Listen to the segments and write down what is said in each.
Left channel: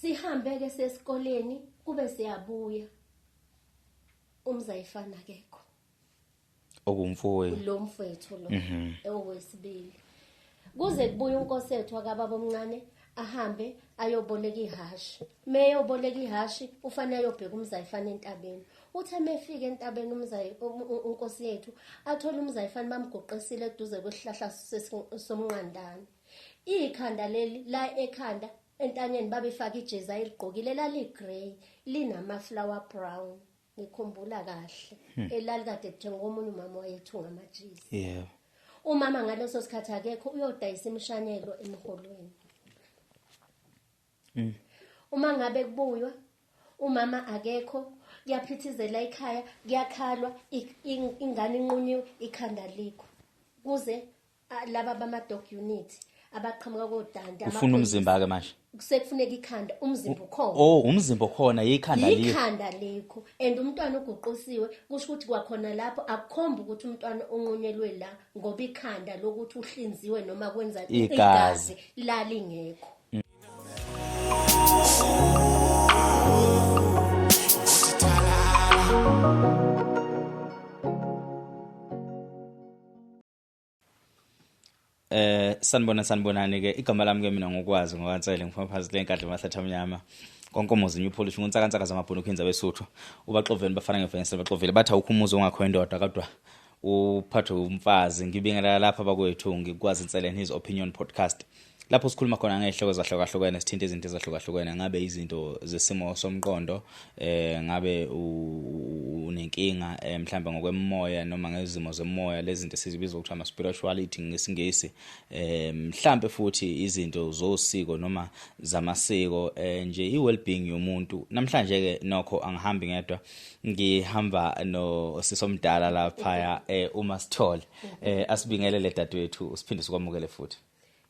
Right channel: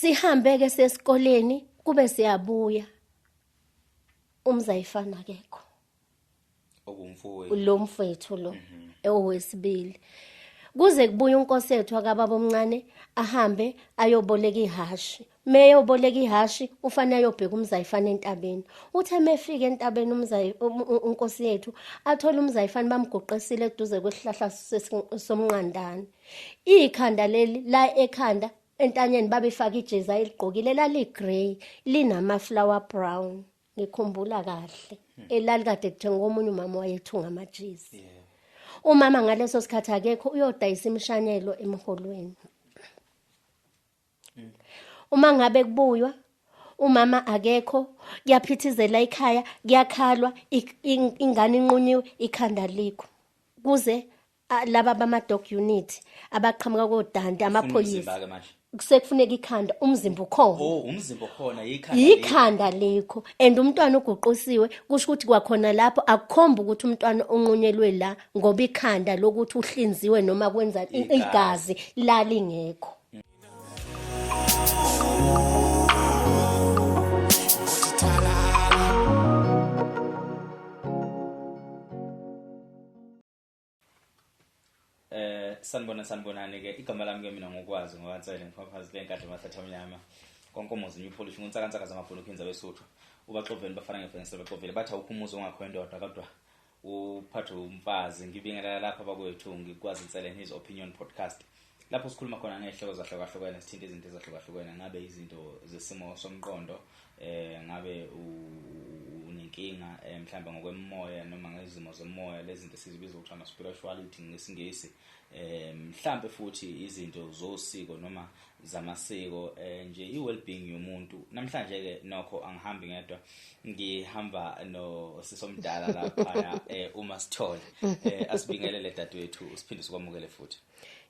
Sihambe ke sesikoleni kube siyabuya. Umzayifana akekho. Okumfowethu. Lo mfethu lo owesibili. Kuze kubuye unkosethu akababa omncane ahambe ayoboleka ihashi. Meyoboleka ihashi ufanele ayobheka umzayifana entabeni. Uthe mefika entabeni unkosi yethu athola umzayifana bamgoqesile eduze kwesihlahla somnqandane. Ikhanda leli la ekhanda entanyeni babefaka ijezi ayigqokile laligrey linama flower brown. Ngikhumbula kahle elalikade kuthenga omunye umama wayethunga amajezi. Yeah. Umama ngaleso sikhathi akekho uyodayisa imishanyelo emholweni. Uma ngabe kubuywa umama akekho kuyaphithizela ekhaya kuyakhalwa ingane inqunyiwe ikhanda likho kuze laba bama dog unit abaqhamuka kodande amaphoyisa umzimba ke manje kusekufuneka ikhanda umzimba ukhona. Oh umzimba ukhona ikhanda likho and umntwana uguqusiwe kusho ukuthi kwakhona lapho akukhomba ukuthi umntwana onqunyelwe la ngoba ikhanda lokuthi uhlinziwe noma kwenza igazi lalingekho. Sanibonani ke igama lami ke mina ngokwazi ngokaNtsele ngifuna phakathi lenkadla eMahlatha Mnyama konke umuzi new polish untsaka zamabhunu khenza besuthu ubaxoveni bafana ngefensi baxovile bathi awukho umuzi ongakho indoda kodwa uphathwe umfazi ngibingelela lapha bakwethu ngikwazi Ntsele his opinion podcast lapho sikhuluma khona ngehloko ezahlukahlukene sithinta izinto ezahlukahlukene ngabe izinto zesimo somqondo ngabe unenkinga mhlawumbe ngokwemoya noma ngezimo zemoya lezi zinto sizibiza ukuthi ama spirituality ngesingisi mhlawumbe futhi izinto zosiko noma zamasiko nje i-well-being yomuntu namhlanje ke nokho angihambi ngedwa ngihamba no sisomdala lapha uMasithole asibingelele dadewethu usiphinde sikwamukele futhi.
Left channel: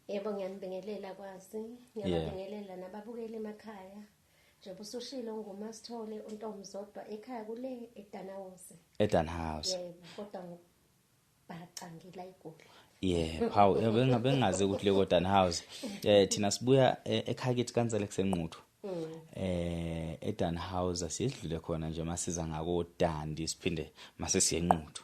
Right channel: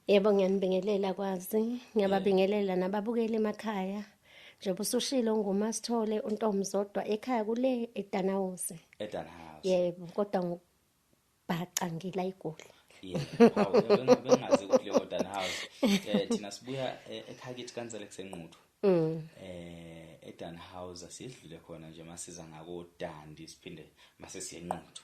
Yebo ngiyanibingelela kwazi ngiyababingelela nababukeli emakhaya njengoba usushilo nguMasithole uNtomzodwa ekhaya kule eDanhouse. Yebo kodwa ngibhaca ngila iGoli. Yeah how bengazi ukuthi le Danhouse thina sibuya ekhaya kithi kaNtsele kusenquthu. eDanhouse asidlule khona nje masiza ngako Dandi siphinde mase siyenquthu.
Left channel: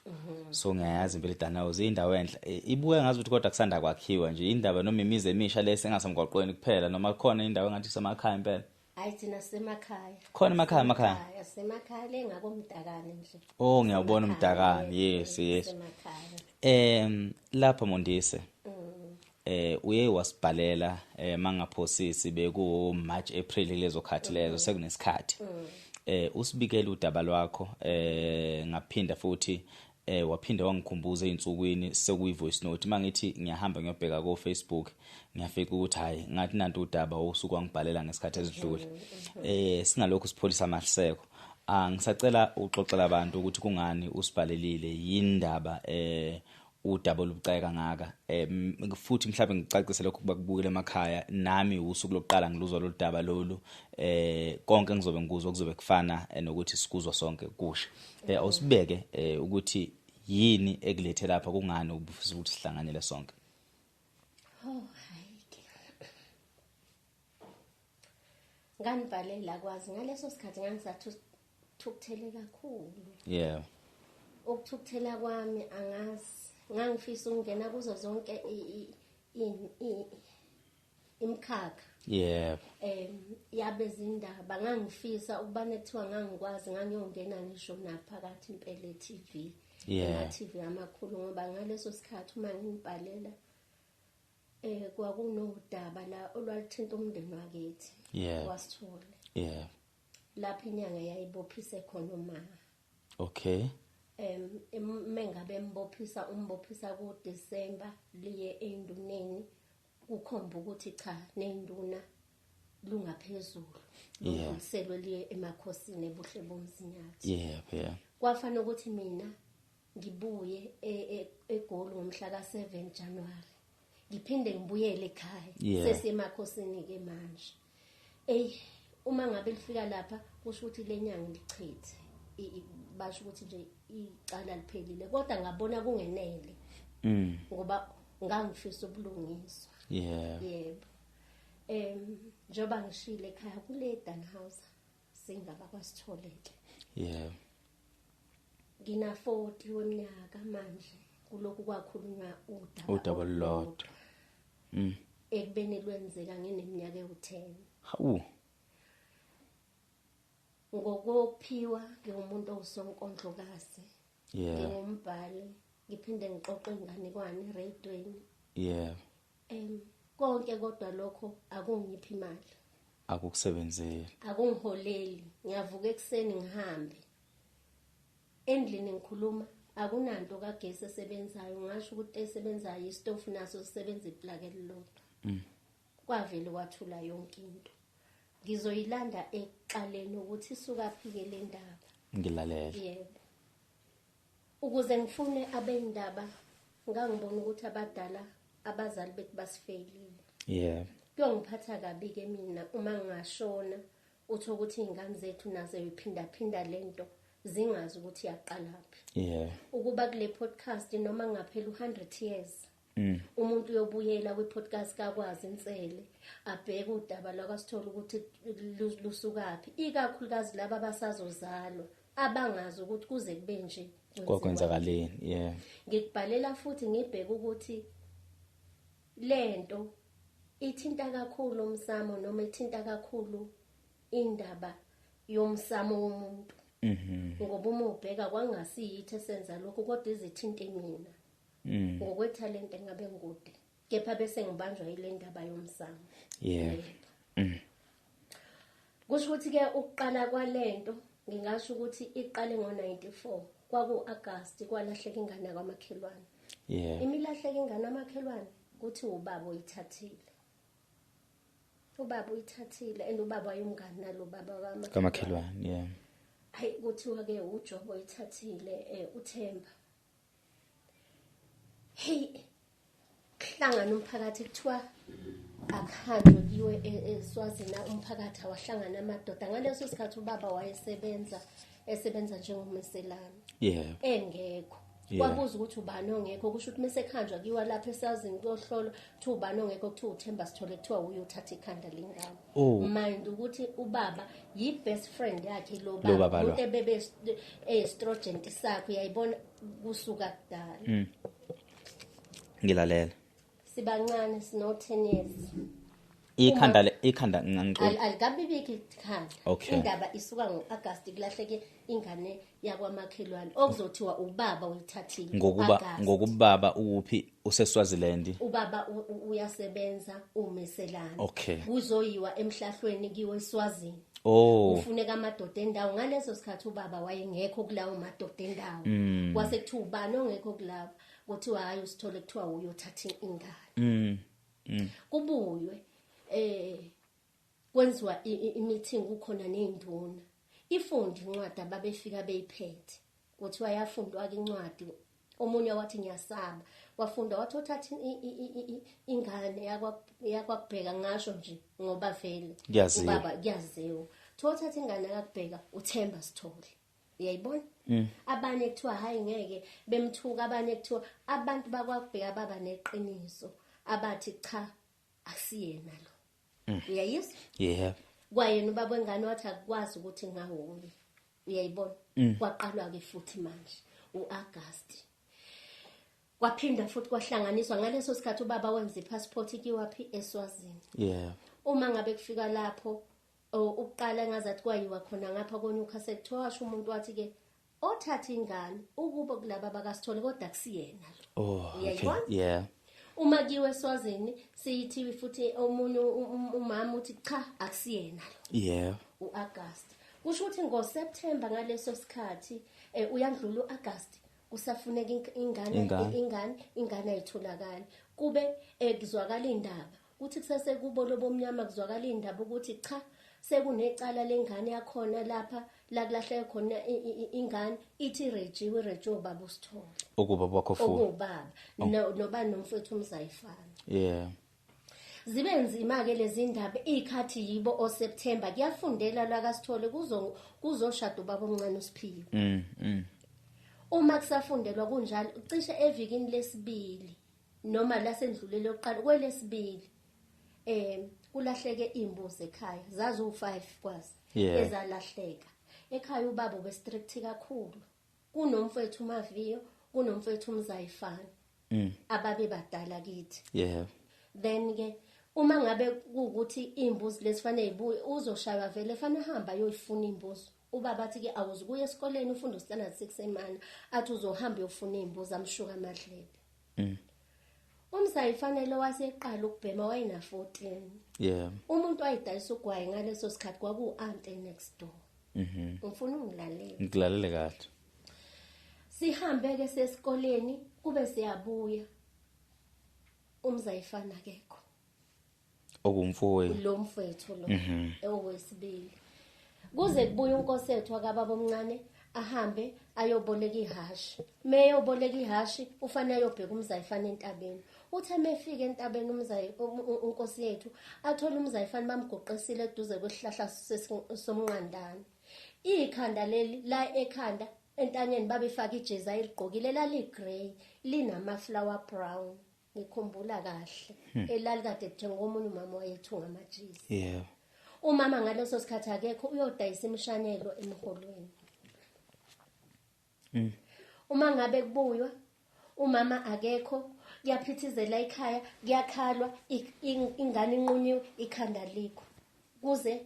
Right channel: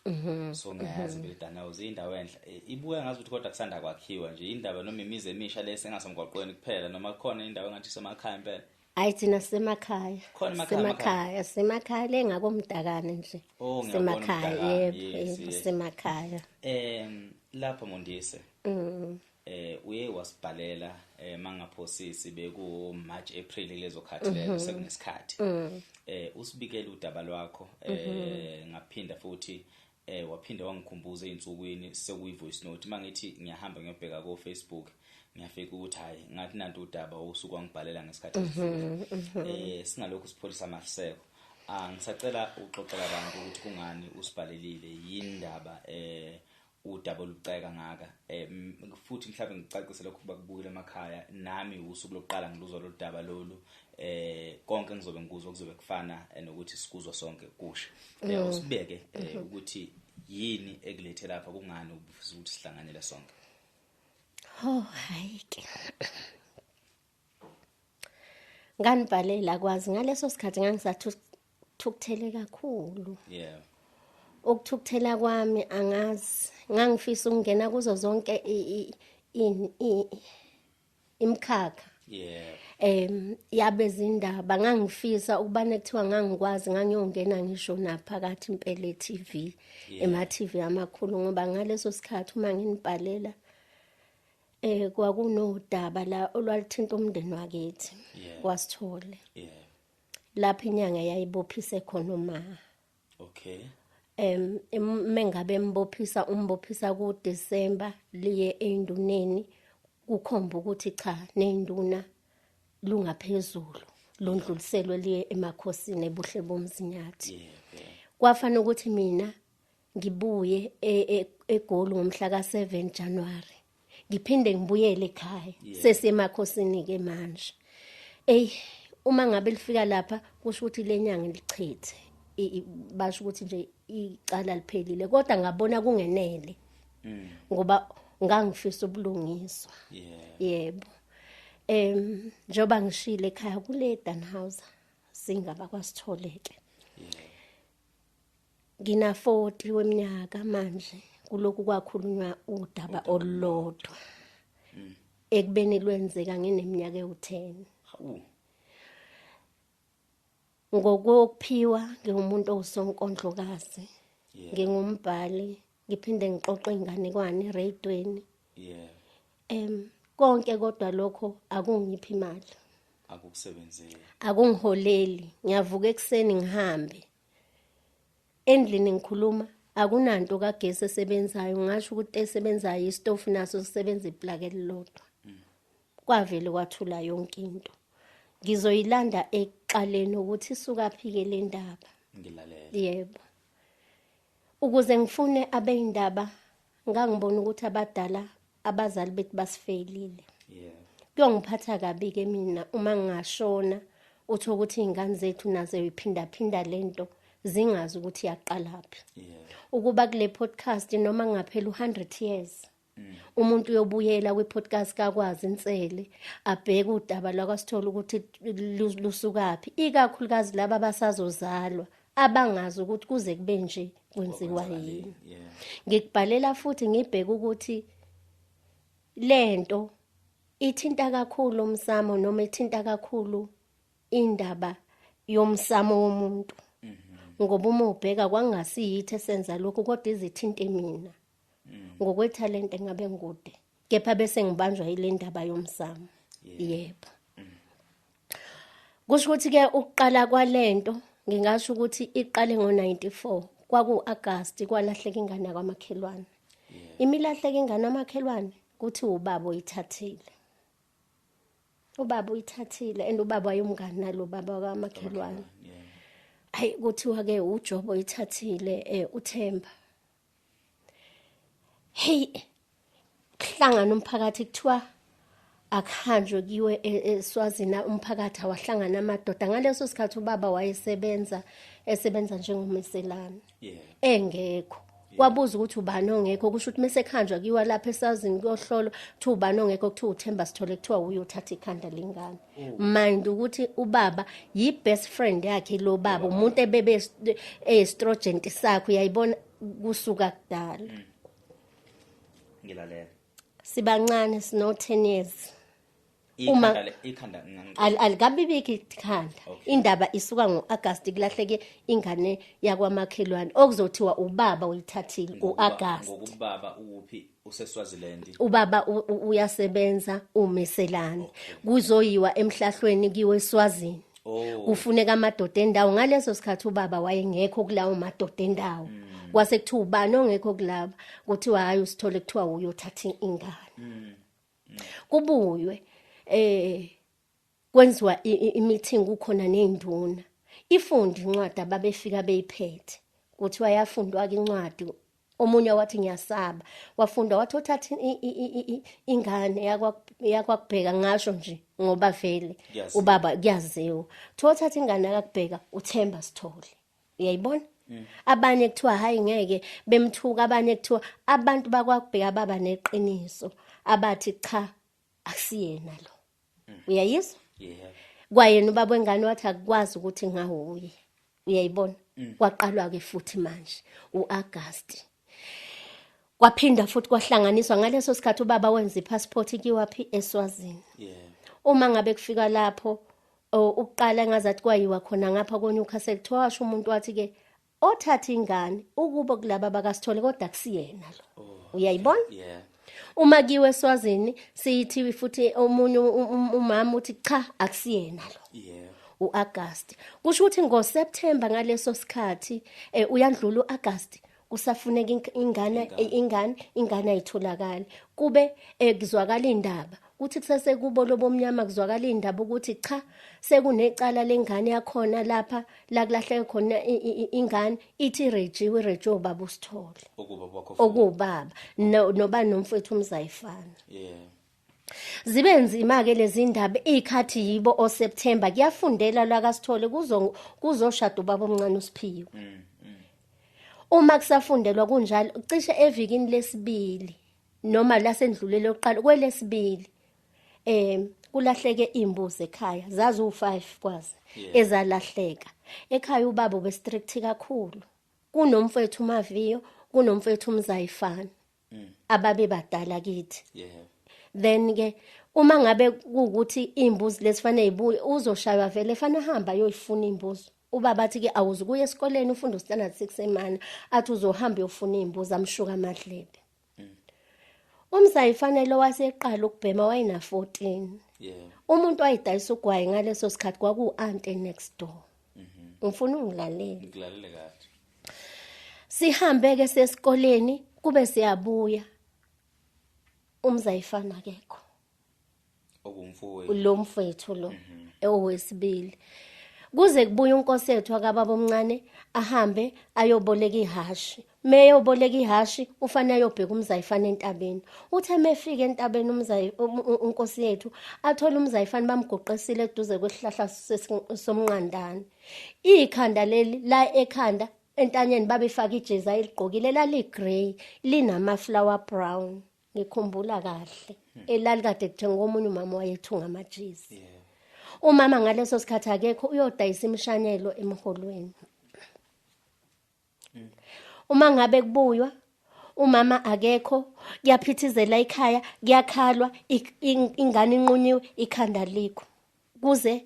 So ngiyazi vele eDanhouse indawo enhle ibuya ngazi ukuthi kodwa kusanda kwakhiwa nje indaba noma imizi emisha lese ngasemgwaqweni kuphela noma khona indawo engathi semakhaya impela. Hayi thina semakhaya. Khona emakhaya semakhaya lengakomdakane nje. Oh ngiyabona umdakane yes semakhaya. Lapha Mondise. Uye wasibhalela mangaphosisi beku March April lezo khathi lezo sekunesikhathi. Usibikela udaba lwakho ngaphinda futhi waphinda wangikhumbuza einsukwini sekuyivoice note mangithi ngiyahamba ngiyobheka ko Facebook ngiyafika ukuthi hayi ngathi nanto udaba osuku wangibhalela ngesikhathi esidlule. Singalokho sipholisa amahliseko ngisacela uxoxela abantu ukuthi kungani usibhalelile yindaba udaba olubuceka ngaka futhi mhlawumbe ngicacise lokho bakubukela emakhaya nami usuku lokuqala ngiluzwa lo daba lolu konke ngizobe ngikuzwa kuzobe kufana nokuthi sikuzwa sonke kusha usibeke ukuthi yini ekulethe lapha kungani ubufisa ukuthi sihlanganyele sonke. Hayi ke nganibhalela kwazi ngaleso sikhathi ngangisathu thukuthele kakhulu. Yeah ukuthukuthela kwami angazi ngangifisa ukungena kuzo zonke imkhakha. Yeah yabe zindaba ngangifisa ukubane kuthiwa ngangikwazi ngangiyongena ngisho naphakathi impela eTV ema TV amakhulu ngoba ngaleso sikhathi uma nginibhalela kwakunodaba la olwalithinta umndeni wakithi waSithole. Lapha inyanga yayibophise khona uma. Okay. Mengabe umbophisa ku December liye enduneni kukhomba ukuthi cha nenduna lungaphezulu londluliselwe liye emakhosini ebuhle bomzinyathi. Kwafana ukuthi mina ngibuye eGoli ngomhla ka7 January ngiphinde ngibuyele ekhaya sesemakhosini ke manje. Uma ngabe lifika lapha kusho ukuthi lenyanga lichithe basho ukuthi nje icala liphelile kodwa ngabona kungenele ngoba ngangifisa ubulungiswa. Yebo njoba ngishile ekhaya kule Danhauser singaba kwasitholeke. Yeah. Ngina 40 weminyaka manje kuloko kwakhulunywa udaba olulodwa. Ekubeni lwenzeka ngineminyaka ewu10. Hawu. Ngokuphiwa ngingumuntu osonkondlokazi. Yeah. Ngingumbhali, ngiphinde ngixoxe inganekwane radioweni. Yeah. Konke kodwa lokho akungiphi imali. Akukusebenzeli. Akungiholeli. Ngiyavuka ekseni ngihambe. Endlini ngikhuluma akunanto kagesi esebenzayo, ngisho ukuthi esebenzayo istofu naso sisebenza iplug elilodwa. Kwavele kwathula yonke into. Ngizoyilanda eqaleni ukuthi isuka phike le ndaba. Ngilalela. Yebo. Ukuze ngifune abeyindaba ngangibona ukuthi abadala abazali bethu basifailile. Yeah. Kuyongiphatha kabi ke mina uma ngingashona uthi ukuthi izingane zethu nazo iphinda lento zingazi ukuthi yaqalaphi. Yeah. Ukuba kule podcast noma ngaphela 100 years. Umuntu uyobuyela kwi-podcast kakwazi insele abheke udaba lwakasithola ukuthi lusukapi, ikakhulukazi laba abasazozalwa abangazi ukuthi kuze kube nje kwenziwa yini. Yeah. Ngikubhalela futhi ngibheke ukuthi lento ithinta kakhulu umsamo noma ithinta kakhulu indaba yomsamo womuntu. Ngoba uma ubheka kwangasiyithi esenza lokho kodwa izithinta mina. Ngokwethalente ngabe ngikude. Kepha bese ngibanjwa yile ndaba yomsamo. Yebo. Kusho ukuthi ke ukuqala kwalento ngingasho ukuthi iqale ngo94 kwaku-August kwalahleka ingane kwamakhelwane. Yeah. Imilahleka ingane amakhelwane kuthi ubaba oyithathile. Ubaba uyithathile and ubaba wayumngani nalo baba kwamakhelwane. Yeah. Hayi kuthiwa ke uJobo oyithathile uThemba. Hey hlangana umphakathi kuthiwa akuhanjwe kiwe eSwazini umphakathi awahlangana amadoda ngaleso sikhathi ubaba wayesebenza njengomeselana. Yeah. Engekho. Kwabuza ukuthi ubani ongekho kusho ukuthi mase khanjwa kiwa lapha eSwazini kuyohlolwa kuthi ubani ongekho kuthi uThemba Sithole kuthiwa uyothatha ikhanda lengane. Mind ukuthi ubaba yi best friend yakhe lo baba umuntu ebebe estrogen sakho uyayibona kusuka kudala. Ngilalela. Sibancane sino 10 years. Ikhanda alikabibiki ikhanda. Okay. Indaba isuka ngoAugust kulahleke ingane yakwamakhelwane okuzothiwa ubaba uyithathile ngoAugust. Ngokubaba uphi useSwaziland. Ubaba uyasebenza umeselana. Okay. Kuzoyiwa emhlahlweni kiwe eSwazini. Kufuneka amadoda endawo ngaleso sikhathi ubaba wayengekho kulawo madoda endawo. Kwase kuthiwa ubani ongekho kulaba kuthiwa hayi uSithole kuthiwa uyothatha ingane. Kubuywe kwenziwa i-meeting kukhona nezinduna. Ifundi incwadi ababefika beyiphethe. Kuthiwa yafundwa ke incwadi. Omunye wathi ngiyasaba. Wafunda wathi uthatha ingane yakwakubheka ngasho nje ngoba vele ubaba kuyaziwa. Uthatha ingane yakubheka uThemba Sithole. Uyayibona? Abanye kuthiwa hayi ngeke bemthuka abanye kuthiwa abantu bakwakubheka baba neqiniso abathi cha akusiyena lo. Uyayizwa? Yeah. Kwayena ubaba wengane wathi akwazi ukuthi ngawuye. Uyayibona? Kwaqalwa ke futhi manje uAugust. Kwaphinda futhi kwahlanganiswa ngaleso sikhathi ubaba wenza ipassport kiwapi eSwazini. Yeah. Uma ngabe kufika lapho ukuqala engazathi kwayiwa khona ngapha koNewcastle twasho umuntu wathi ke othatha ingane ukuba kulaba bakaSithole kodwa kusiyena lo. Uyayibona? Yeah. Uma kiwe eSwazini siyithi futhi omunye umama uthi cha akusiyena lo. Yeah. uAugust. Kusho ukuthi ngoSeptember ngaleso sikhathi uyandlula uAugust kusafuneka ingane ayitholakala. Kube kuzwakala indaba kuthi kusese kubo lobomnyama kuzwakala indaba ukuthi cha sekunecala lengane yakhona lapha la kulahleke khona ingane ithi Reggie ubaba uSithole. Okuba bakho futhi. Okubaba noba nomfethu umzayifana. Yeah. Zibe nzima ke lezi ndaba ikhathi yibo oSeptember kuyafundela la kaSithole kuzoshada ubaba omncane uSiphiwe. Uma kusafundelwa kunjalo cishe evikini lesibili noma lasendlulele oqala kwelesibili kulahleke imbuzi ekhaya zazi u5 kwazi Yeah. ezalahleka ekhaya ubaba bestrict kakhulu kunomfethu uMaviyo kunomfethu uMzayifana ababe badala kithi Yeah. then ke uma ngabe ukuthi imbuzi lesifanele ibuye uzoshaywa vele efana hamba yoyifuna imbuzi ubaba athi ke awuzukuya esikoleni ufunda standard 6 emana athi uzohamba uyofuna imbuzi amshuka amadlebe Umzayifanele waseqala ukubhema wayina 14 Yeah. umuntu wayidayisa ugwayi ngaleso sikhathi kwaku aunt next door ngifuna ungilalele Ngilalele kahle. sihambe ke sesikoleni kube siyabuya Umzayifana akekho Okumfowenu. lo mfethu lo owesibili kuze kubuye unkosethu akababa omncane ahambe ayoboleka ihashi meyoboleka ihashi ufanele ayobheka Umzayifana entabeni uthe mefika entabeni unkosi yethu athola Umzayifana bamgoqesile eduze kwesihlahla somnqandane ikhanda leli la ekhanda entanyeni babefaka ijezi ayigqokile laligrey linama flower brown ngikhumbula kahle elalikade kuthenga omunye umama wayethunga amajezi Yeah. umama ngaleso sikhathi akekho uyodayisa imishanyelo emholweni uma ngabe kubuywa umama akekho kuyaphithizela ekhaya kuyakhalwa ingane inqunyiwe ikhanda likho kuze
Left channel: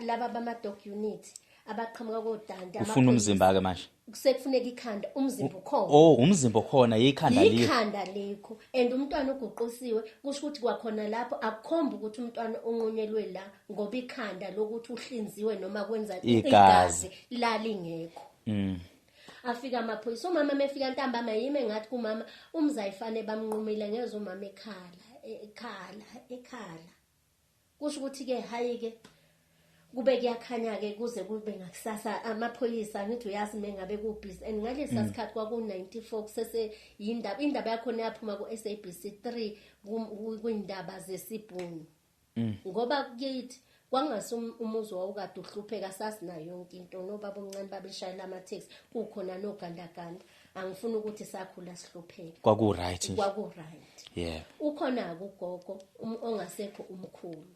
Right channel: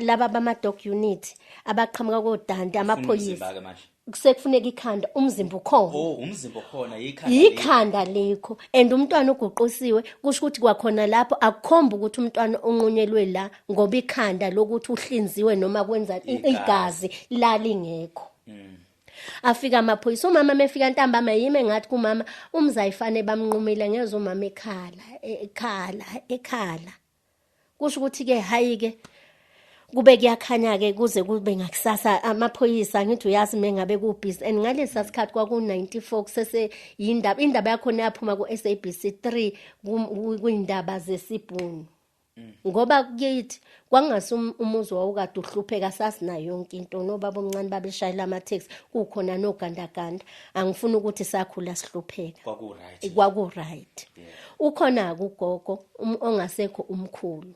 laba bama dog unit abaqhamuka kodande Ufuna amaphoyisa umzimba ke manje. kusekufuneka ikhanda umzimba ukhona Oh, umzimba khona yikhanda likho. ikhanda likho and umntwana uguqusiwe kusho ukuthi kwakhona lapho akukhomba ukuthi umntwana onqunyelwe la ngoba ikhanda lokuthi uhlinziwe noma kwenza igazi lalingekho afika amaphoyisa umama mefika ntambama yime ngathi kumama Umzayifane bamnqumile ngeze umama ekhala kusho ukuthi ke hayi ke kube kuyakhanya ke kuze kube ngakusasa amaphoyisa ngithi uyazi mengabe kubhizi and ngalesa sikhathi kwaku 94 kusese indaba yakhona yaphuma ku SABC 3 kuindaba zesibhunu ngoba kithi kwangase umuzi wawukade uhlupheka sasinayo yonke into nobaba omncane babeshayela ama taxi kukhona nogandaganda angifuni ukuthi sakhula sihlupheka Kwaku right. kwaku right Yeah. ukhona kugogo ongasekho umkhulu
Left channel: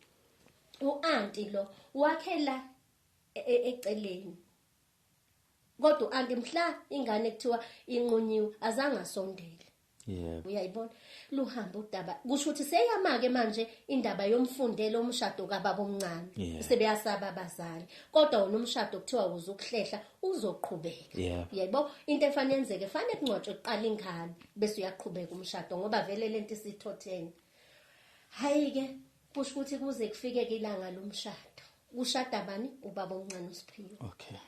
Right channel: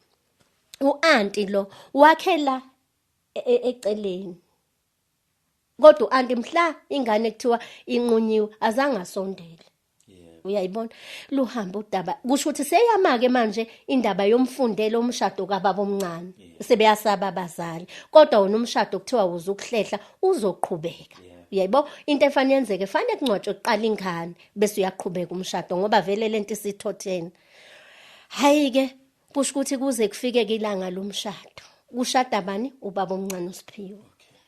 uanti lo wakhela eceleni kodwa uanti mhla ingane kuthiwa inqunyiwe azange asondele Yeah. uyayibona luhamba udaba kusho ukuthi seyamake manje indaba yomfundelo umshado kababa omncane sebeyasaba abazali kodwa wona umshado kuthiwa uzukuhlehla uzoqhubeka uyayibona into efanele yenzeke fanele kungcwatshwe kuqala ingane bese uyaqhubeka umshado ngoba vele lento isithotheni hayi ke kusho ukuthi kuze kufike ilanga lomshado kushada bani ubaba omncane uSiphiwe Okay.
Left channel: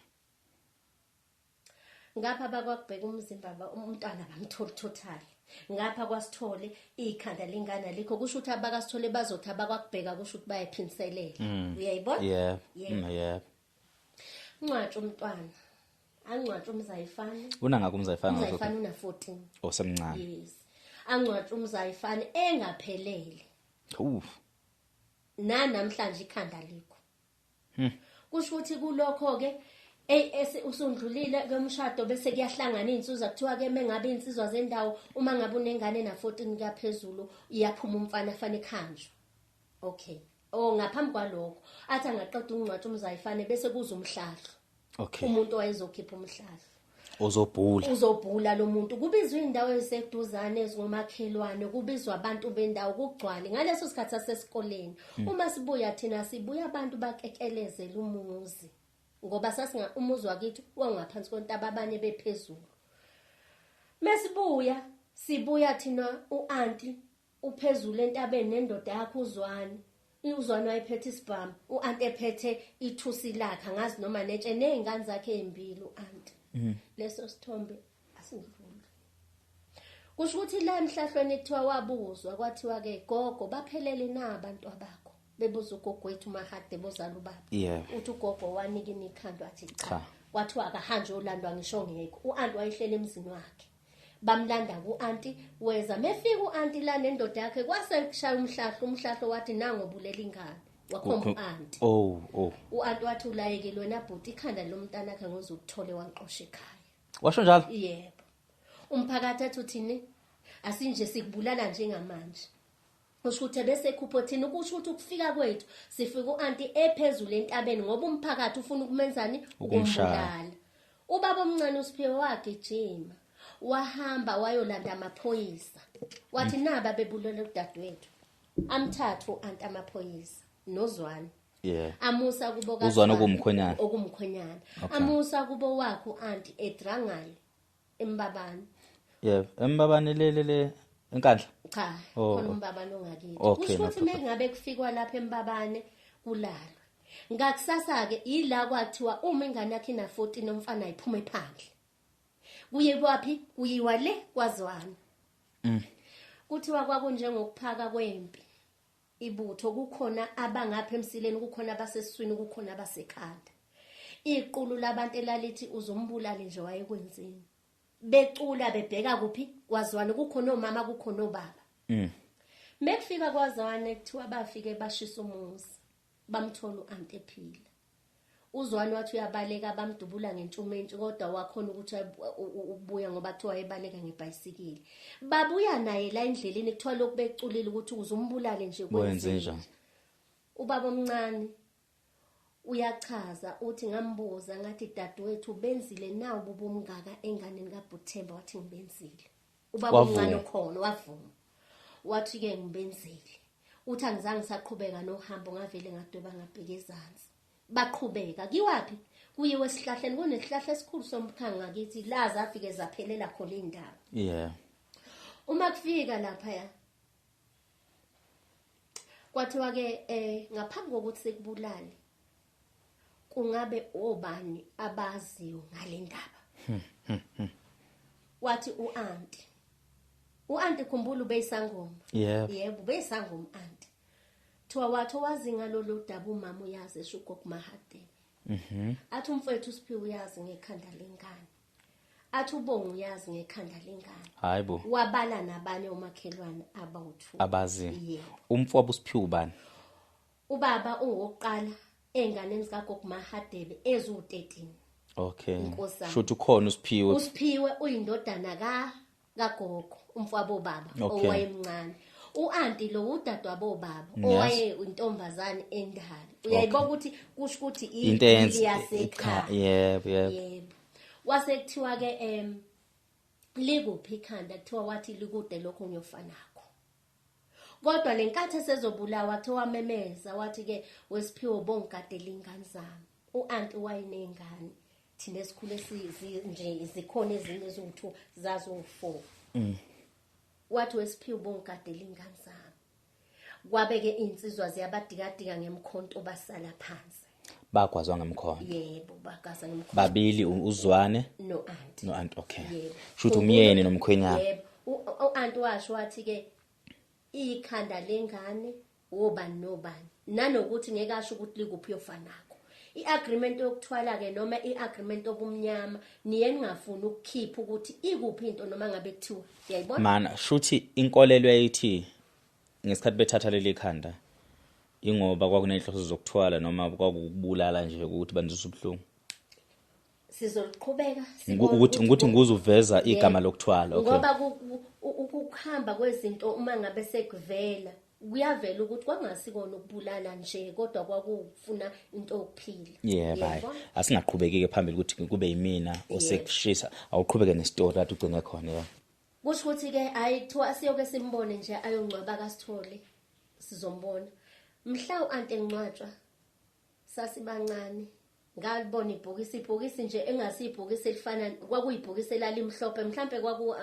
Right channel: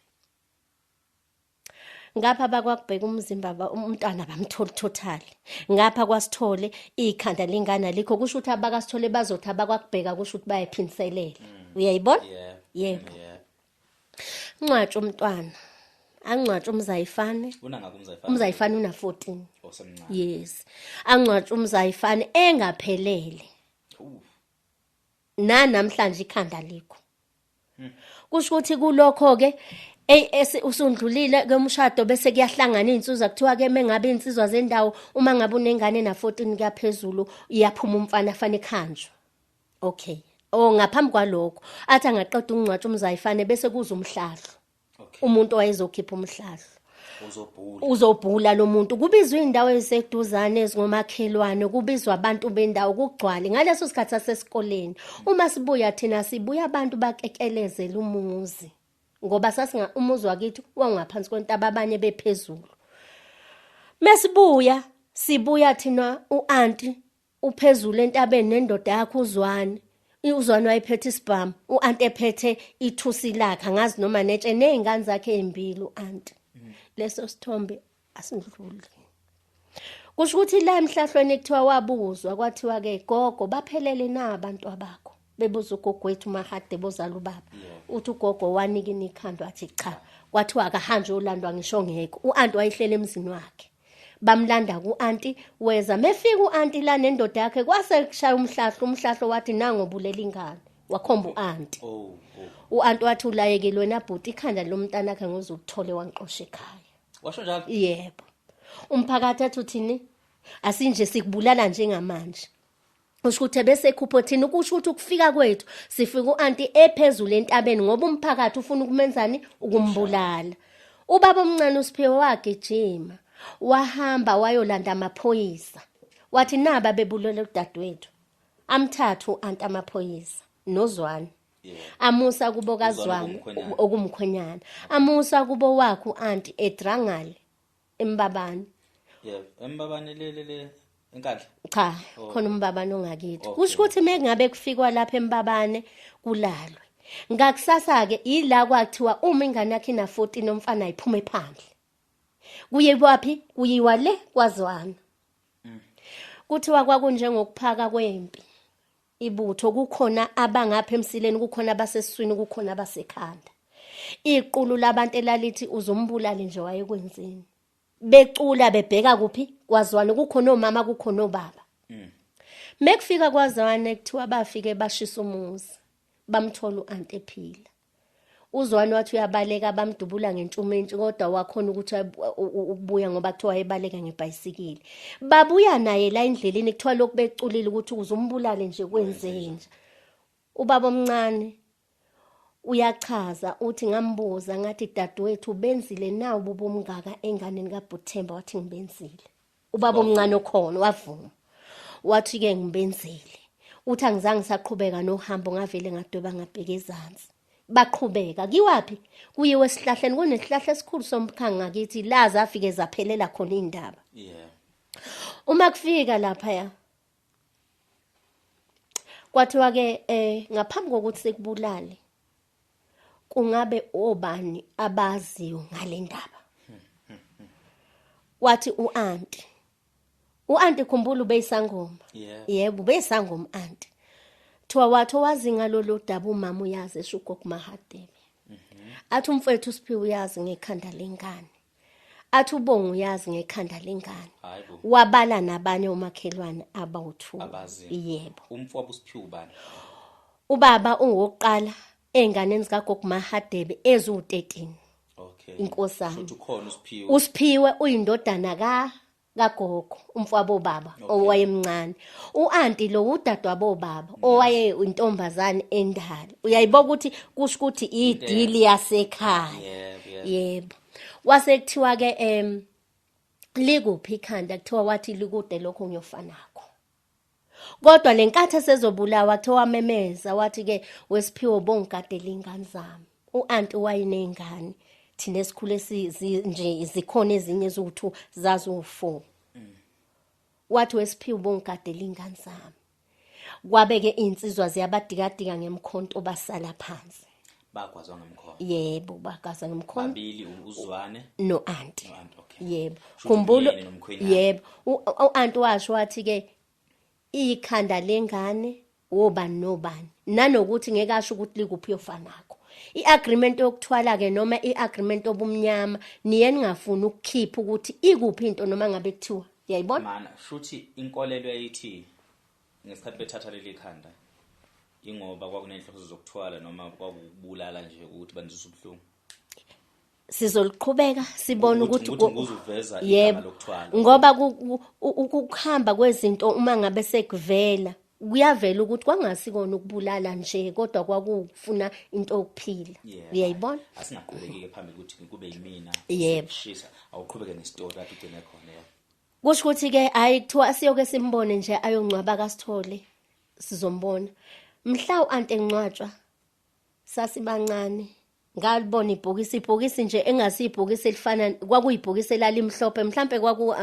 ngapha bakwakubheka umzimba umntwana bamthola total ngapha kwasithole ikhanda lingana likho kusho ukuthi abakasithole bazothi abakwakubheka kusho ukuthi bayaphinselela uyayibona Yeah. yebo Yeah. ncwatshe umntwana angcwatshe Umzayifane Unanga kumzayifana. Umzayifane una 14 osemncane. yes angcwatshe Umzayifane engaphelele namhlanje ikhanda likho kusho ukuthi kulokho ke usundlulile kwemshado bese kuyahlangana insizwa kuthiwa ke mengabe insizwa zendawo uma ngabe unengane na 14 kuyaphezulu iyaphuma umfana afane ekhanjwe okay ngaphambi kwalokho athi angaqeda ukungcwatsha Umzayifane bese kuza umhlahlo Okay. umuntu wayezokhipha umhlahlo uzobhula lo muntu kubizwa indawo eziseduzane ezingomakhelwane kubizwa abantu bendawo kugcwale ngaleso sikhathi sasesikoleni uma sibuya thina sibuya abantu bakekelezela umuzi ngoba sasinga umuzi wakithi wangaphansi kwentaba abanye bephezulu sibuya thina uanti uphezulu entabeni nendoda yakhe uzwane wayephethe isibhamu uanti ephethe ithusi lakhe angazi noma netshe nezingane zakhe ezimbili uanti leso sithombe asindluli kusho ukuthi la emhlahlweni kuthiwa wabuzwa kwathiwa ke gogo baphelele na abantu abakho bebuza ugogo wethu Mahade bozala ubaba uthi ugogo wanika ikhanda wathi cha kwathiwa akahanje ulandwa ngisho ngeke uanti wayihlele emzini wakhe bamlanda kuanti weza mefika uanti la nendoda yakhe kwase kushaya umhlahlo wathi nangobulela ingane wakhomba uanti uanti wathi ulayekile wena bhuti ikhanda lomntana wakhe ngozokuthole wanqosha ekhaya washo njalo yebo umphakathi athi uthini asinje sikubulala njengamanje usho ukuthi bese ekhuphothini ukusho ukuthi ukufika kwethu sifika uanti ephezulu entabeni ngoba umphakathi ufuna ukumenzani ukumbulala. Ubaba omncane uSiphiwe wagijima wahamba wayolanda amaphoyisa wathi naba bebulele udadewethu amthathu anti amaphoyisa noZwane amusa kubo kaZwane okumkhwenyana amusa kubo wakho anti eDrangale eMbabane Embabane le enkandla cha khona umbabane ongakithi kusho ukuthi mengabe kufikwa lapha eMbabane kulalwe ngakusasa ke ila kwathiwa uma ingane yakhe ina 14 umfana ayiphume phandle kuye kwapi kuyiwa le kwaZwane kuthiwa kwakunjengokuphaka kwempi ibutho kukhona abangapha emsileni kukhona abasesiswini kukhona abasekhanda iqulu labantu elalithi uzombulala nje wayekwenzini becula bebheka kuphi kwaZwane kukhona omama kukhona obaba mekufika kwaZwane kuthiwa bafike bashisa umuzi bamthola uanti ephila uZwane wathi uyabaleka bamdubula ngentshumentshi kodwa wakhona ukuthi ukubuya ngoba kuthiwa ebaleka ngebhayisikili babuya naye la endleleni kuthiwa lokhu beculile ukuthi uzombulale nje kwenzenje ubaba omncane uyachaza uthi ngambuza ngathi dadewethu benzile nawo bubumngaka enganeni kaButhemba wathi ngibenzile ubaba omncane okhona wavuma wathi ke ngibenzile uthi angizange saqhubeka nohambo ngavele ngadweba ngabheka ezantsi baqhubeka kiwapi kuyiwe esihlahleni kunesihlahla esikhulu somkhanga ngakithi la zafike zaphelela khona indaba uma kufika lapha kwathiwa ke ngaphambi kokuthi sekubulale kungabe obani abaziyo ngale ndaba wathi uanti khumbula ubeyisangoma yebo ubeyisangoma anti thiwa wathi wazi ngalolu daba umama uyazi eshugogo Mahadebe athi umfowethu uSiphiwe uyazi ngekhanda lengane athi ubonga uyazi ngekhanda lengane hayibo wabala nabanye omakhelwane abawuthu abazi yebo umfowabo uSiphiwe ubani ubaba ungoqala enganeni zikagogo Mahadebe ezu13 inkosana shothi ukhona uSiphiwe uyindodana kagogo umfowabo baba owayemncane uanti lo udadwa bobaba owaye intombazane endala uyayiboka ukuthi kusho ukuthi idili yasekhaya yebo wasekuthiwa ke likuphi ikhanda kuthiwa wathi likude lokho ngiyofanako kodwa lenkathi esezobulawa kuthiwa memeza wathi ke weSiphiwe bongigadela ingane zami uanti wayinengane thina esikhule nje zikhona ezinye eziwu2 zazu4 wathi weSiphiwe bongigadela ingane zami kwabeke insizwa ziyabadikadika ngemkhonto basala phansi bagwazwa ngemkhonto yebo bagaza ngemkhonto babili uZwane noanti yebo shothi umyeni nomkhwenyana yebo uanti washo wathi ke ikhanda lengane wobani nobani nanokuthi ngeke asho ukuthi likuphi yofanako iagreement yokuthwala ke noma iagreement obumnyama niye ningafuni ukukhipha ukuthi ikuphi into noma ngabe kuthiwa uyayibona mana shothi inkolelo yayithi ngesikhathi bethatha leli khanda ingoba kwakunenhloso zokuthwala noma kwakubulala nje ukuthi banizwe ubhlungu sizoliqhubeka sibone ukuthi nguzuveza igama lokuthwala ngoba ukuhamba kwezinto uma ngabe sekuvela kuyavela ukuthi kwangasikona ukubulala nje kodwa kwakufuna into okuphila uyayibona asingaqhubekeke phambili ukuthi kube yimina osekushisa awuqhubeke nestory lapho ugcine khona kusho ukuthi ke hayi kuthiwa siyoke simbone nje ayongcwaba kaSithole sizombona mhla uanti engcwatshwa sasibancane ngalibona ibhokisi nje engasibhokisi elifana kwakuyibhokisi elalimhlophe mhlambe kwaku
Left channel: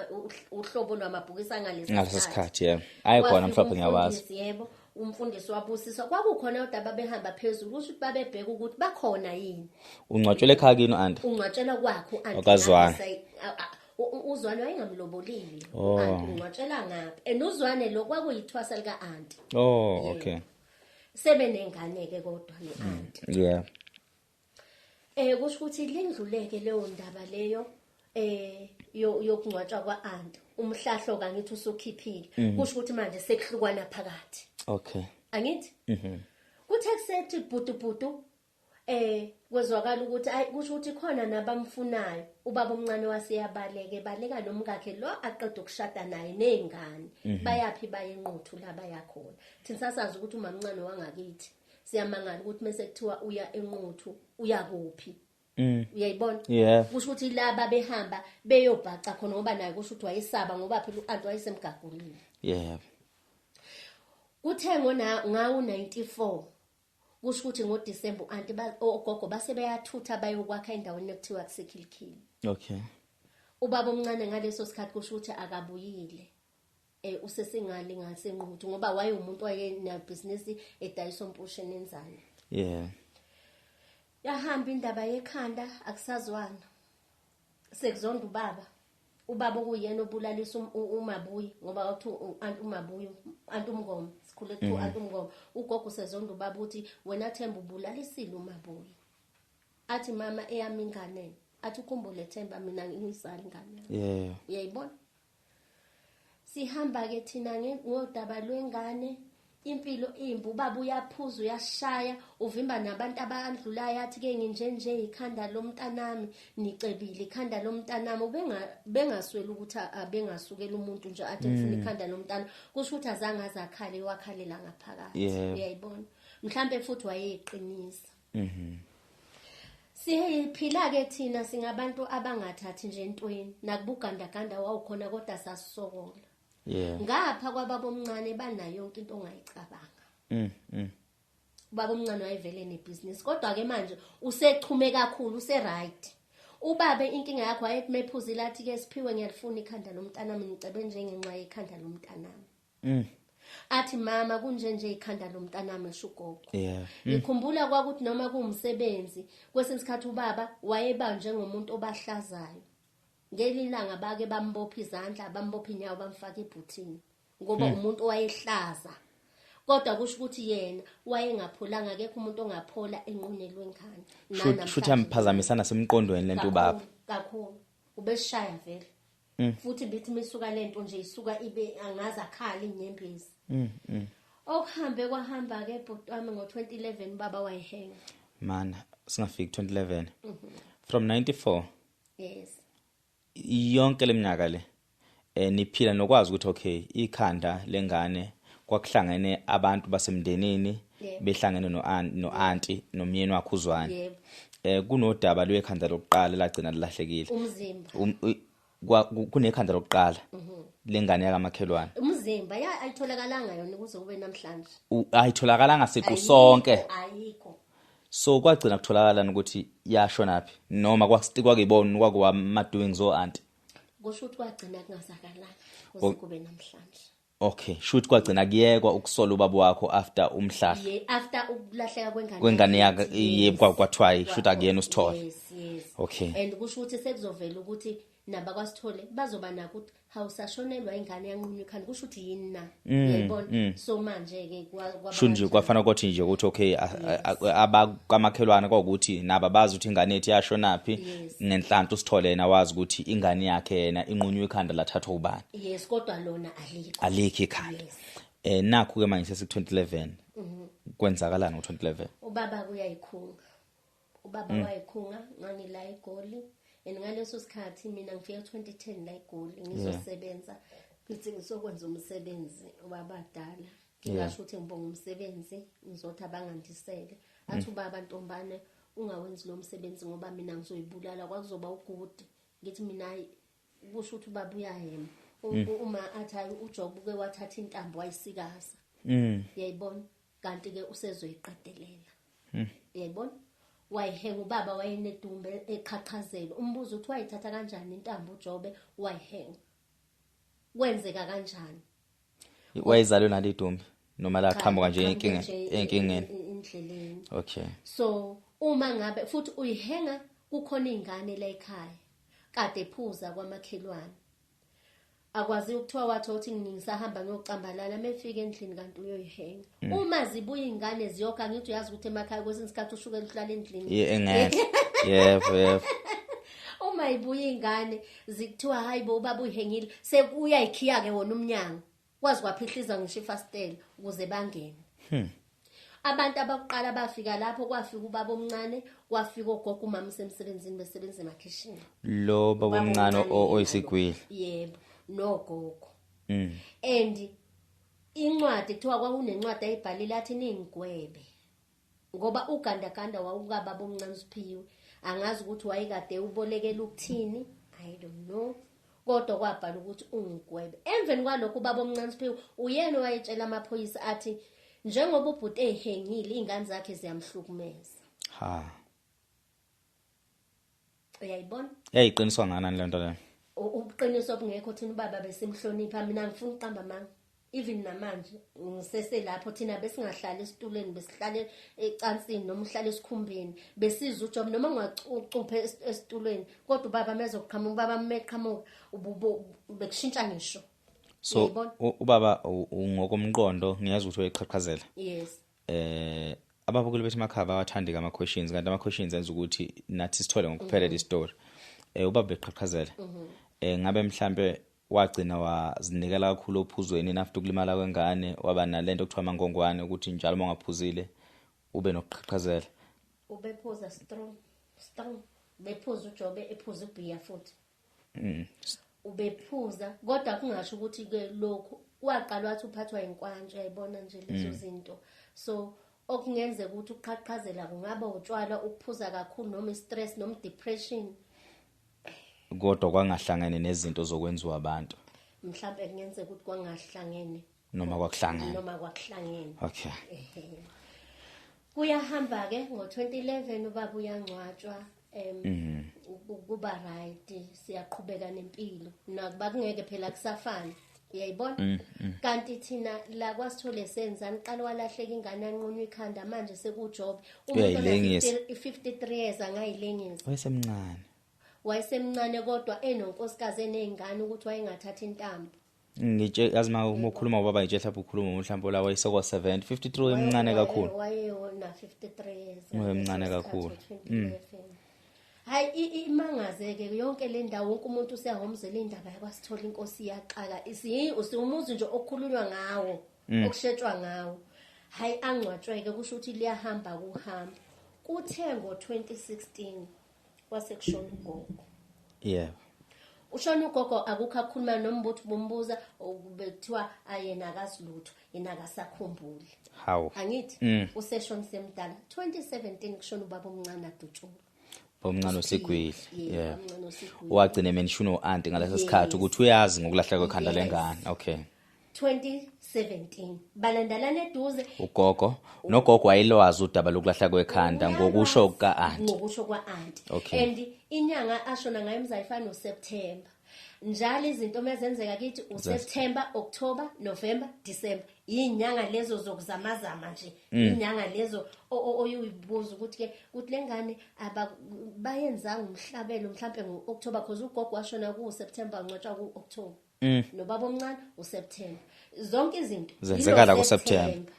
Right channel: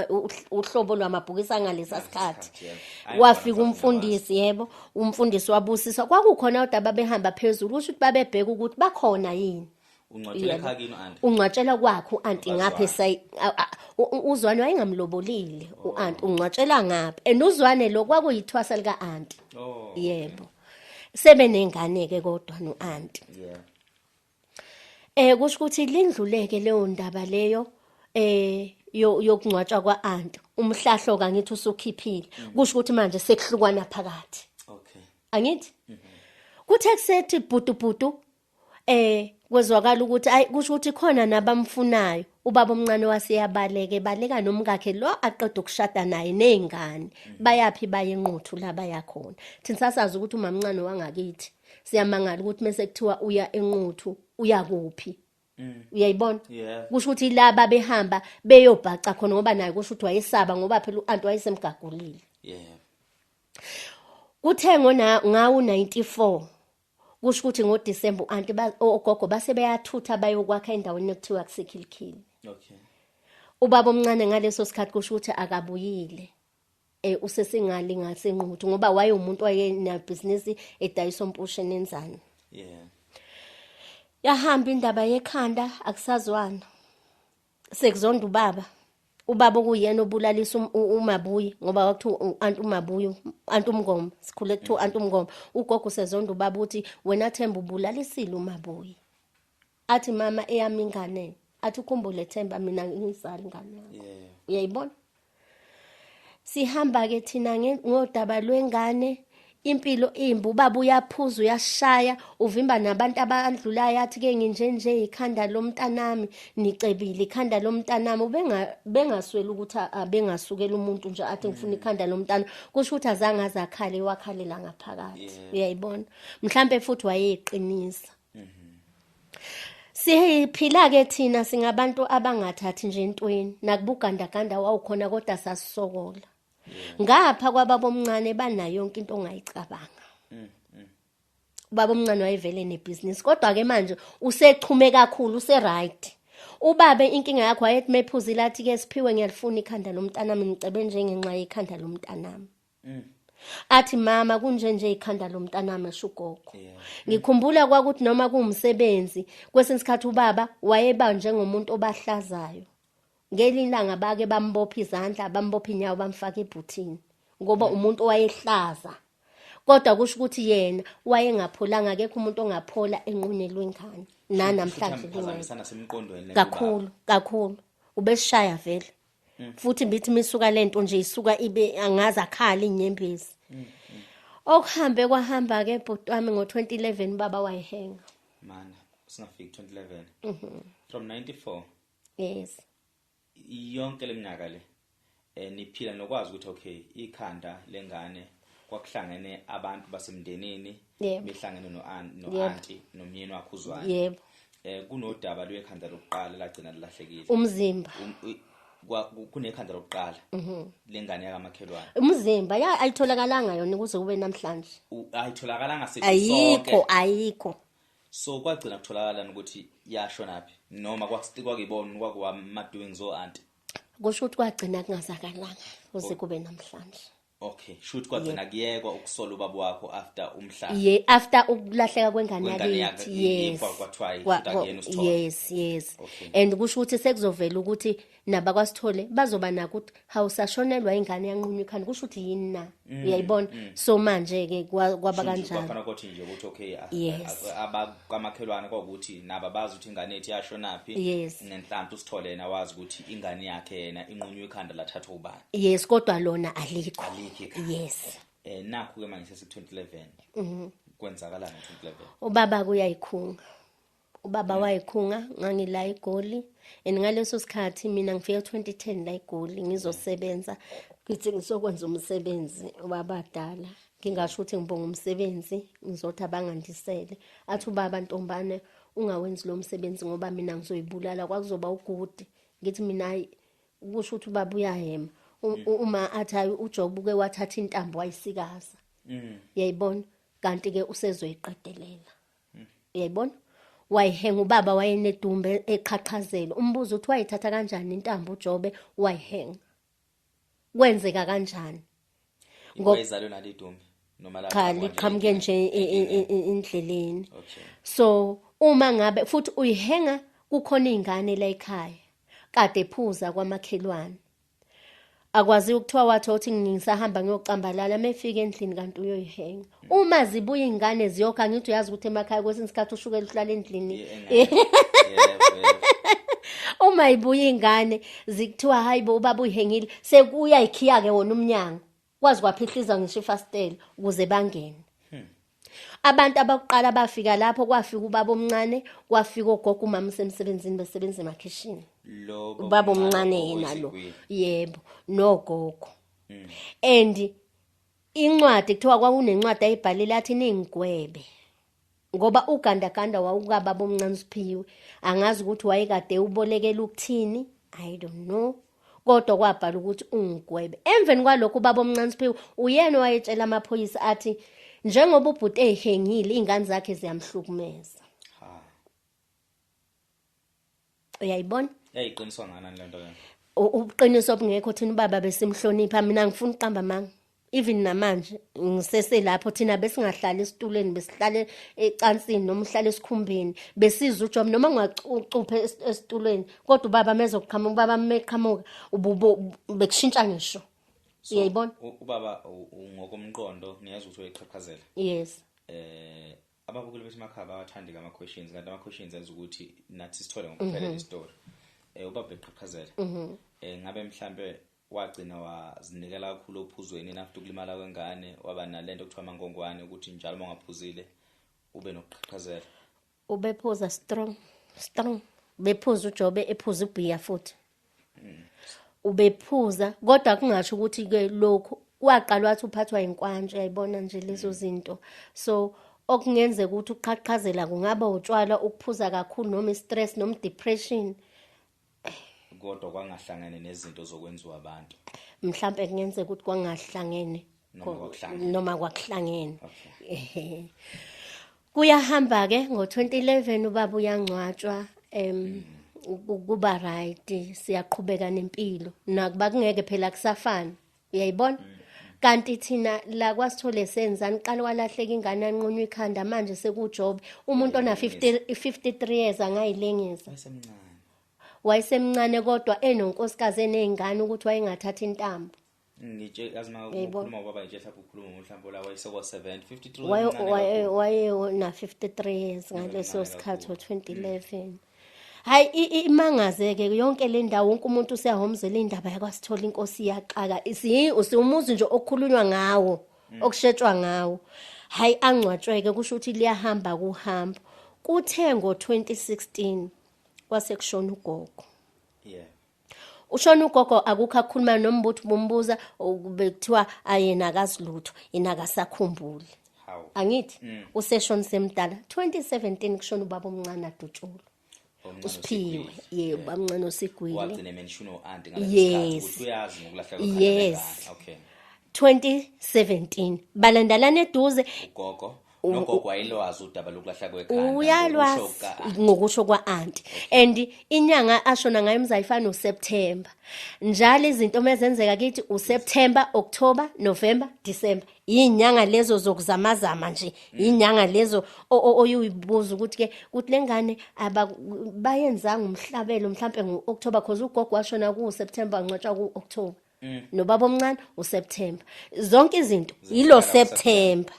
uhlobo lwamabhokisi angalesa sikhathi wafika umfundisi yebo umfundisi wabusisa kwakukhona udaba behamba phezulu usho ukuthi babebheka ukuthi bakhona yini ungcwatshela ekhaya kini anti ungcwatshela kwakho anti ngapha uZwane wayengamlobolile uanti ungcwatshela ngapha enuzwane lo kwakuyithwasa lika anti okay sebe nengane ke kodwa noanti kusho ukuthi lindluleke leyo ndaba leyo yokungcwatshwa kwaanti umhlahlo kangithi usukhiphile kusho ukuthi manje sekuhlukwana phakathi okay angithi kuthe kusethi bhutu kwezwakala ukuthi ayi kusho ukuthi khona nabamfunayo. Ubaba omncane waseyabaleke baleka nomkakhe lo aqeda ukushada naye nezingane. Bayapi baye enquthu la bayakhona. Thina sasazi ukuthi umamncane wangakithi siyamangala ukuthi mase kuthiwa uya enquthu uya kuphi. Uyayibona? Yeah. Kusho ukuthi laba behamba beyobhaca khona ngoba naye kusho ukuthi wayesaba ngoba phela uanti wayesemgagulile. Yeah. Kuthe ngawo 94 kusho ukuthi ngoDisemba uanti ogogo base beyathutha bayokwakha endaweni ekuthiwa kusekhilikhili. Okay. Ubaba omncane ngaleso sikhathi kusho ukuthi akabuyile. Usesingali ngasenquthu ngoba waye umuntu wayena business edayisa ompushe nenzane. Yeah. Yahamba indaba yekhanda akusazwana. Sekuzonda ubaba okuyena obulalisa uMabuyi ngoba wathi anti uMabuyi anti uMngoma sikhule kuthiwa anti uMngoma. Ugogo sezonda ubaba uthi wena Themba ubulalisile uMabuyi. Athi mama eyami ingane athi ukhumbule Themba mina ngizali ingane. Yeah. Uyayibona? Sihamba ke thina ngodaba lwengane. Impilo imbu ubaba uyaphuza uyashaya uvimba nabantu abadlulayo athi ke nginjenje ikhanda lomntanami nicebile ikhanda lomntanami bengaswela ukuthi abengasukela umuntu nje athi ngifuna ikhanda lomntana kusho ukuthi azange azakhale wakhalela ngaphakathi. Uyayibona mhlambe futhi wayeqinisa. Siphila ke thina singabantu abangathathi nje entweni nakubugandaganda wawukhona kodwa sasisokola. Yeah. Ngapha kwababa omncane banayo yonke into ongayicabanga. Ubaba omncane wayevele nebusiness kodwa ke manje usechume kakhulu right. Ubabe inkinga yakho wayethi mephuzile athi ke siphiwe ngiyalifuna ikhanda lomntanami ngicebe nje ngenxa yekhanda lomntanami. Athi mama kunje ikhanda lomntanami ashugogo. Ngikhumbula kwakuthi noma kuumsebenzi kwesinye isikhathi ubaba wayeba njengomuntu obahlazayo. Ngelilanga bake bambopha izandla bambopha inyawo bamfaka ebhuthini ngoba umuntu owayehlaza kodwa kusho ukuthi yena wayengapholanga akekho umuntu ongaphola enqunyelwe enkani namhlanje futhi amphazamisana semqondweni lento baba kakhulu ubeshaya vele futhi bithi misuka lento nje isuka ibe angaza akhala inyembezi okuhambe kwahamba ke bhuti wami ngo2011 baba wayihenga mana singafiki 2011 from 94. Yes. Yonke leminyaka le niphila nokwazi ukuthi okay ikhanda lengane kwakuhlangene abantu basemndenini behlangene no-auntie nomyeni wakhe uZwane. Yebo. Kunodaba lwekhanda lokuqala lagcina lilahlekile. Umzimba. Kunekhanda lokuqala lengane yakamakhelwane. Umzimba ayitholakalanga yona kuze kube namhlanje. Ayitholakalanga siqo sonke. Ayikho. So kwagcina kutholakala ukuthi yashona phi noma kwakuyibona kwakuwama doings o-auntie. Kusho ukuthi kwagcina kungazakalanga kuze kube namhlanje. Okay, shoot kwagcina kuyekwa ukusola ubaba wakho after umhlahla. After ukulahleka kwengane yakhe yebo kwathiwa shoot akuyena uSithole. Yes. Okay. And kusho ukuthi sekuzovela ukuthi naba kwaSithole bazoba nako ukuthi hawusashonelwa ingane yanqunywa ikhanda kusho ukuthi yini na. Uyayibona? So manje ke kwabakanjani. Shunje kwafana ukuthi nje ukuthi okay abakamakhelwane kwakuthi naba bazi ukuthi ingane ethi yashona phi ngenhlanhla uSithole yena wazi ukuthi ingane yakhe yena inqunywa ikhanda lathathwa ubani. Yes kodwa lona alikho. Alikho ikhanda. Yes. Nakho ke manje sesi 2011 kwenzakalani ngo2011 ubaba kuyayikhunga ubaba wayikhunga ngangila eGoli ngaleso sikhathi mina ngifika 2010 la eGoli ngizosebenza ngithi ngisokwenza umsebenzi wabadala ngingasho ukuthi ngibonga umsebenzi ngizothi abangandisele athi ubaba Ntombane ungawenzi lo msebenzi ngoba mina ngizoyibulala kwakuzoba ugudi ngithi mina kusho ukuthi ubaba uyahema uma athi uJob uke wathatha intambo wayisikaza. Uyayibona kanti ke usezoyiqedelela. Uyayibona? Wayihenga ubaba wayenedumbe eqhaqhazela. Umbuzo uthi wayithatha kanjani intambo uJobe wayihenga. Kwenzeka kanjani? Wayizalwe nalidumbe noma la qhamuka nje endleleni. Okay. So uma ngabe futhi uyihenga kukhona izingane la ekhaya. Kade ephuza kwamakhelwane. Akwazi ukuthiwa wathothi ngisahamba ngiyocambalala mefika endlini kanti uyoyihenga. Uma zibuya izingane ziyokha ngithi uyazi ukuthi emakhaya kwesinye isikhathi ushukela uhlala endlini. Yebo. Uma ibuya izingane zikuthiwa hayibo ubaba uyihengile sekuya ikhiya ke wona umnyango. Kwazi kwaphihliza ngisho ifastela ukuze bangene. abantu abakuqala bafika lapho kwafika ubaba omncane kwafika ogogo umama semsebenzini besebenza emakhishini lo ubaba baba omncane omncane yena lo. oyisigwili Yebo nogogo and incwadi kuthiwa kwakunencwadi ayibhalile athi ningigwebe ngoba ugandaganda wawukababa omncane uSiphiwe angazi ukuthi wayekade ubolekela ukuthini I don't know kodwa kwabhala ukuthi ungigwebe emveni kwalokho ubaba omncane uSiphiwe uyena wayetshela amaphoyisa athi njengoba ubhuti ehengile izingane zakhe ziyamhlukumeza ha uyayibona yayiqiniswa ngani lento le ubuqiniso obungekho thina ubaba besimhlonipha mina ngifuna uqamba manga even namanje ngisese lapho thina besingahlali esitulweni besihlale ecansini noma uhlale esikhumbeni besizwa uJob noma ungacucuphe esitulweni kodwa ubaba mezoqhamuka ubaba meqhamuka bekushintsha ngisho uyayibona ubaba ngokomqondo ngiyazi ukuthi uyayiqhaqhazela yes ababukeli bethu emakhaya bawathanda ama questions kanti ama questions enza ukuthi nathi sithole ngokuphelele istory ubaba beqhaqhazela ngabe mhlambe wagcina wazinikela kakhulu ophuzweni after ukulimala kwengane waba nalento okuthiwa amangongwane ukuthi njalo mongaphuzile ube nokuqhaqhazela ubephuza strong bephuza uJobe ephuza uBhiya futhi ubephuza kodwa kungasho ukuthi ke lokho waqala wathi uphathwa inkwanje yayibona nje lezo zinto so okungenzeka ukuthi uqhaqhazela kungaba utshwala ukuphuza kakhulu noma istress noma depression kodwa kwangahlangene nezinto zokwenziwa abantu mhlambe kungenzeka ukuthi kwangahlangene noma kwakuhlangene okay kuyahamba ke ngo2011 ubaba uyangcwatshwa kuba right siyaqhubeka nempilo nakuba kungeke phela kusafana uyayibona kanti thina la kwasithole senzani qala walahleka ingane anqunywa ikhanda manje sekuJob umuntu ona 53 years angayilengeza wayesemncane kodwa enonkosikazi enezingane ukuthi wayengathatha intambo ngitshe azima ukukhuluma ubaba ngitshe mhlawumbe ukhuluma mhlawumbe la wayesokwa 70 53 wemncane kakhulu wayena 53 years ngaleso sikhathi ngo2011 hayi imangazeke yonke le ndawo wonke umuntu useyahomzela indaba yakwasithola inkosi iyaqaka usumuzi nje okukhulunywa ngawo okushetshwa ngawo hayi angcwatshweke kusho ukuthi liyahamba kuhamba kuthe ngo2016 kwasekushona ugogo ushona ugogo akukho akukhuluma nombuthi bombuza bekuthiwa ayena akazilutho yena akasakhumbuli angithi useshona semdala 2017 kushona ubaba omncane aDutshulu omncane oSigwili yebo omncane oSigwili wagcina mention uAunty ngaleso sikhathi ukuthi uyazi ngokulahleka kwekhanda lengane okay 2017 balandalana eduze ugogo nogogo wayelwazi udaba lokulahla kwekhanda ngokusho kwaAunty and inyanga ashona ngayo mzayifana uSeptember njalo izinto mezenzeka kithi uSeptember October November December inyanga lezo zokuzamazama nje inyanga lezo oyibuza ukuthi ke ukuthi lengane abayenzanga umhlabelo mhlambe ngoOctober because ugogo washona kuSeptember ngcwatshwa kuOctober nobaba omncane uSeptember zonke izinto yilo September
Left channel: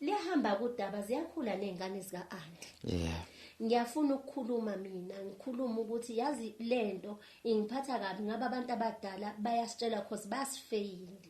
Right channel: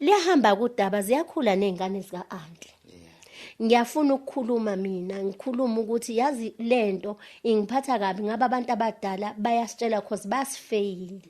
liyahamba kudaba ziyakhula nezingane zikaAunty ngiyafuna ukukhuluma mina ngikhuluma ukuthi yazi lento ingiphatha kabi ngaba abantu abadala bayasitshela because basifeyila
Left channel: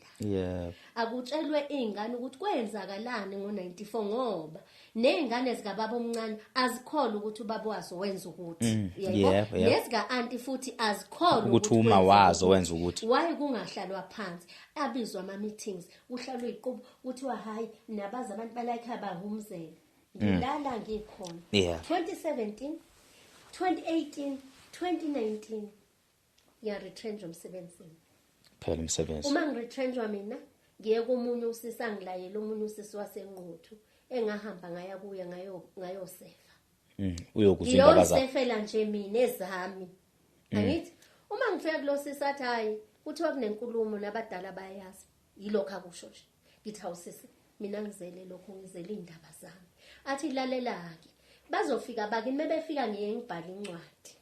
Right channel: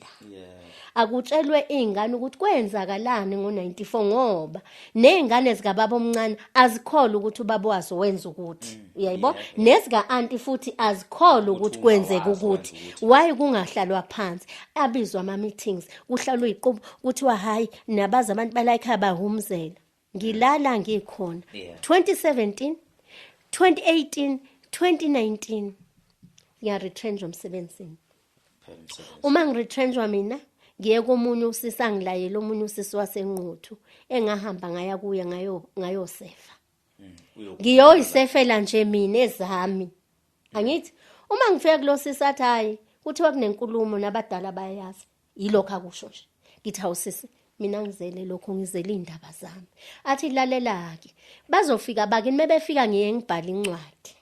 akutshelwe izingane ukuthi kwenzakalani ngo94 ngoba nezingane zikababa omncane azikholwa ukuthi ubaba wazo wenza ukuthi uyayibona nezikaAunty futhi azikholwa ukuthi kwenzeka ukuthi why kungahlalwa phansi abizwa ama meetings kuhlalwe iqobo kuthiwa hayi nabaza abantu balayikha bahumzela ngilala ngikhona 2017 2018 2019 ya retrench umsebenzini phela umsebenzi uma ngiretrenchwa mina ngiye komunye usisi angilayela omunye usisi wasenquthu engahamba ngaya kuye ngayosefa ngiyoyisefela nje mina ezami angithi uma ngifika kulo sisi athi hayi kuthiwa kunenkulumo nabadala bayayazi yilokho akusho nje ngithi awusisi mina ngizele lokho ngizele indaba zami athi lalela-ke bazofika bakini mebefika ngiye ngibhala incwadi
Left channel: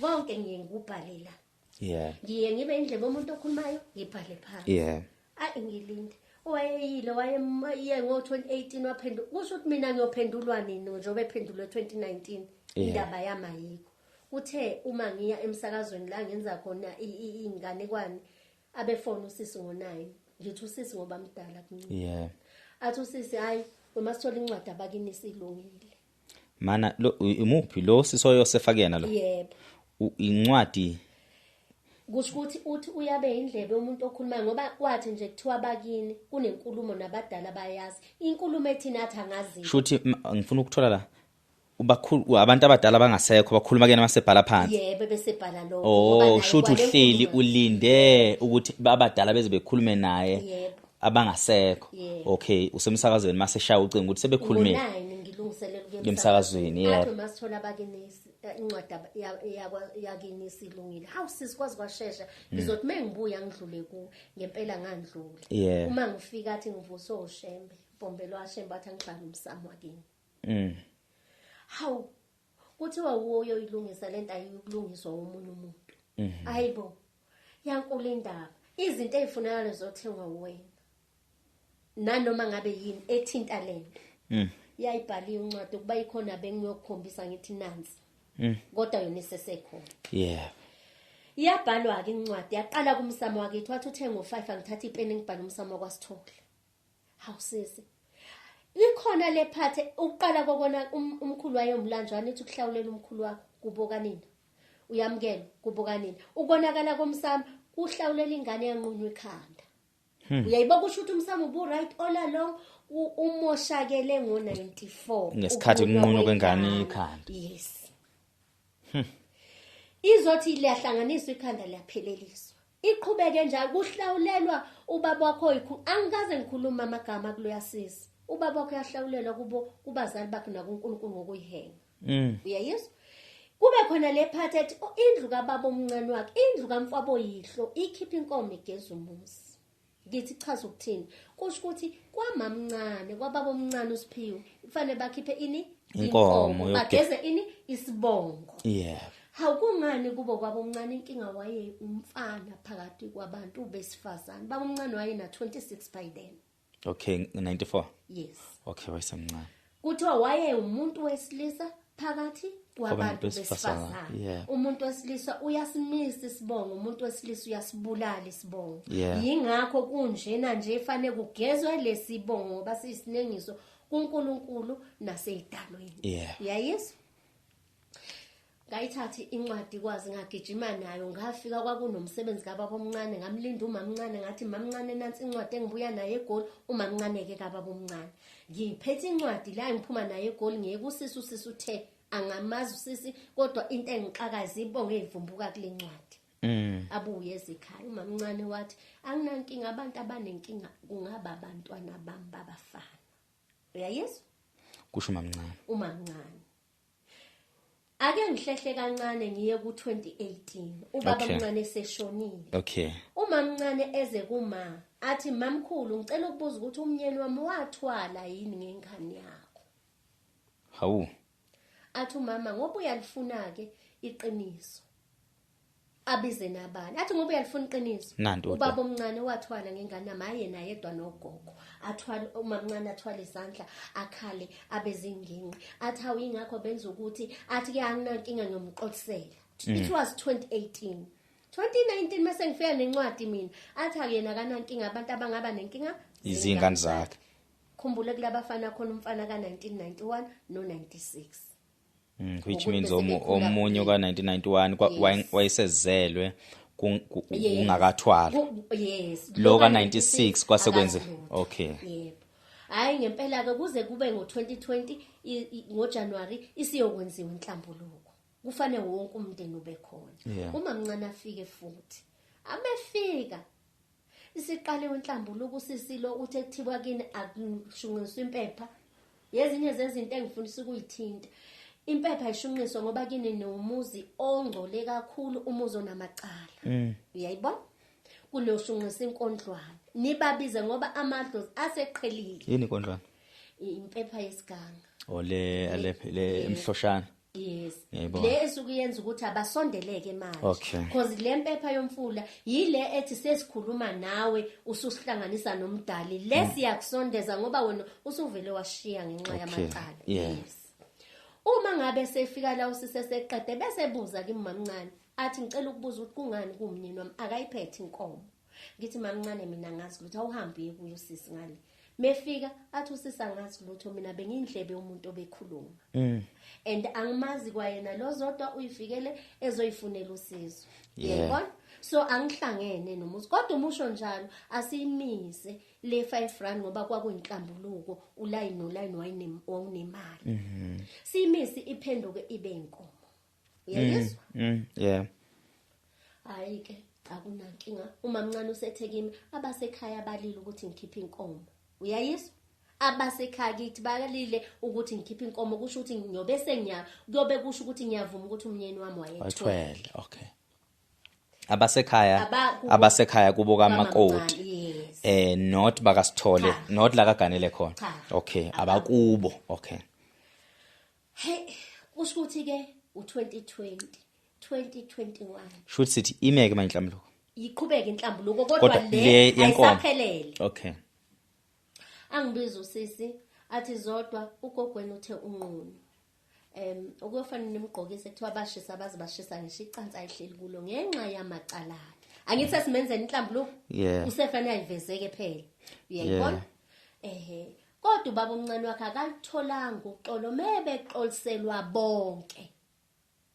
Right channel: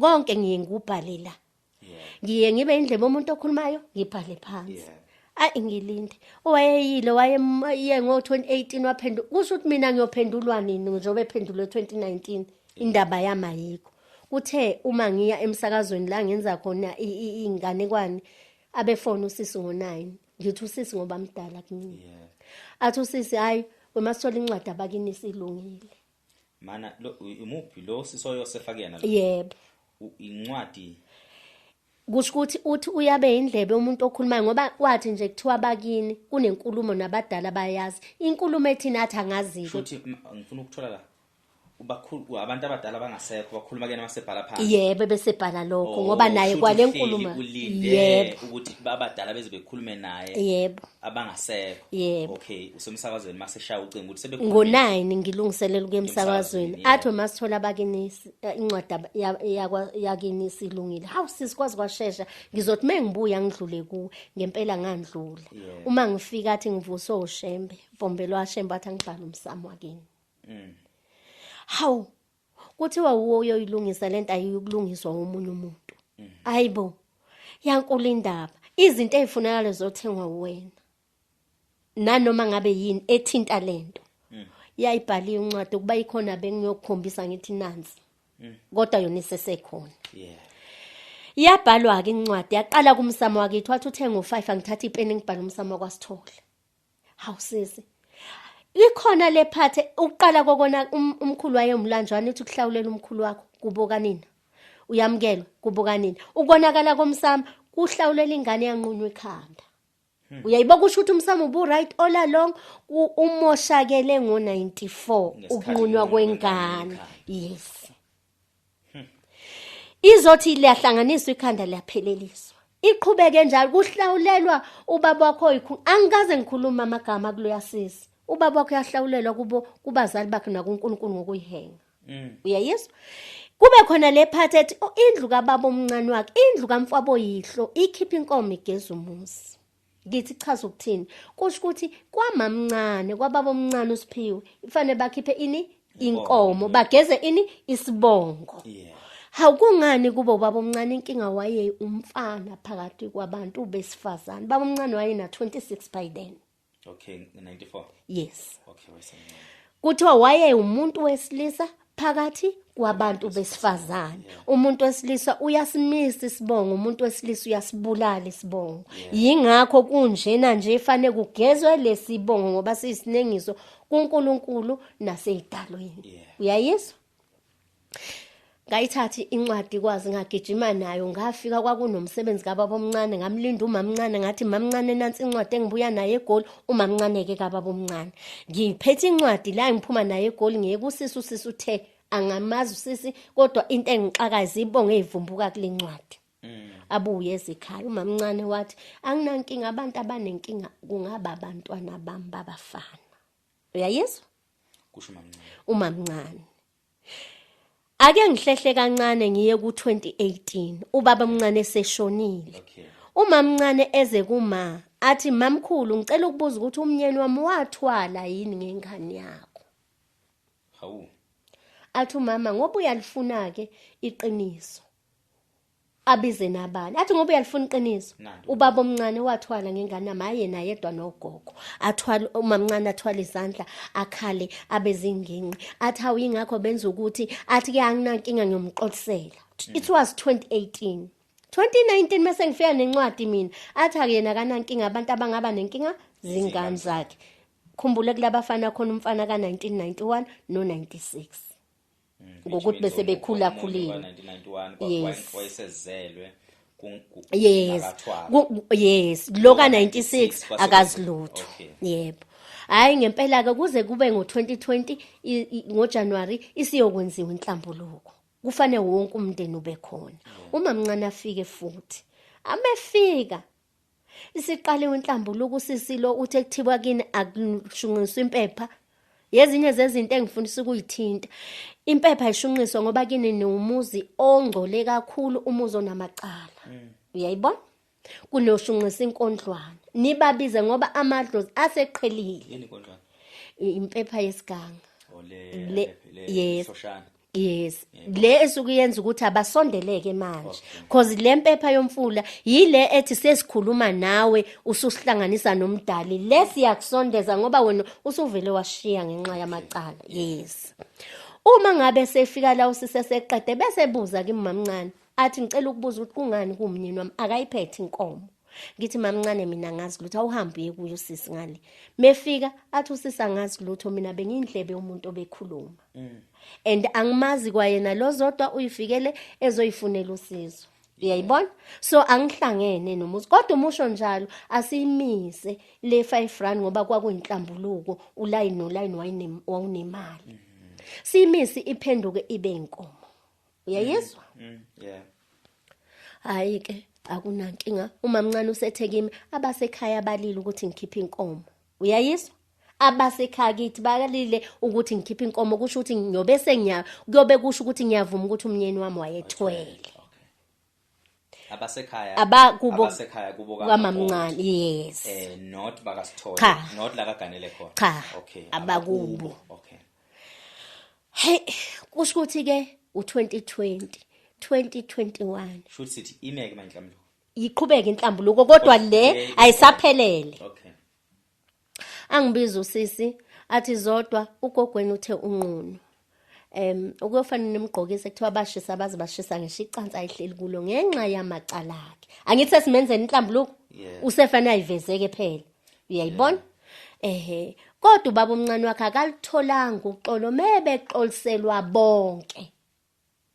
konke ngiye ngubhalela ngiye ngibe indlebe umuntu okhulumayo ngibhale phansi ngilinde owayeyile waye ngo2018 waphendula kusho ukuthi mina ngiyophendulwa nini njengoba ephendulwe 2019 indaba yami ayikho kuthe uma ngiya emsakazweni la ngenza khona inganekwane abefona usisi ngo9 ngithi usisi ngoba mdala kimi athi usisi hayi wemasithola incwadi abakini isilungile. Mana lo imuphi lo sisoyo sefakena lo? Yebo. Incwadi Kusho ukuthi uthi uyabe indlebe umuntu okhulumayo ngoba wathi nje kuthiwa bakini kunenkulumo nabadala bayazi. Inkulumo ethi nathi angazi. shuthi ngifuna ukuthola la ubakhulu abantu abadala bangasekho bakhuluma kena masebhala phansi. Yebo besebhala lokho ngoba naye kwale nkulumo ulinde ukuthi abadala beze bekhulume naye. Yebo. Abangasekho. Yebo. Okay, usemsakazweni mase shaya ucingo ukuthi sebekhulumile. Ngo9 ngilungiselela ukuyemsakazweni. Athi masithola bakini incwadi yakini isilungile. Hawu sisikwazi kwashesha ngizothi mengibuya ngidlule ku ngempela ngandlula. Uma ngifika athi ngivuso oshembe, Mfombelo washembe athi ngibhala umsamo wakini. Hawu kuthiwa uyo ilungisa lento ayikulungiswa umunye umuntu. Hayibo. Yankulu indaba. Izinto ezifunakala zothengwa uwena. Nanoma ngabe yini ethinta lento. Yayibhaliwe incwadi ukuba ikhona bengiyokukhombisa ngithi nansi. Kodwa yona isesekhona. Yabhalwa ke incwadi yaqala kumsamo wakithi wathi uthenga u5 angithatha ipeni ngibhala umsamo kwaSithole. Hawu sisi. Ikhona lephathe uqala kokona umkhulu wayemlanjwana uthi kuhlawulela umkhulu wakho kuboka nina. Uyamkela kuboka nina. Ukonakala komsamo kuhlawulela ingane yanqunywa ekhanda. Uyayiboka kusho ukuthi umsamo ubu right all along umoshakele ngo94 ngesikhathi unqunywa kwengane ekhanda. Yes. Izothi liyahlanganiswa ikhanda liyapheleliswa. Iqhubeke njalo kuhlawulelwa ubaba wakho angikaze ngikhuluma amagama kuloya sisi. Ubaba wakho yahlawulelwa kubazali bakhe nakuNkulunkulu ngokuyihenga. Uyayizwa? Kube khona lephathi ethi indlu kababa omncane wakhe, indlu kamfabo yihlo ikhipha inkomo igeza umuzi. Ngithi chaza ukuthini? Kusho ukuthi kwamamncane kwababa omncane uSiphiwe kufanele bakhiphe inkomo bageze isibongo. Hawu kungani kuba ubaba omncane inkinga waye umfana phakathi kwabantu besifazane. Baba omncane wayena 26 by then. Okay, 94. Yes. Okay, wayesemncane. Kuthiwa waye umuntu wesilisa phakathi kwabantu besifazane. Umuntu wesilisa uyasimisa isibongo, umuntu wesilisa uyasibulala isibongo. Yingakho kunjena nje efanele kugezwe lesibongo ngoba siyisinengiso kuNkulunkulu naseyidalweni. Uyayizwa? Ngayithathi incwadi kwazi ngagijima nayo ngafika kwakunomsebenzi kababa omncane ngamlinda umamncane ngathi mamncane nansi incwadi engibuya naye eGoli umamncane ke kababa omncane ngiphethe incwadi la ngiphuma naye eGoli ngeke usisi uthe angamazi usisi kodwa into engixakaza ibonge ezivumbuka kule ncwadi abuye ezikhaya umamncane wathi anginankinga abantu abanenkinga kungaba abantwana bami babafana. Uyayizwa? Kusho umamncane ake ngihlehle kancane ngiye ku2018 ubaba omncane eseshonile. Umamncane eze kuma athi mamkhulu ngicela ukubuza ukuthi umnyeni wami wathwala yini ngengane yakho. Hawu. Athi umama ngoba uyalifuna ke iqiniso. Abize nabani athi ngoba uyalifuna iqiniso. Ubaba omncane wathwala ngengane yami ayena yedwa nogogo. Athwala umamncane athwala izandla akhale abezinginqi. Athi awuyingakho benza ukuthi athi ke anginankinga ngiyomxolisela. It was 2018. 2019 mase ngifika nencwadi mina athi akuyena kanankinga abantu abangaba nenkinga zingane zakhe. Khumbule kulabafana khona umfana ka1991 no96. Which means omunye ka1991 wayesezelwe kungakathwala. Yes, lo ka96 akasilutho. Okay. Yebo. Hayi ngempela ke kuze kube ngo2020 ngoJanuary isiyokwenziwa inhlambuluko. Kufanele wonke umndeni ube khona. Umamncane afike futhi. Amefika isiqale inhlambuluko usisilo uthe kuthiwa kini akushunqiswa impepha. Yezinye zezinto engifundisa ukuyithinta. Impepha ishunqiswa ngoba kini numuzi ongcole kakhulu umuzi onamacala. Uyayibona? Kunoshunqisa inkondlwane. Nibabize ngoba amadlozi aseqhelile. Yini inkondlwane? Impepha yesiganga. Le mhloshana. Yes. Le esukuyenza ukuthi abasondeleke manje. Because le mpepha yomfula yile ethi sesikhuluma nawe ususihlanganisa nomdali. Le siyakusondeza ngoba wena usuvele washiya ngenxa yamacala. Yes. Uma ngabe sefika la usiseseqede bese buza kimi mamncane athi ngicela ukubuza ukuthi kungani kumnyeni wami akayiphethe inkomo. ngithi mamncane mina ngazi lutho awuhambe uye kuyo usisi ngale mefika athi usisi angazi lutho mina bengindlebe umuntu obekhuluma and angimazi kwayena lo zodwa uyifikele ezoyifunela usizo uyayibona so angihlangene nomuzi kodwa umusho njalo asimise le 5 rand ngoba kwakuyinhlambuluko uline noline wawunemali simisi iphenduke ibe inkomo uyayizwa yeah hayi ke akunankinga uma mncane usethekimi abasekhaya balile ukuthi ngikhiphe inkomo uyayizwa abasekhaya kithi balile ukuthi ngikhiphe inkomo kusho ukuthi ngiyobe kuyobe kusho ukuthi ngiyavuma ukuthi umnyeni wami wayethwele okay abasekhaya kubo kamakoti yes not bakasithole not la kaganele khona okay abakubo okay hey kusho ukuthi ke u2020 2021 should sithi imeke manje inhlambuluko yiqhubeka inhlambuluko kodwa le ayisaphelele okay angibiza usisi athi zodwa ugogweni uthe unqunu ukuyofana nemgqokisi ekuthiwa bashisa abazi bashisa ngisho icansi ayihleli kulo ngenxa yamacala akhe angithi sesimenzeni inhlambuluko usefana ayivezeke phela uyayibona kodwa ubaba omncane wakhe akalitholanga uxolo mebeqoliselwa bonke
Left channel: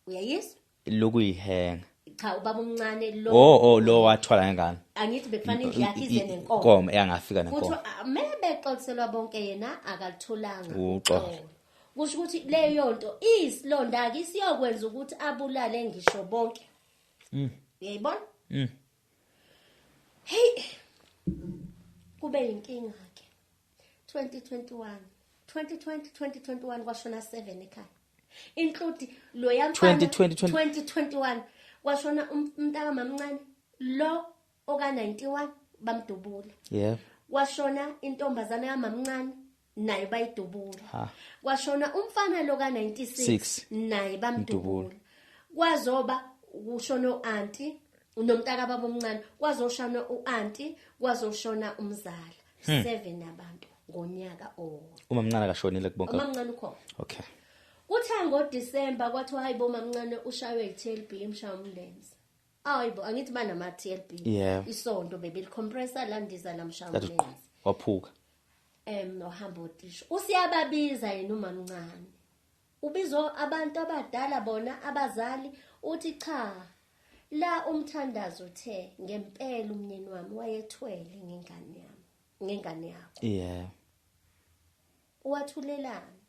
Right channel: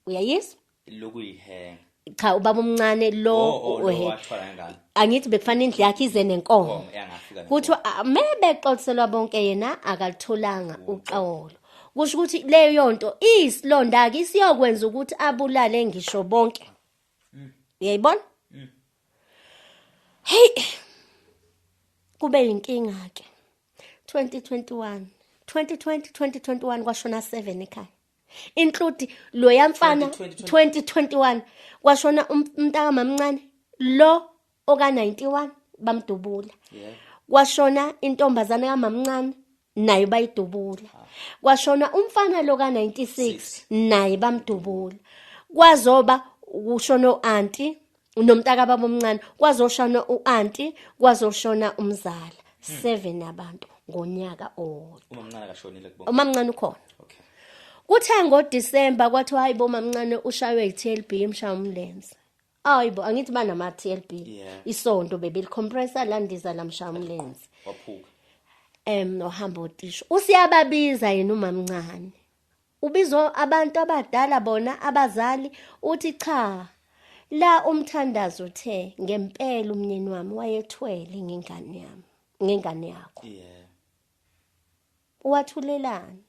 uyayizwa lokuyihenga cha ubaba omncane lo lo wathola ngani angithi bekufanele indlu yakhe ize nenkomo engafika nenkomo kuthi mebexoliselwa bonke yena akalitholanga uxolo kusho ukuthi leyo nto isilonda ke isiyokwenza ukuthi abulale ngisho bonke uyayibona hey kube inkinga ke 2021 kwashona 7 ekhaya include lo yamfana 2021 kwashona umntaka mamncane lo oka 91 bamdubula kwashona intombazana kamamncane naye bayidubula kwashona umfana lo ka 96 naye bamdubula kwazoba ushona uanti nomntaka baba omncane kwazoshona uanti kwazoshona umzala 7 abantu ngonyaka umamncane akashonile kubonke umamncane ukhona okay kuthe ngoDisemba kwathi hayibo mamncane ushaywe iTLB emshaya umlenze hayibo angithi banama TLB isonto bebelicompressor landiza lamshaya umlenze waphuka nohamba utisho usiyababiza yena umamncane ubizo abantu abadala bona abazali uthi cha la umthandazo uthe ngempela umnyeni wami wayethwele ngengane yakho wathulelana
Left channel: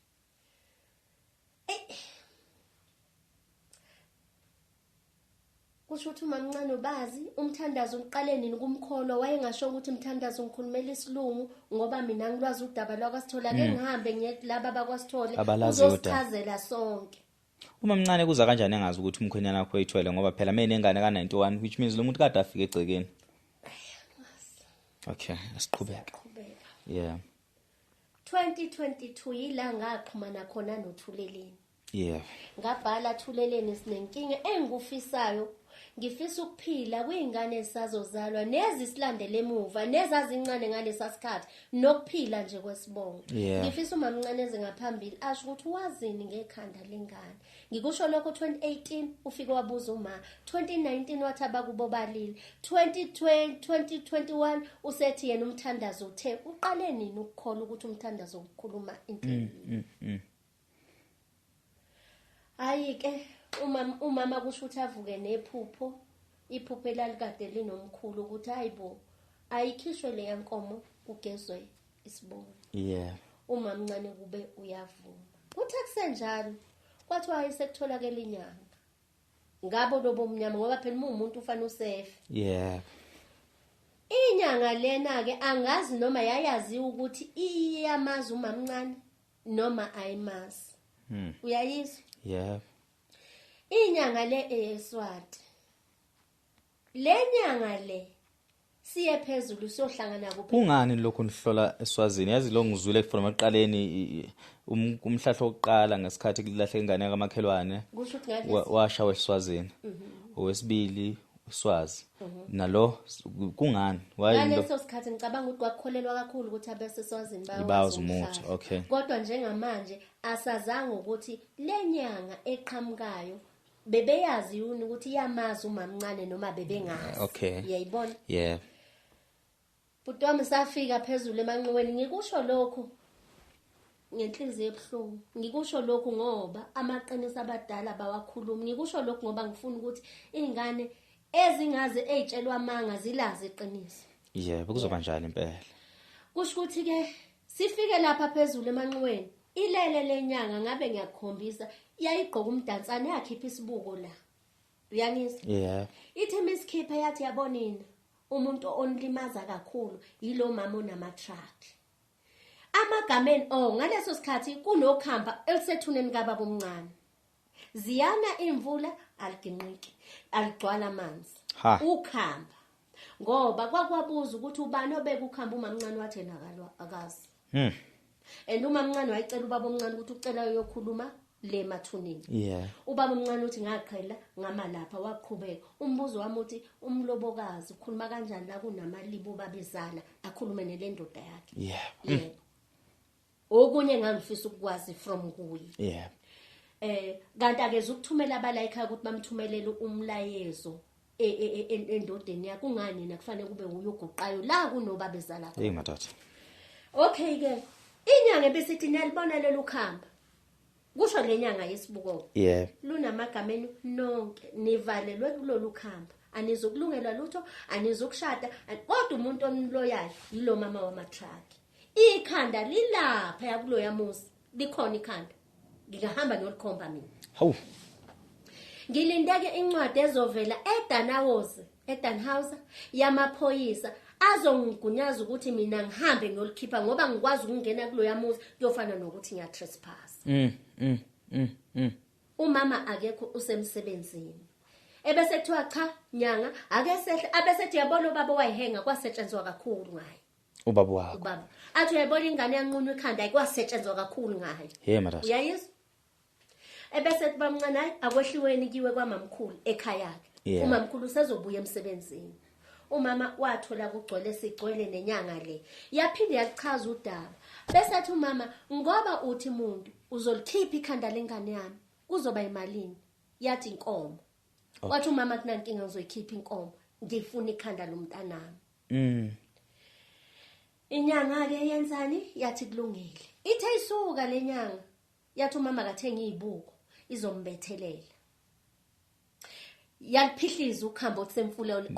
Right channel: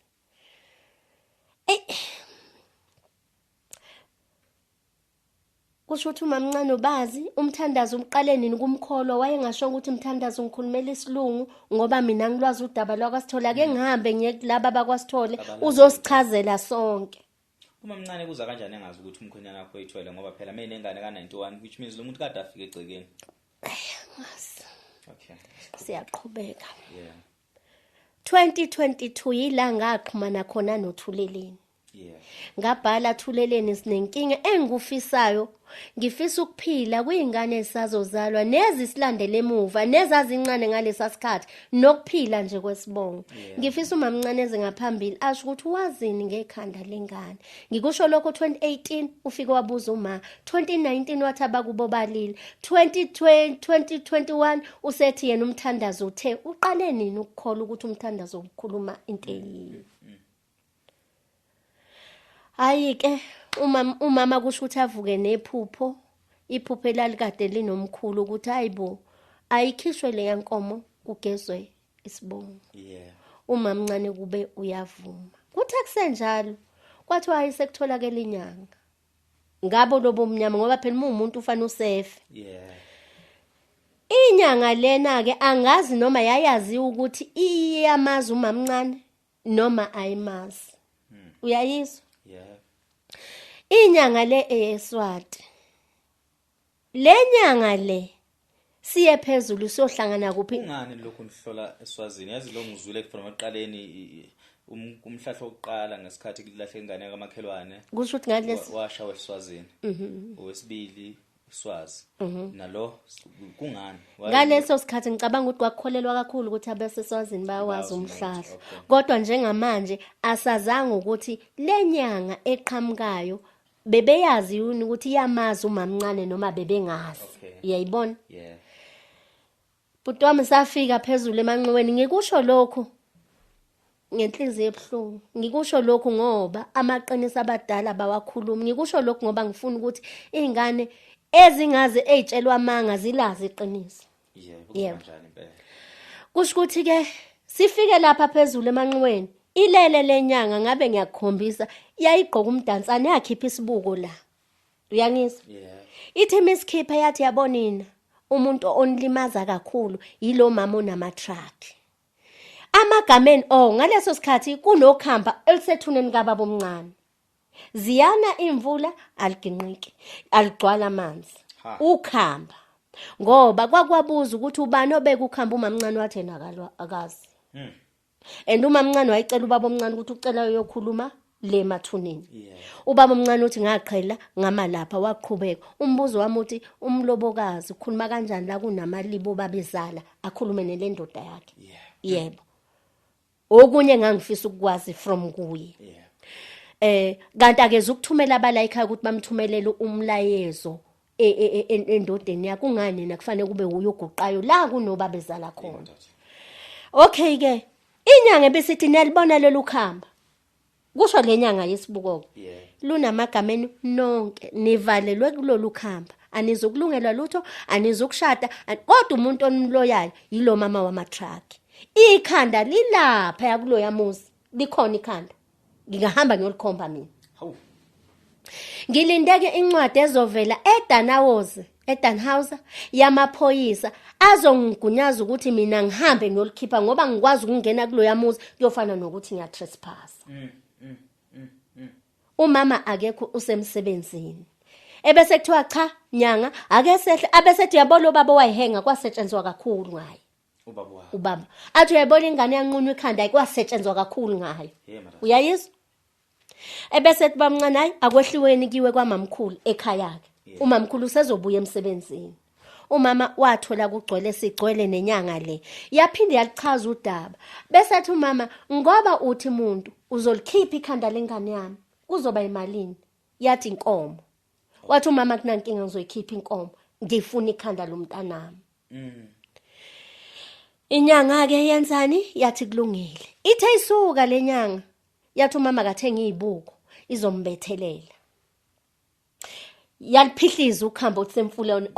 kusho ukuthi umamncane ubazi umthandazo umqale nini kumkholwa wayengasho ukuthi umthandazo ngikhulumela isilungu ngoba mina ngilwazi udaba lwakwaSithola ke ngihambe ngiye kulaba abakwasithole uzosichazela sonke umamncane kuza kanjani engazi ukuthi umkhwenyana wakho uyithwele ngoba phela mina nengane ka91 which means lo muntu kade afike egcekeni okay siyaqhubeka 2022 yila ngaxhumana khona noThuleleni ngabhala Thuleleni sinenkinga engikufisayo ngifisa ukuphila kuyingane esazozalwa nezisilandele emuva nezazincane ngalesa sikhathi nokuphila nje kwesibongo ngifisa umamncane ngaphambili asho ukuthi wazini ngekhanda lengane ngikusho lokho 2018 ufike wabuza uma 2019 wathi abakubo balile 2021 usethi yena umthandazo uthe uqale nini ukukholwa ukuthi umthandazo ukukhuluma into ayike umama kusho ukuthi avuke nephupho iphupho elalikade linomkhulu ukuthi hayibo ayikhishwe le yankomo kugezwe isibongo umamncane kube uyavuma kuthi akusenjalo kwathi wayesekutholakala inyanga ngabo lobo mnyama ngoba phela umuntu ufana usefe inyanga lena ke angazi noma yayazi ukuthi iyamazi umamncane noma ayimazi uyayizwa inyanga le eSwati le nyanga le siye phezulu siyohlangana kuphi ungani lokho nihlola eSwazini yazi lo ngizule from aqaleni umhlahlo oqala ngesikhathi kulahle ingane kamakhelwane kusho ukuthi ngalesi washawa eSwazini owesibili uSwazi nalo kungani ngaleso sikhathi ngicabanga ukuthi kwakukholelwa kakhulu ukuthi abaseswazini bayawazi umhlahlo kodwa njengamanje asazanga ukuthi lenyanga eqhamukayo bebeyazi yini ukuthi iyamazi umamncane noma bebengazi uyayibona Bhuti wami safika phezulu emanqweni ngikusho lokho ngenhliziyo ebuhlungu. Ngikusho lokho ngoba amaqiniso abadala bawakhuluma. Ngikusho lokho ngoba ngifuna ukuthi izingane ezingaze ezitshelwa amanga zilazi iqiniso. Yebo kuzoba njalo impela. Kusho ukuthi ke sifike lapha phezulu emanqweni. Ilele lenyanga ngabe ngiyakukhombisa yayigqoka umdansane yakhipha isibuko la. Uyangizwa? Yeah. Ithi misikhipha yathi yabonina umuntu onlimaza kakhulu yilo mama onama truck. Amagameni ngaleso sikhathi kunokhamba elisethuneni kababa omncane. Ziyana imvula aliginqiki, aligcwala amanzi. Ukhamba. Ngoba kwakwabuza ukuthi ubani obeka ukhamba umamncane wathi nakalwa akazi. And umamncane wayicela ubaba omncane ukuthi ucela uyokhuluma le mathuneni. Yeah. Ubaba omncane uthi ngaqhela ngama lapha waqhubeka. Umbuzo wami uthi umlobokazi ukhuluma kanjani la kunamalibo babezala akhulume nelendoda yakhe. Yeah. Yebo. Okunye ngangifisa ukwazi from kuye. Yeah. Kanti ake ukuthumela abala ekhaya ukuthi bamthumelele umlayezo endodeni yakhe ungani na kufanele kube uyoguqayo la kunobabezala khona. Okay ke inyanga ebesithi niyalibona lelo khamba. Kusho lenyanga yesibuko. Yeah. Lunamagameni nonke nivalelwe kulolu khamba. Anizokulungelwa lutho, anizokushada, kodwa umuntu onimloyayo yilo mama wama truck. Ikhanda lilapha yakulo yamuzi. Likhona ikhanda. Ngingahamba ngiyolikhomba mina. Hawu. Ngilindeke incwadi ezovela eDanhauser yamaphoyisa azongigunyaza ukuthi mina ngihambe ngiyolikhipha ngoba ngikwazi ukungena kulo yamuzi kuyofana nokuthi ngiya trespass. Umama akekho usemsebenzini. Ebese kuthiwa cha nyanga ake sehle abesethi yabona baba wayihenga kwasetshenzwa kakhulu ngaye. Ubaba wakho. Ubaba. Athi uyayibona ingane yanqunwa ikhanda ayikwasetshenzwa kakhulu ngayo. Hey madam. Uyayizwa? Ebese ethi bamncane hayi akwehliweni kiwe kwamamkhulu ekhaya yakhe. Umamkhulu usezobuya emsebenzini. Umama wathola kugcwele sigcwele nenyanga le. Yaphinde yalichaza udaba. Bese athi umama ngoba uthi umuntu uzolikhipha ikhanda lengane yami kuzoba imalini? Yathi inkomo. Wathi umama kunankinga ngizoyikhipha inkomo. Ngifuna ikhanda lomntanami. Inyanga ke yenzani? Yathi kulungile. Ithe isuka lenyanga. Yathi umama kathenga izibuko izombethelela. Yaliphihliza ukhambo semfuleni.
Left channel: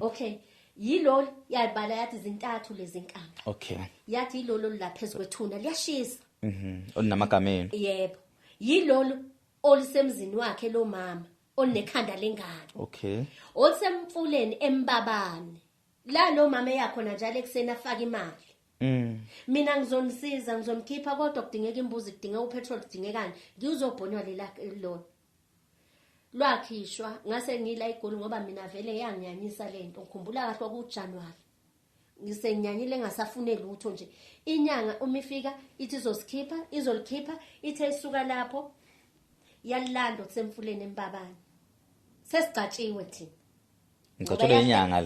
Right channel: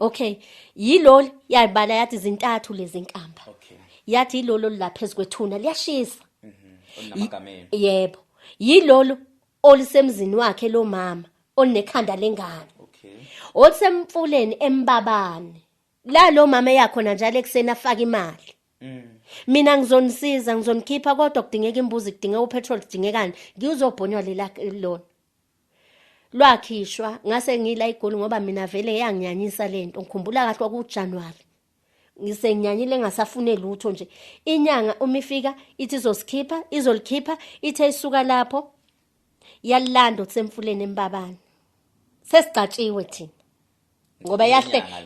Okay. Yilolo yayibala yathi zintathu lezi nkamba. Okay. Yathi yilolo la phezulu kwethuna liyashisa. Onamagameni. Yebo. Yilolo olisemzini wakhe lo mama onekhanda lengane. Okay. Olisemfuleni embabane. La lo mama yakhona njalo eksena afaka imali. Mina ngizonisiza ngizonikhipha kodwa kudingeka imbuzi kudingeka upetrol kudingekani ngizobhonywa lona. Lwakhishwa ngase ngila igoli ngoba mina vele yanginyanyisa lento ngikhumbula kahle kwakuJanuary. Ngisenyanyile ngasafune lutho nje. Inyanga umifika ithi izolikhipha ithe isuka lapho yalilanda utsemfuleni embabane. Sesicatshiwe thina. Ngoba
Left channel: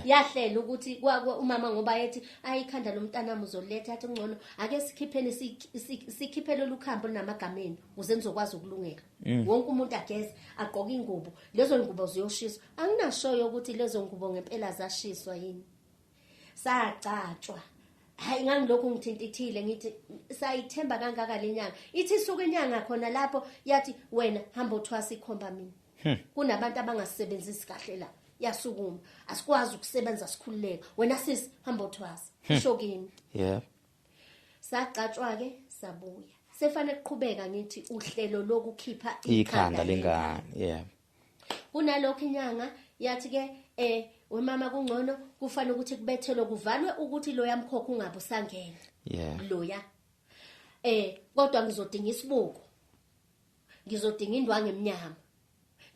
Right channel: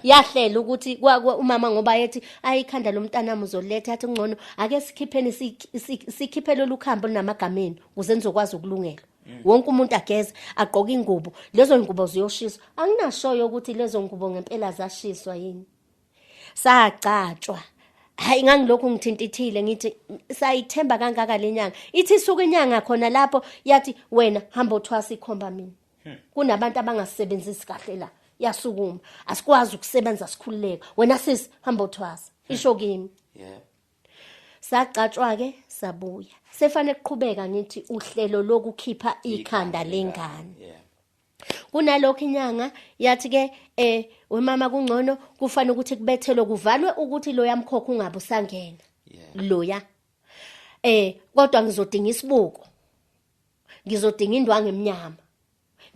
yahlela ukuthi umama ngoba yethi ayikhanda lomntanami uzoletha yathi ngcono ake sikhipheni sikhiphele lokhambo linamagameni ukuze nizokwazi ukulungela. Wonke umuntu ageze agqoka ingubo lezo ingubo ziyoshiswa. Anginashoyo ukuthi lezo ngubo ngempela zashiswa yini. Sagcatshwa. Hayi ngangilokho ngithintithile ngithi sayithemba kangaka lenyanga. Ithi isuka inyanga khona lapho yathi wena hamba uthwasa ikhomba mina. Kunabantu abangasebenzisi kahle la. Yasukuma asikwazi ukusebenza sikhululeka wena sisi hamba uthwasa isho kimi. Yeah. Sagcatshwa ke sabuya sefane kuqhubeka ngithi uhlelo lokukhipha ikhanda lengane. Yeah. Kunalokho inyanga yathi ke wemama kungcono kufanele ukuthi kubethelwe kuvalwe ukuthi lo yamkhokha ungabe usangena. Yeah. Loya kodwa ngizodinga isibuko. Ngizodinga indwangu eminyama.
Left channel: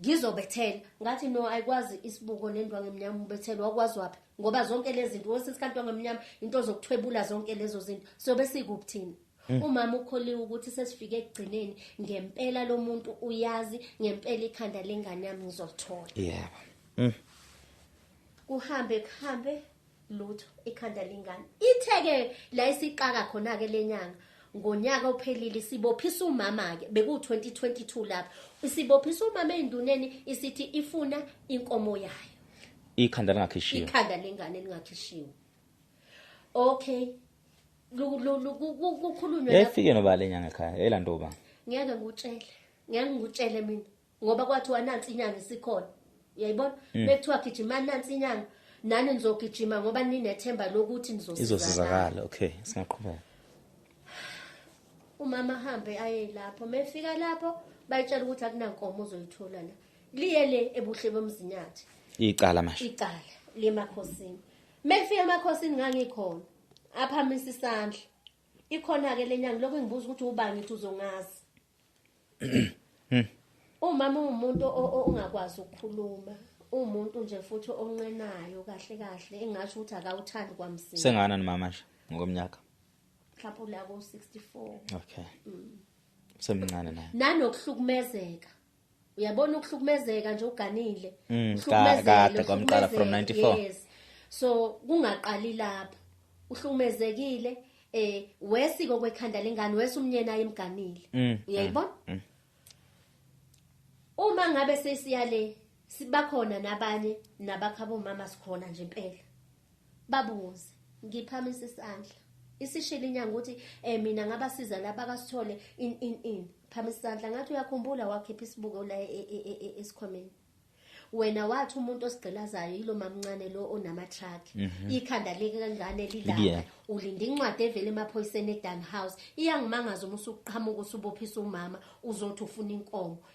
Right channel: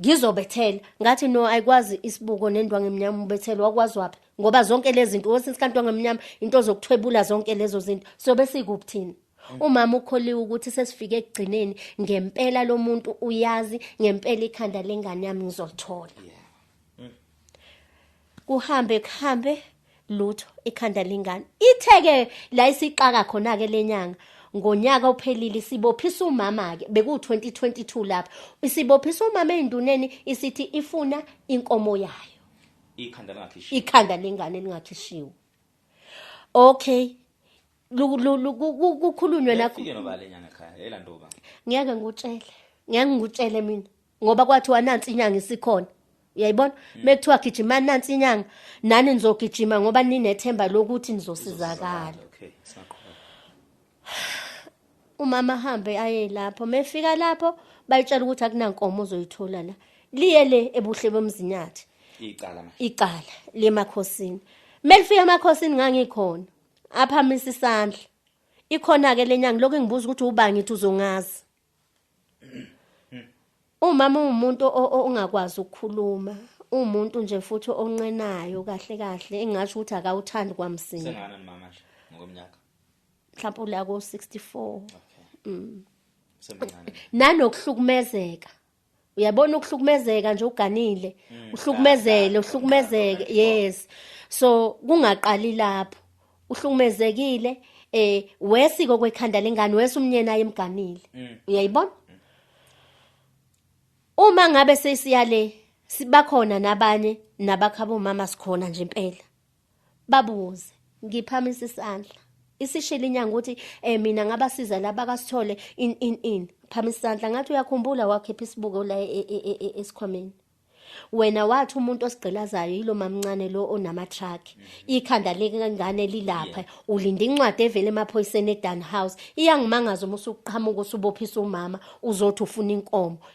Ngizobethela ngathi no ayikwazi isibuko nendwangu eminyama ubethela wakwazi wapha ngoba zonke lezi zinto wesikanti wangemnyama into zokuthwebula zonke lezo zinto sobe sikubuthina. Umama ukholiwe ukuthi sesifike ekugcineni ngempela lo muntu uyazi ngempela ikhanda lengane yami ngizolithola. Yeah. Kuhambe lutho ikhanda lengane. Itheke la isiqaka khona ke lenyanga. Ngonyaka ophelile sibophisa umama ke beku 2022 lapha isibophisa umama enduneni isithi ifuna inkomo yayo ikhanda lingakhishiwe ikhanda lengane lingakhishiwe Okay. Kukhulunywe nakho. Efike noba lenyanga ekhaya elantoba. Ngeke ngikutshele mina ngoba kwathiwa nansi inyanga isikhona. Uyayibona? Bekuthiwa gijima nansi inyanga nani nizogijima ngoba ninethemba lokuthi nizosizakala. Okay, singaqhubeka. Umama hambe aye lapho, mefika lapho bayitshela ukuthi akunankomo uzoyithola la. Liye le ebuhle bomzinyathi. Icala manje. Icala lemakhosini. Melifika emakhosini ngangikhona. Aphamisa isandla. Ikhona ke lenyanga lokho ngibuza ukuthi uba ngithi uzongazi. Umama umuntu ongakwazi ukukhuluma, umuntu nje futhi oncenayo kahle engasho ukuthi akawuthandi kwamsini. Sengana nomama nje ngokomnyaka. Mhlawumbe la ko 64. Okay. Semncane naye. Nanokuhlukumezeka. Uyabona ukuhlukumezeka nje uganile. Uhlukumezeke. Yes. So kungaqali lapho. Uhlukumezekile wesiko kwekhanda lengane wesumnyena emganile. Uyayibona? Uma ngabe sesiyale sibakhona nabanye nabakhabo mama sikhona nje impela. Babuze, ngiphamisa isandla. Isishila inyanga ukuthi mina ngabasiza laba kasithole in phamisa isandla ngathi uyakhumbula wakhipha isibuko la esikhwameni. Wena wathi umuntu osigqilazayo yilo mamncane lo onama truck ikhanda lengane lilapha ulinda incwadi evele emaphoyiseni eDan House iyangimangaza uma usuqhamuka usubophisa umama uzothi ufuna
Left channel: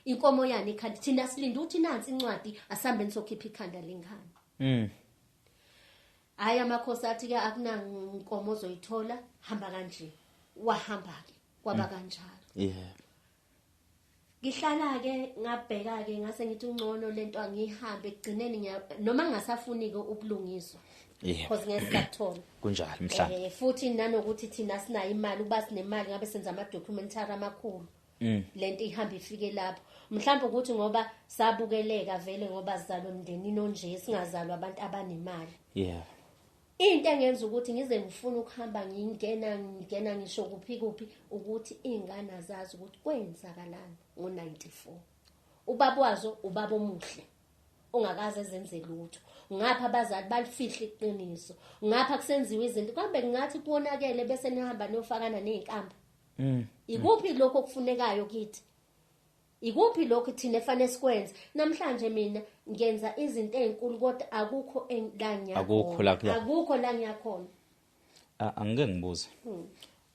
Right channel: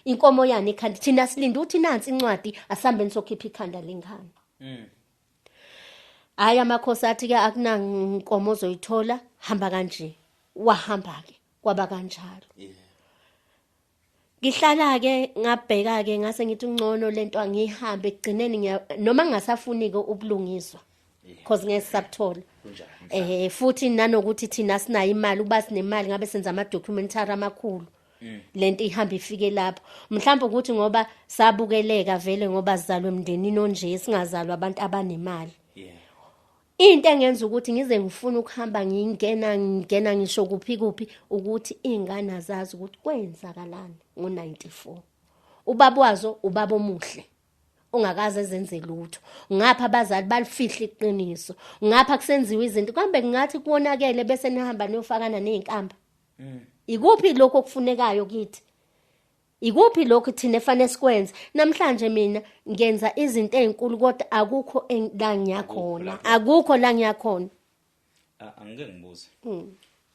inkomo yani ikhanda thina silinda uthi nansi incwadi asambeni sokhipha ikhanda lengane. Hayi amakhosi athi ke akunankomo ozoyithola hamba kanje wahamba ke kwaba kanjalo. Ngihlala ke ngabheka ke ngase ngithi ungcono lento angihambe egcineni noma ngasafuni ke ubulungiswa because ngesakuthola kunjalo mhla futhi nanokuthi thina sinayo imali ukuba sinemali ngabe senza ama documentary amakhulu lento ihamba ifike lapho mhlawumbe ukuthi ngoba sabukeleka vele ngoba sizalwe emndenini onje singazalwa abantu abanemali. Into engenza ukuthi ngize ngifuna ukuhamba ngingena ngisho kuphi ukuthi ingane azazi ukuthi kwenzakalani ngo94. Ubaba wazo ubaba omuhle ongakaze ezenze lutho. Ngapha abazali balifihla iqiniso. Ngapha kusenziwa izinto kambe ngathi kuonakele bese nihamba niyofakana nezinkamba. Ikuphi lokho okufunekayo kithi? Ikuphi lokho thina efanele sikwenze? Namhlanje mina ngenza izinto ezinkulu kodwa akukho la ngiyakhona. Akukho la ngiyakhona. Angeke ngibuze.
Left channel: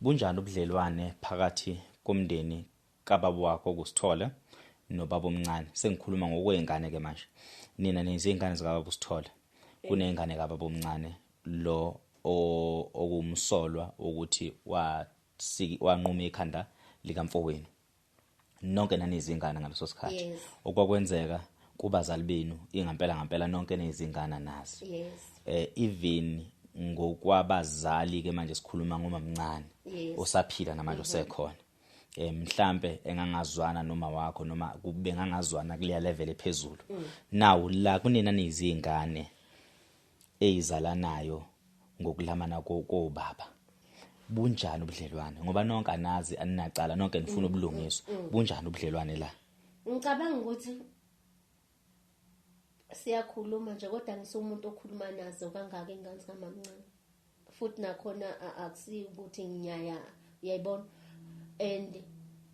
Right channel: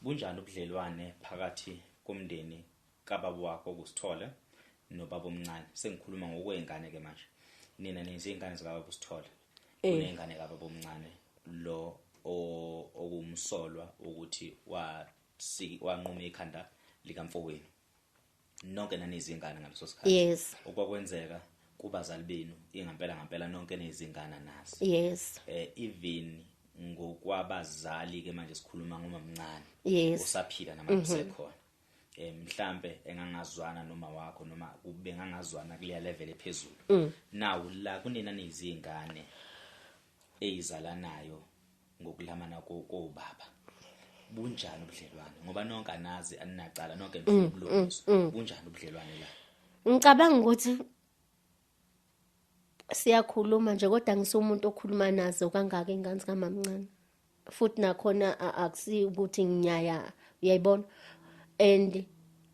Bunjani ubudlelwane phakathi komndeni kababa wakho kusithola nobaba omncane? Sengikhuluma ngokwengane ke manje. Nina nezingane zikababa usithola. Kunengane kababa omncane lo okumsolwa ukuthi wanquma ikhanda likamfowenu. Nonke nanezingane ngaleso sikhathi. Yes. Okwakwenzeka kubazali benu ngampela nonke nezingane nazi. Yes. Even ngokwabazali ke manje sikhuluma ngomamncane. Yes. Usaphila namanje sekhona. Mhlambe engangazwana noma wakho noma kube ngangazwana kuleya level ephezulu. Now la kunina nezingane ezizalanayo ngokulamana kobaba. Bunjani ubudlelwane ngoba nonke anazi aninacala nonke nifuna ubulungiswa bunjani ubudlelwane la? Ngicabanga ukuthi siyakhuluma nje kodwa ngisumuntu okhuluma nazo kangaka ingane kamamncane futhi nakhona akusi ukuthi nginyaya uyayibona and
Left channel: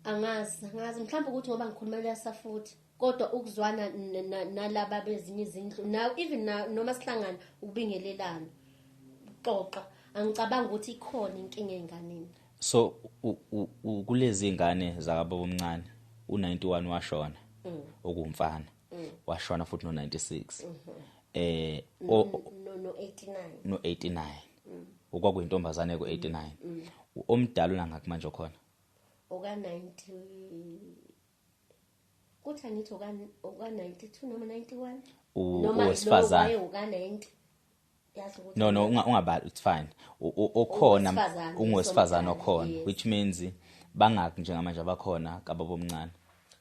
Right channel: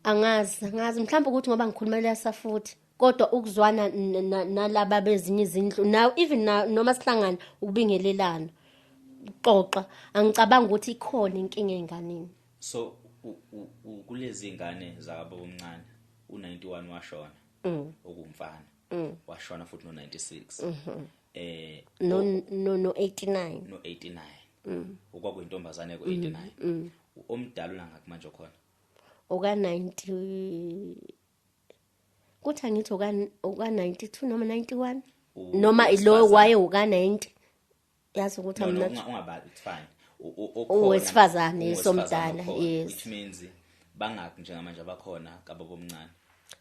angazi mhlawumbe ukuthi ngoba ngikhuluma lesa futhi kodwa ukuzwana nalaba bezinye izindlu now even noma sihlangana ukubingelelana xoxa angicabanga ukuthi ikhona inkinga enganeni. So kulezi ingane zakababa omncane u91 washona okumfana washona futhi no96 no 89 okwakuyintombazane ku89 omdala unangaki manje khona oka 90 kuthi angithi oka 92 noma 91 noma lo waye oka 90 yazi ukuthi no ungabali it's fine okhona ungowesifazane okhona which means bangaki njengamanje abakhona kababa omncane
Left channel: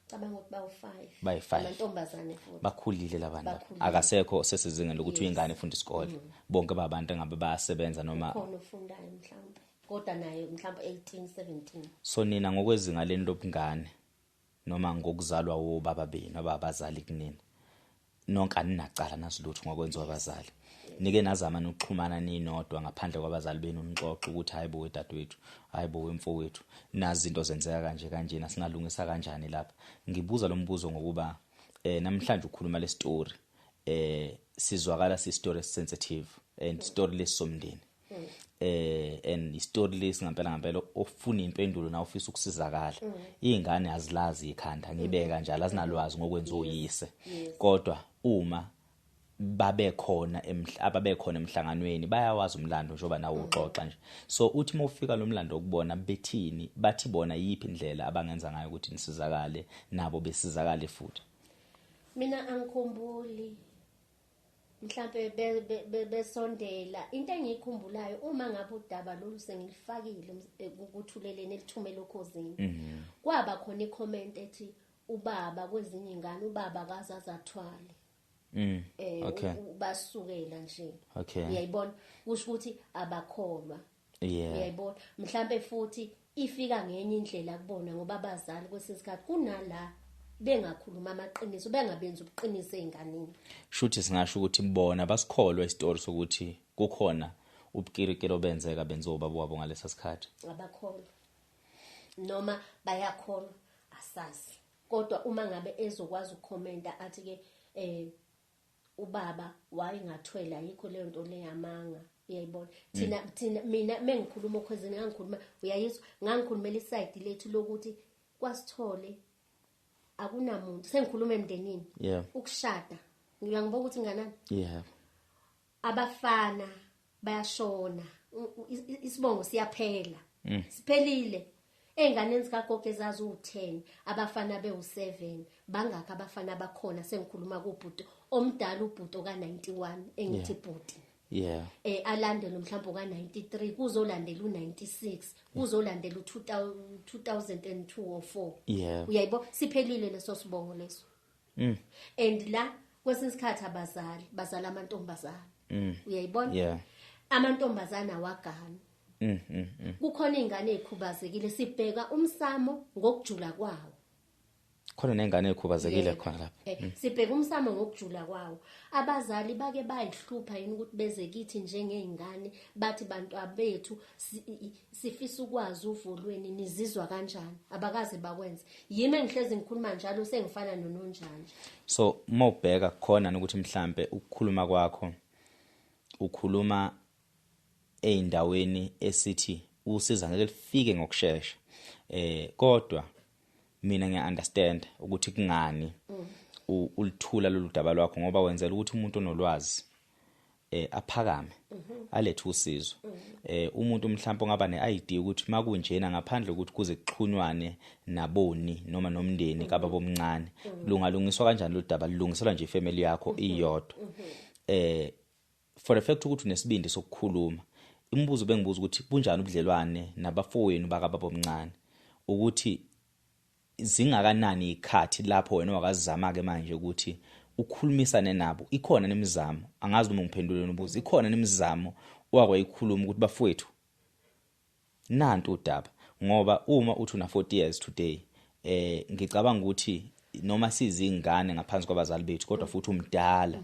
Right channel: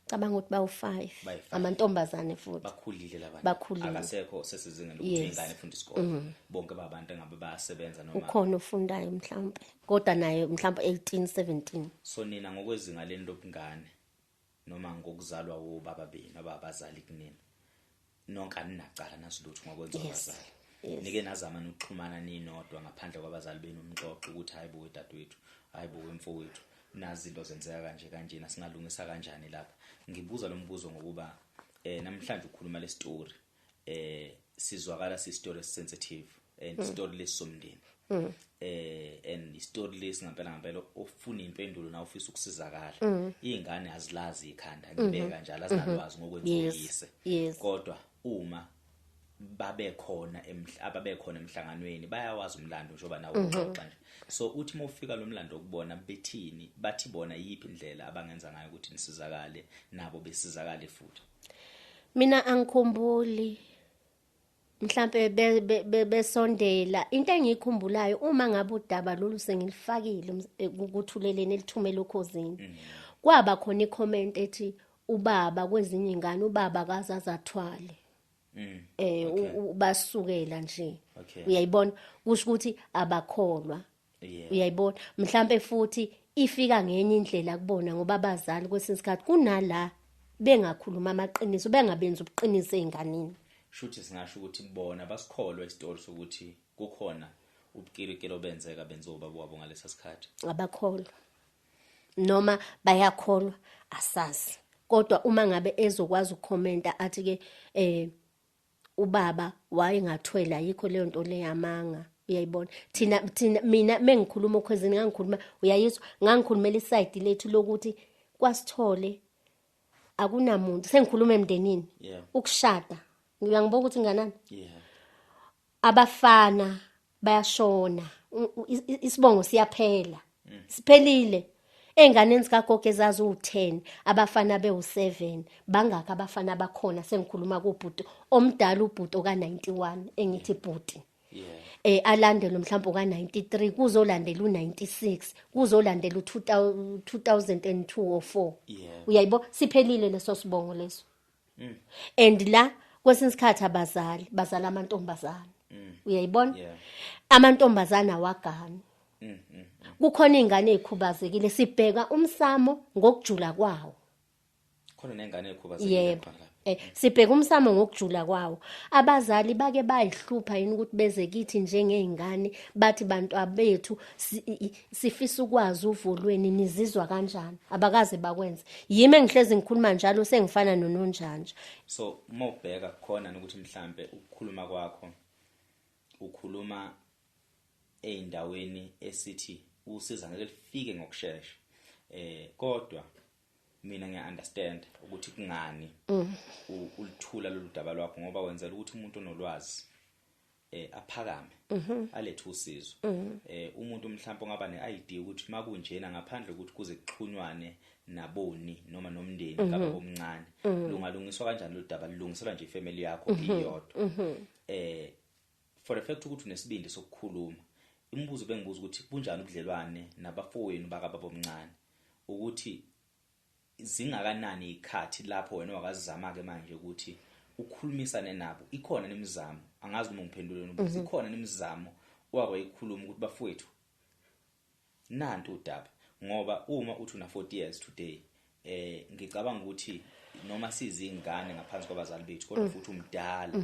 cabanga ukuthi bawu5 amantombazane futhi bakhulile labantu akasekho sesizingeni lokuthi ingane ifunda isikole bonke babantu engabe bayasebenza noma ukhona ufundayo mhlawumbe kodwa naye mhlawumbe 18 17. So nina ngokwezinga leni lobungane noma ngokuzalwa wobaba benu abazali kunina nonke aninacala nasilutho ngokwenza abazali nike nazama nokuxhumana ninodwa ngaphandle kwabazali benu nixoxe ukuthi hayibo wedadewethu hayibo wemfowethu nazi izinto zenzeka kanje singalungisa kanjani lapha. Ngibuza lo mbuzo ngokuba namhlanje ukhuluma le story sizwakala si story sensitive and story lesomndeni and story lesi ngempela ofuna impendulo na ofisa ukusizakala. Izingane azilazi ikhanda ngibeka njalo azinalwazi ngokwenza uyise. Kodwa uma babekhona emhlanganweni bayawazi umlando njoba nawo uxoxa nje. So uthi mawufika lo mlando ukubona bethini bathi bona yipi indlela abangenza ngayo ukuthi nisizakale nabo besizakale futhi. Mina angikhumbuli mhlambe besondela into engikhumbulayo uma ngabe udaba lolu sengilifakile ukuthuleleni elithumela ukhosini kwaba khona icomment ethi ubaba kwezinye ingane ubaba akazaza athwale basukela nje uyayibona kusho ukuthi abakholwa uyayibona mhlambe futhi ifika ngenye indlela kubona ngoba abazali kwesinsikhathi kunala bengakhuluma amaqiniso bengabenza ubuqiniso ezinganeni. Shuthi singasho ukuthi bona basikholwa isitori sokuthi kukhona ubukirikiro benzeka benza ubaba wabo ngalesa sikhathi. Abakholwa noma bayakholwa asazi. Kodwa uma ngabe ezokwazi ukukhomenta athi ke ubaba wayengathwela yikho leyo nto leyamanga uyayibona. Thina mina mengikhuluma okhwezini ngangikhuluma uyayizwa ngangikhulumela iside lethu lokuthi kwasithole akunamuntu sengikhuluma emndenini ukushada ngiyangibona ukuthi nganani abafana bayashona isibongo siyaphela siphelile enganeni zikagogo ezazi u10 abafana bewu7 bangaka abafana bakhona sengikhuluma kubhuti omdala ubhuti oka91 engithi bhuti alandela mhlawumbe ka93 kuzolandela u96 kuzolandela u2002 or 4 uyayibo siphelile leso sibongo leso and la kwesinsikhathi abazali bazala amantombazana uyayibona amantombazana wagana kukhona izingane ezikhubazekile sibheka umsamo ngokujula kwawo khona nengane ezikhubazekile khona lapha sibheka umsamo ngokujula kwawo abazali bake bayihlupha yini ukuthi beze kithi njengezingane bathi bantu abethu sifisa ukwazi uvolweni nizizwa kanjani abakaze bakwenza yimi engihlezi ngikhuluma njalo sengifana nononjanja. So mawubheka khona ukuthi mhlambe ukukhuluma kwakho ukhuluma eindaweni esithi usiza ngeke lifike ngokusheshsha kodwa mina ngiya-understand ukuthi kungani ulithula lolu daba lwakho ngoba wenzela ukuthi umuntu onolwazi aphakame alethe usizo umuntu mhlawumbe ongaba ne-ID ukuthi makunjena ngaphandle ukuthi kuze kuxhunywane naboni noma nomndeni kaba bomncane lungalungiswa kanjani lo daba lilungiselwa nje ifamily yakho iyodwa for the fact ukuthi unesibindi sokukhuluma imibuzo bengibuza ukuthi kunjani ubudlelwane nabafowenu bakababa omncane ukuthi zingakanani ikhathi lapho wena wakazama ke manje ukuthi ukhulumisane nabo ikhona nemizamo angazi uma ngiphendule nobuza ikhona nemizamo wakwayikhuluma ukuthi bafowethu nantu udaba ngoba uma uthi una 40 years today ngicabanga ukuthi noma sizingane ngaphansi kwabazali bethu kodwa futhi umdala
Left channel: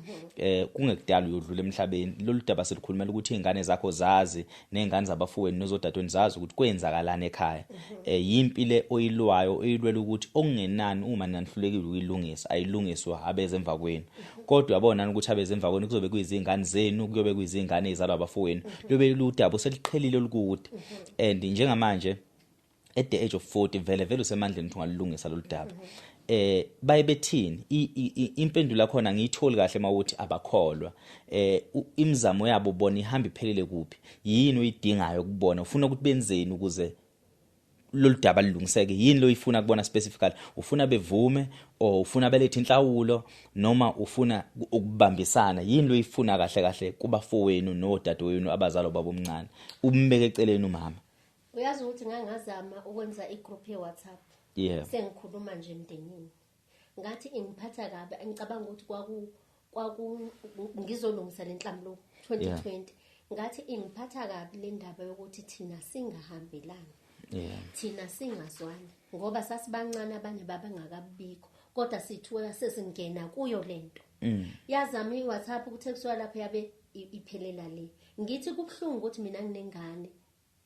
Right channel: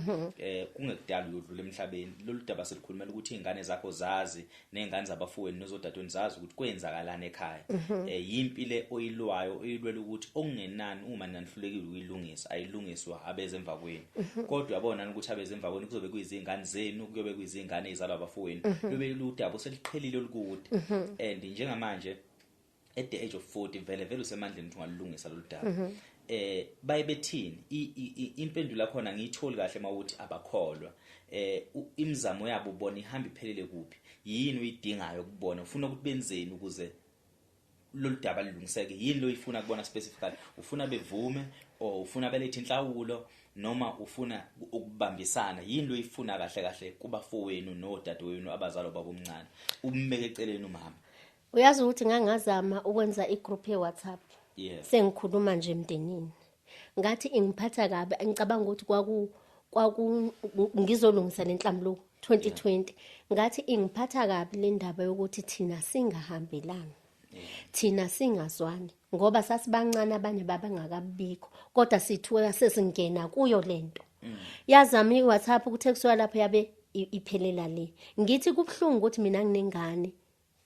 kungekudala uyodlula emhlabeni lolu daba selikhulumela ukuthi izingane zakho zazi nezingane zabafowenu nozodadweni zazi ukuthi kwenzakalana ekhaya yimpilo oyilwayo oyilwela ukuthi okungenani uma nanihlulekile ukuyilungisa ayilungiswa abeze emva kwenu kodwa yabona ukuthi abeze emva kwenu kuzobe kuyizingane zenu kuyobe kuyizingane ezalwa abafowenu lobe ludaba seliqhelile olukude and njengamanje at the age of 40 vele usemandleni ukuthi ungalungisa lolu daba bayebethini impendulo yakho ngiyitholi kahle mawuthi abakholwa imizamo yabo bona ihamba iphelele kuphi yini uyidingayo ukubona ufuna ukuthi benzeni ukuze lolu daba lilungiseke yini lo ifuna kubona specifically ufuna bevume or ufuna belethe inhlawulo noma ufuna ukubambisana yini lo ifuna kahle kubafowenu nodadewenu abazalwa babo omncane umbeke eceleni umama. Uyazi ukuthi ngangazama ukwenza igroup ye-WhatsApp sengikhuluma nje emndenini ngathi ingiphatha kabi ngicabanga ukuthi ngizolungisa lenhlamlo 2020 ngathi ingiphatha kabi le ndaba yokuthi thina singahambelani thina singazwani ngoba sasibancane abanye babangakabikho kodwa sithuka sesingena kuyo lento yazama iWhatsApp ukuthi ekusuka lapho yabe iphelela le. Ngithi kubhlungu ukuthi mina nginengane.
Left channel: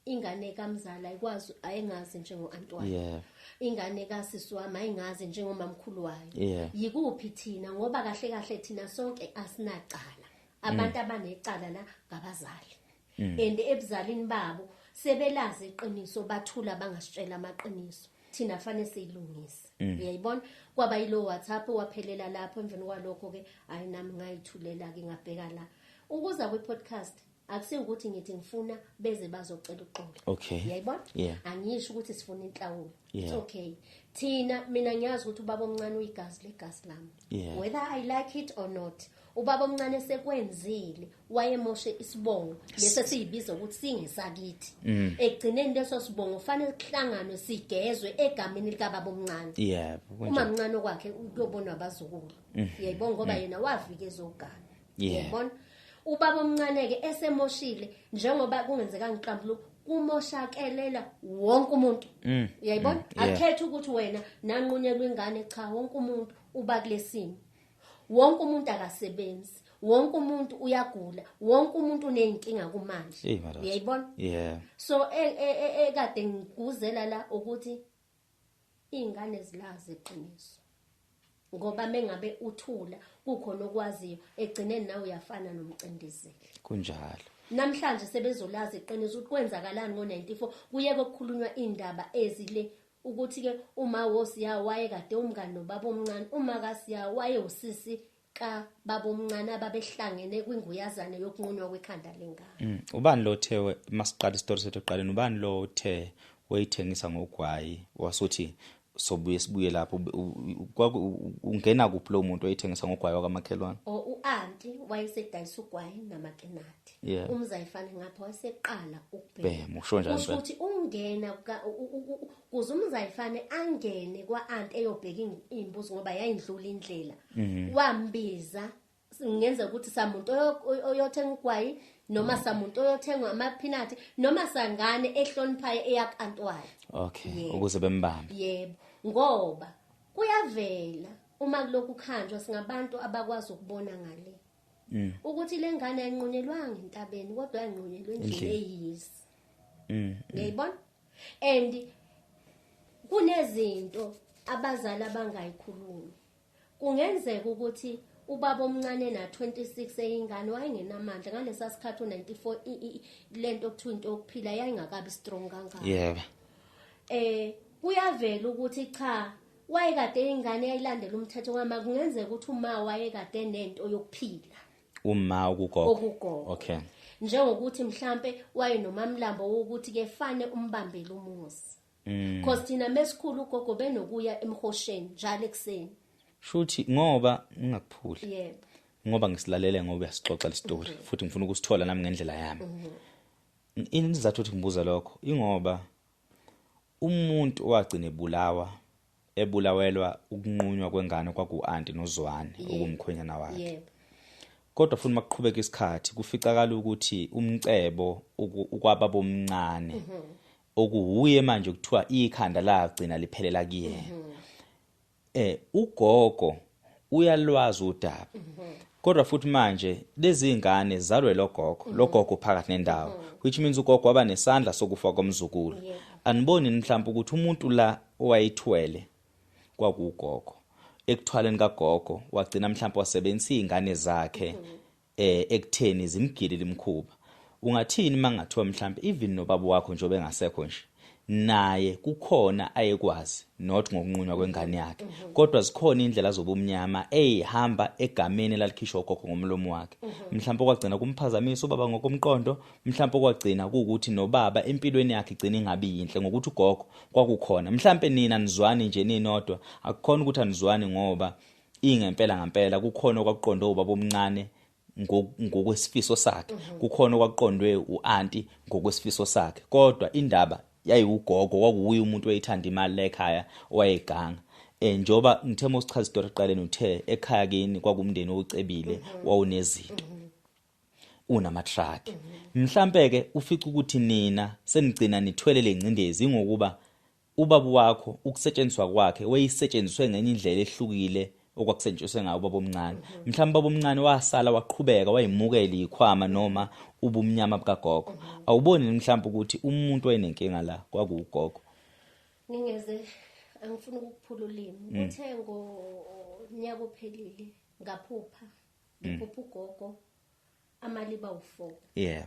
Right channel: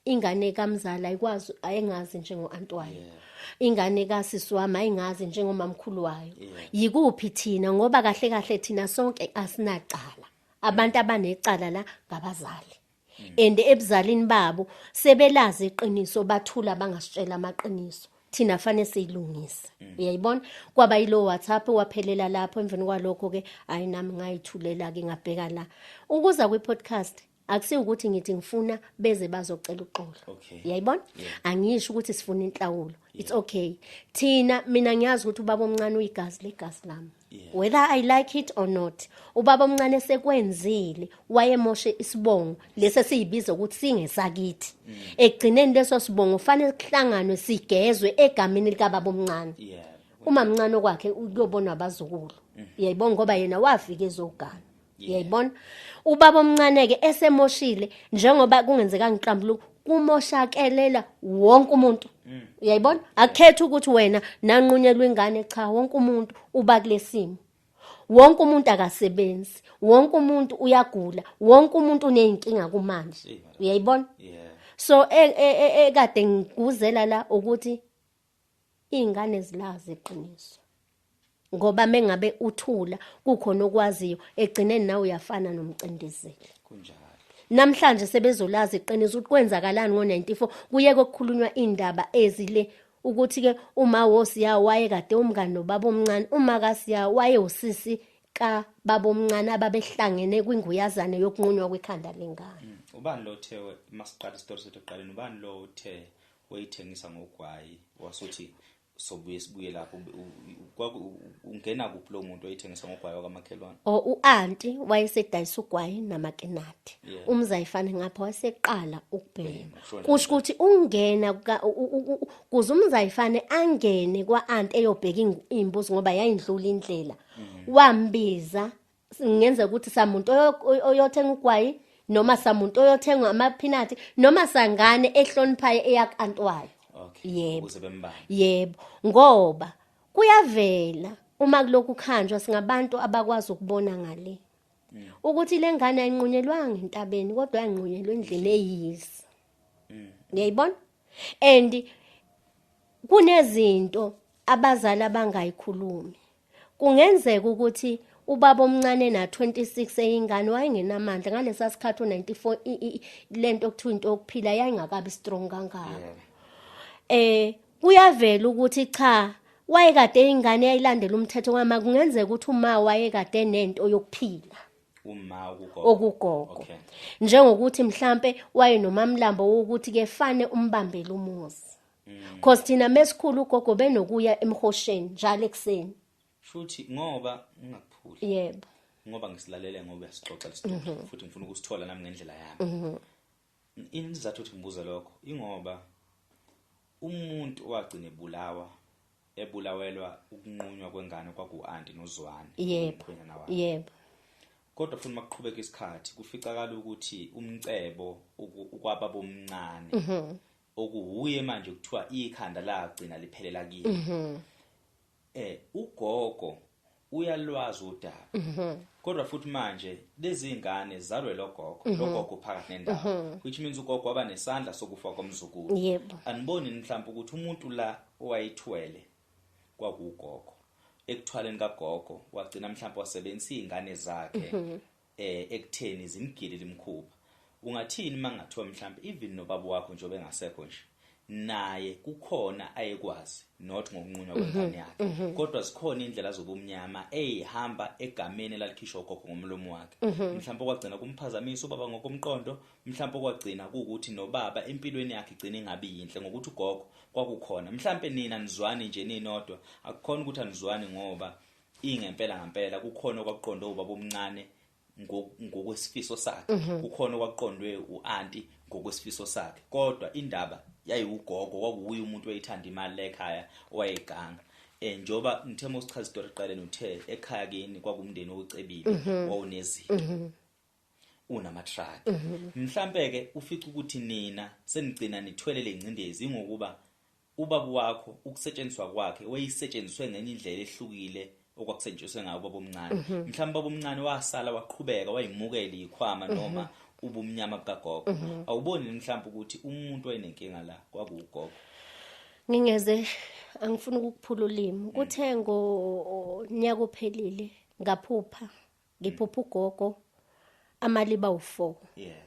Ingane kamzala ayikwazi ayingazi njengo-antwana. Yeah. Ingane kasisi wami ayingazi njengomamkhulu wayo. Yeah. Yikuphi thina ngoba kahle kahle thina sonke asinacala. Abantu abanecala la ngabazali. And ebuzalini babo sebelazi iqiniso bathula bangasitshela amaqiniso. Thina fanele siyilungise. Uyayibona? Kwaba yilo WhatsApp waphelela lapho emveni kwalokho ke ayinami ngayithulela ke ngabheka la. Ukuza kwi-podcast akusiyo ukuthi ngithi ngifuna beze bazocela uxolo. Okay. Uyayibona? Yeah. Angisho ukuthi sifuna inhlawulo. It's Yeah. okay. Thina mina ngiyazi ukuthi ubaba omncane uyigazi legazi lami. Yeah. Whether I like it or not. Ubaba omncane sekwenzile wayemoshe isibongo lese siyibiza ukuthi singesakithi. Egcineni leso sibongo fanele kuhlanganwe sigezwe egameni lika baba omncane. Yeah. Uma mncane kwakhe uyobona abazukulu. Uyayibona ngoba yena wafika ezogana. Yeah. Uyayibona? Ubaba omncane ke esemoshile njengoba kungenzeka ngiqambuluka kumoshakelela wonke umuntu. Uyayibona? Akhethe ukuthi wena nanqunyelwa ingane cha wonke umuntu uba kulesimo. Wonke umuntu akasebenzi, wonke umuntu uyagula, wonke umuntu uneyinkinga kumanje. Uyayibona? Yeah. So ekade ngikuzela la ukuthi izingane zilazi iqiniso. Ngoba mengabe uthula kukhona okwaziyo egcineni nawe uyafana nomcindezeli. Kunjalo. Namhlanje sebezolazi iqiniso ukuthi kwenzakalani ngo94 kuye kokukhulunywa indaba ezile ukuthi ke uma wosiya waye kade umngane nobaba omncane uma kasiya waye usisi ka baba omncane ababehlangene kwinguyazane yokunqunywa kwekhanda lengane. Ubani lo the masiqala isitori sethu eqaleni ubani lo the wayithengisa ngogwayi wasuthi sobuye sibuye lapho ungena kuphi lo muntu oyithengisa ngogwayi wakamakhelwane? U-anti wayesedayisa ugwayi namakenati. Yeah. Umzayifane ngapha waseqala ukubhema. Usho njalo. Kusho ukuthi ungena kuze umzayifane angene kwa-anti eyobheka imbuzi ngoba yayindlula indlela. Wambiza ngenza ukuthi samuntu oyothenga ugwayi noma samuntu oyothenga amaphinati noma sangane ehloniphayo eyakantwayo. Okay. Yebo. Ukuze bembambe. Yebo, ngoba kuyavela uma kulokhu khanjwa singabantu abakwazi ukubona ngale. Ukuthi lengane ayinqunyelwanga entabeni kodwa ayinqunyelwe endlini eyisi. Ngiyayibona? And kunezinto abazali abangayikhulumi. Kungenzeka ukuthi ubaba omncane na 26 eyingane wayengenamandla ngalesa sikhathi u94 lento okuthiwa into okuphila yayingakabi strong kangaka. Yebo. Kuyavela ukuthi cha wayekade ingane yayilandela umthetho ngama kungenzeka ukuthi uma wayekade nento yokuphila Uma okugogo. okugogo. Okay. Njengokuthi mhlambe waye nomamlambo wokuthi ke fane umbambele umuzi. Because thina mesikhulu ugogo benokuya emhosheni njalo ekseni. Shuthi ngoba ngingakuphuli. Yebo. Ngoba ngisilalele ngoba uyasixoxa le story futhi ngifuna ukusithola nami ngendlela yami. Inizathu ukuthi ngibuza lokho ingoba umuntu owagcina ebulawelwa ukunqunywa kwengane kwaku-anti noZwane ngumkhwenyana wakhe. Yebo. Kodwa futhi makuqhubeka isikhathi kuficakala ukuthi umcebo ukwababa omncane okuhuye manje kuthiwa ikhanda lagcina liphelela kiye. Ugogo uyalwazi udaba. Kodwa futhi manje lezi ingane zalwe logogo phakathi nendawo which means ugogo waba nesandla sokufa komzukulu. Yebo. Aniboni mhlawumbe ukuthi umuntu la owayithwele kwakugogo ekuthwaleni kagogo wagcina mhlawumbe wasebenzisa izingane zakhe ekutheni zimgile limkhuba. Ungathini mangathiwa mhlawumbe even nobaba wakho njobe engasekho nje naye kukhona ayekwazi not ngokunqunywa kwengane yakhe kodwa zikhona indlela zobumnyama ehamba egameni lalikhishwa ugogo ngomlomo wakhe. Mhlawumbe kwagcina kumphazamisa ubaba ngokomqondo, mhlawumbe kwagcina ukuthi nobaba empilweni yakhe igcina ingabi yinhle ngokuthi ugogo kwakukhona. Mhlawumbe nina nizwani nje ninodwa akukhona ukuthi anizwani ngoba ngempela kukhona okwakuqonde ubaba omncane ngokwesifiso sakhe, kukhona okwakuqondwe uanti ngokwesifiso sakhe, kodwa indaba yayiugogo kwakuuye umuntu oyithanda imali la ekhaya owayeganga. Njoba ngithema usichaza isitori eqaleni uthe ekhaya kini kwakumndeni ocebile wawunezinto unamatraki. Mhlambe ke ufica ukuthi nina senigcina nithwele lencindezi ngokuba ubaba wakho ukusetshenziswa kwakhe wayesetshenziswe ngenye indlela ehlukile okwakusetshenziswe ngawo ubaba omncane mhlawumbe ubaba omncane wasala waqhubeka wayimukela ikhwama noma ubumnyama bukagogo awuboni mhlawumbe ukuthi umuntu wayenenkinga la kwakugogo ngingeze angifuni ukukuphula ulimi kuthe ngonyaka ophelile ngaphupha ngiphupha ugogo amaliba u4 yeah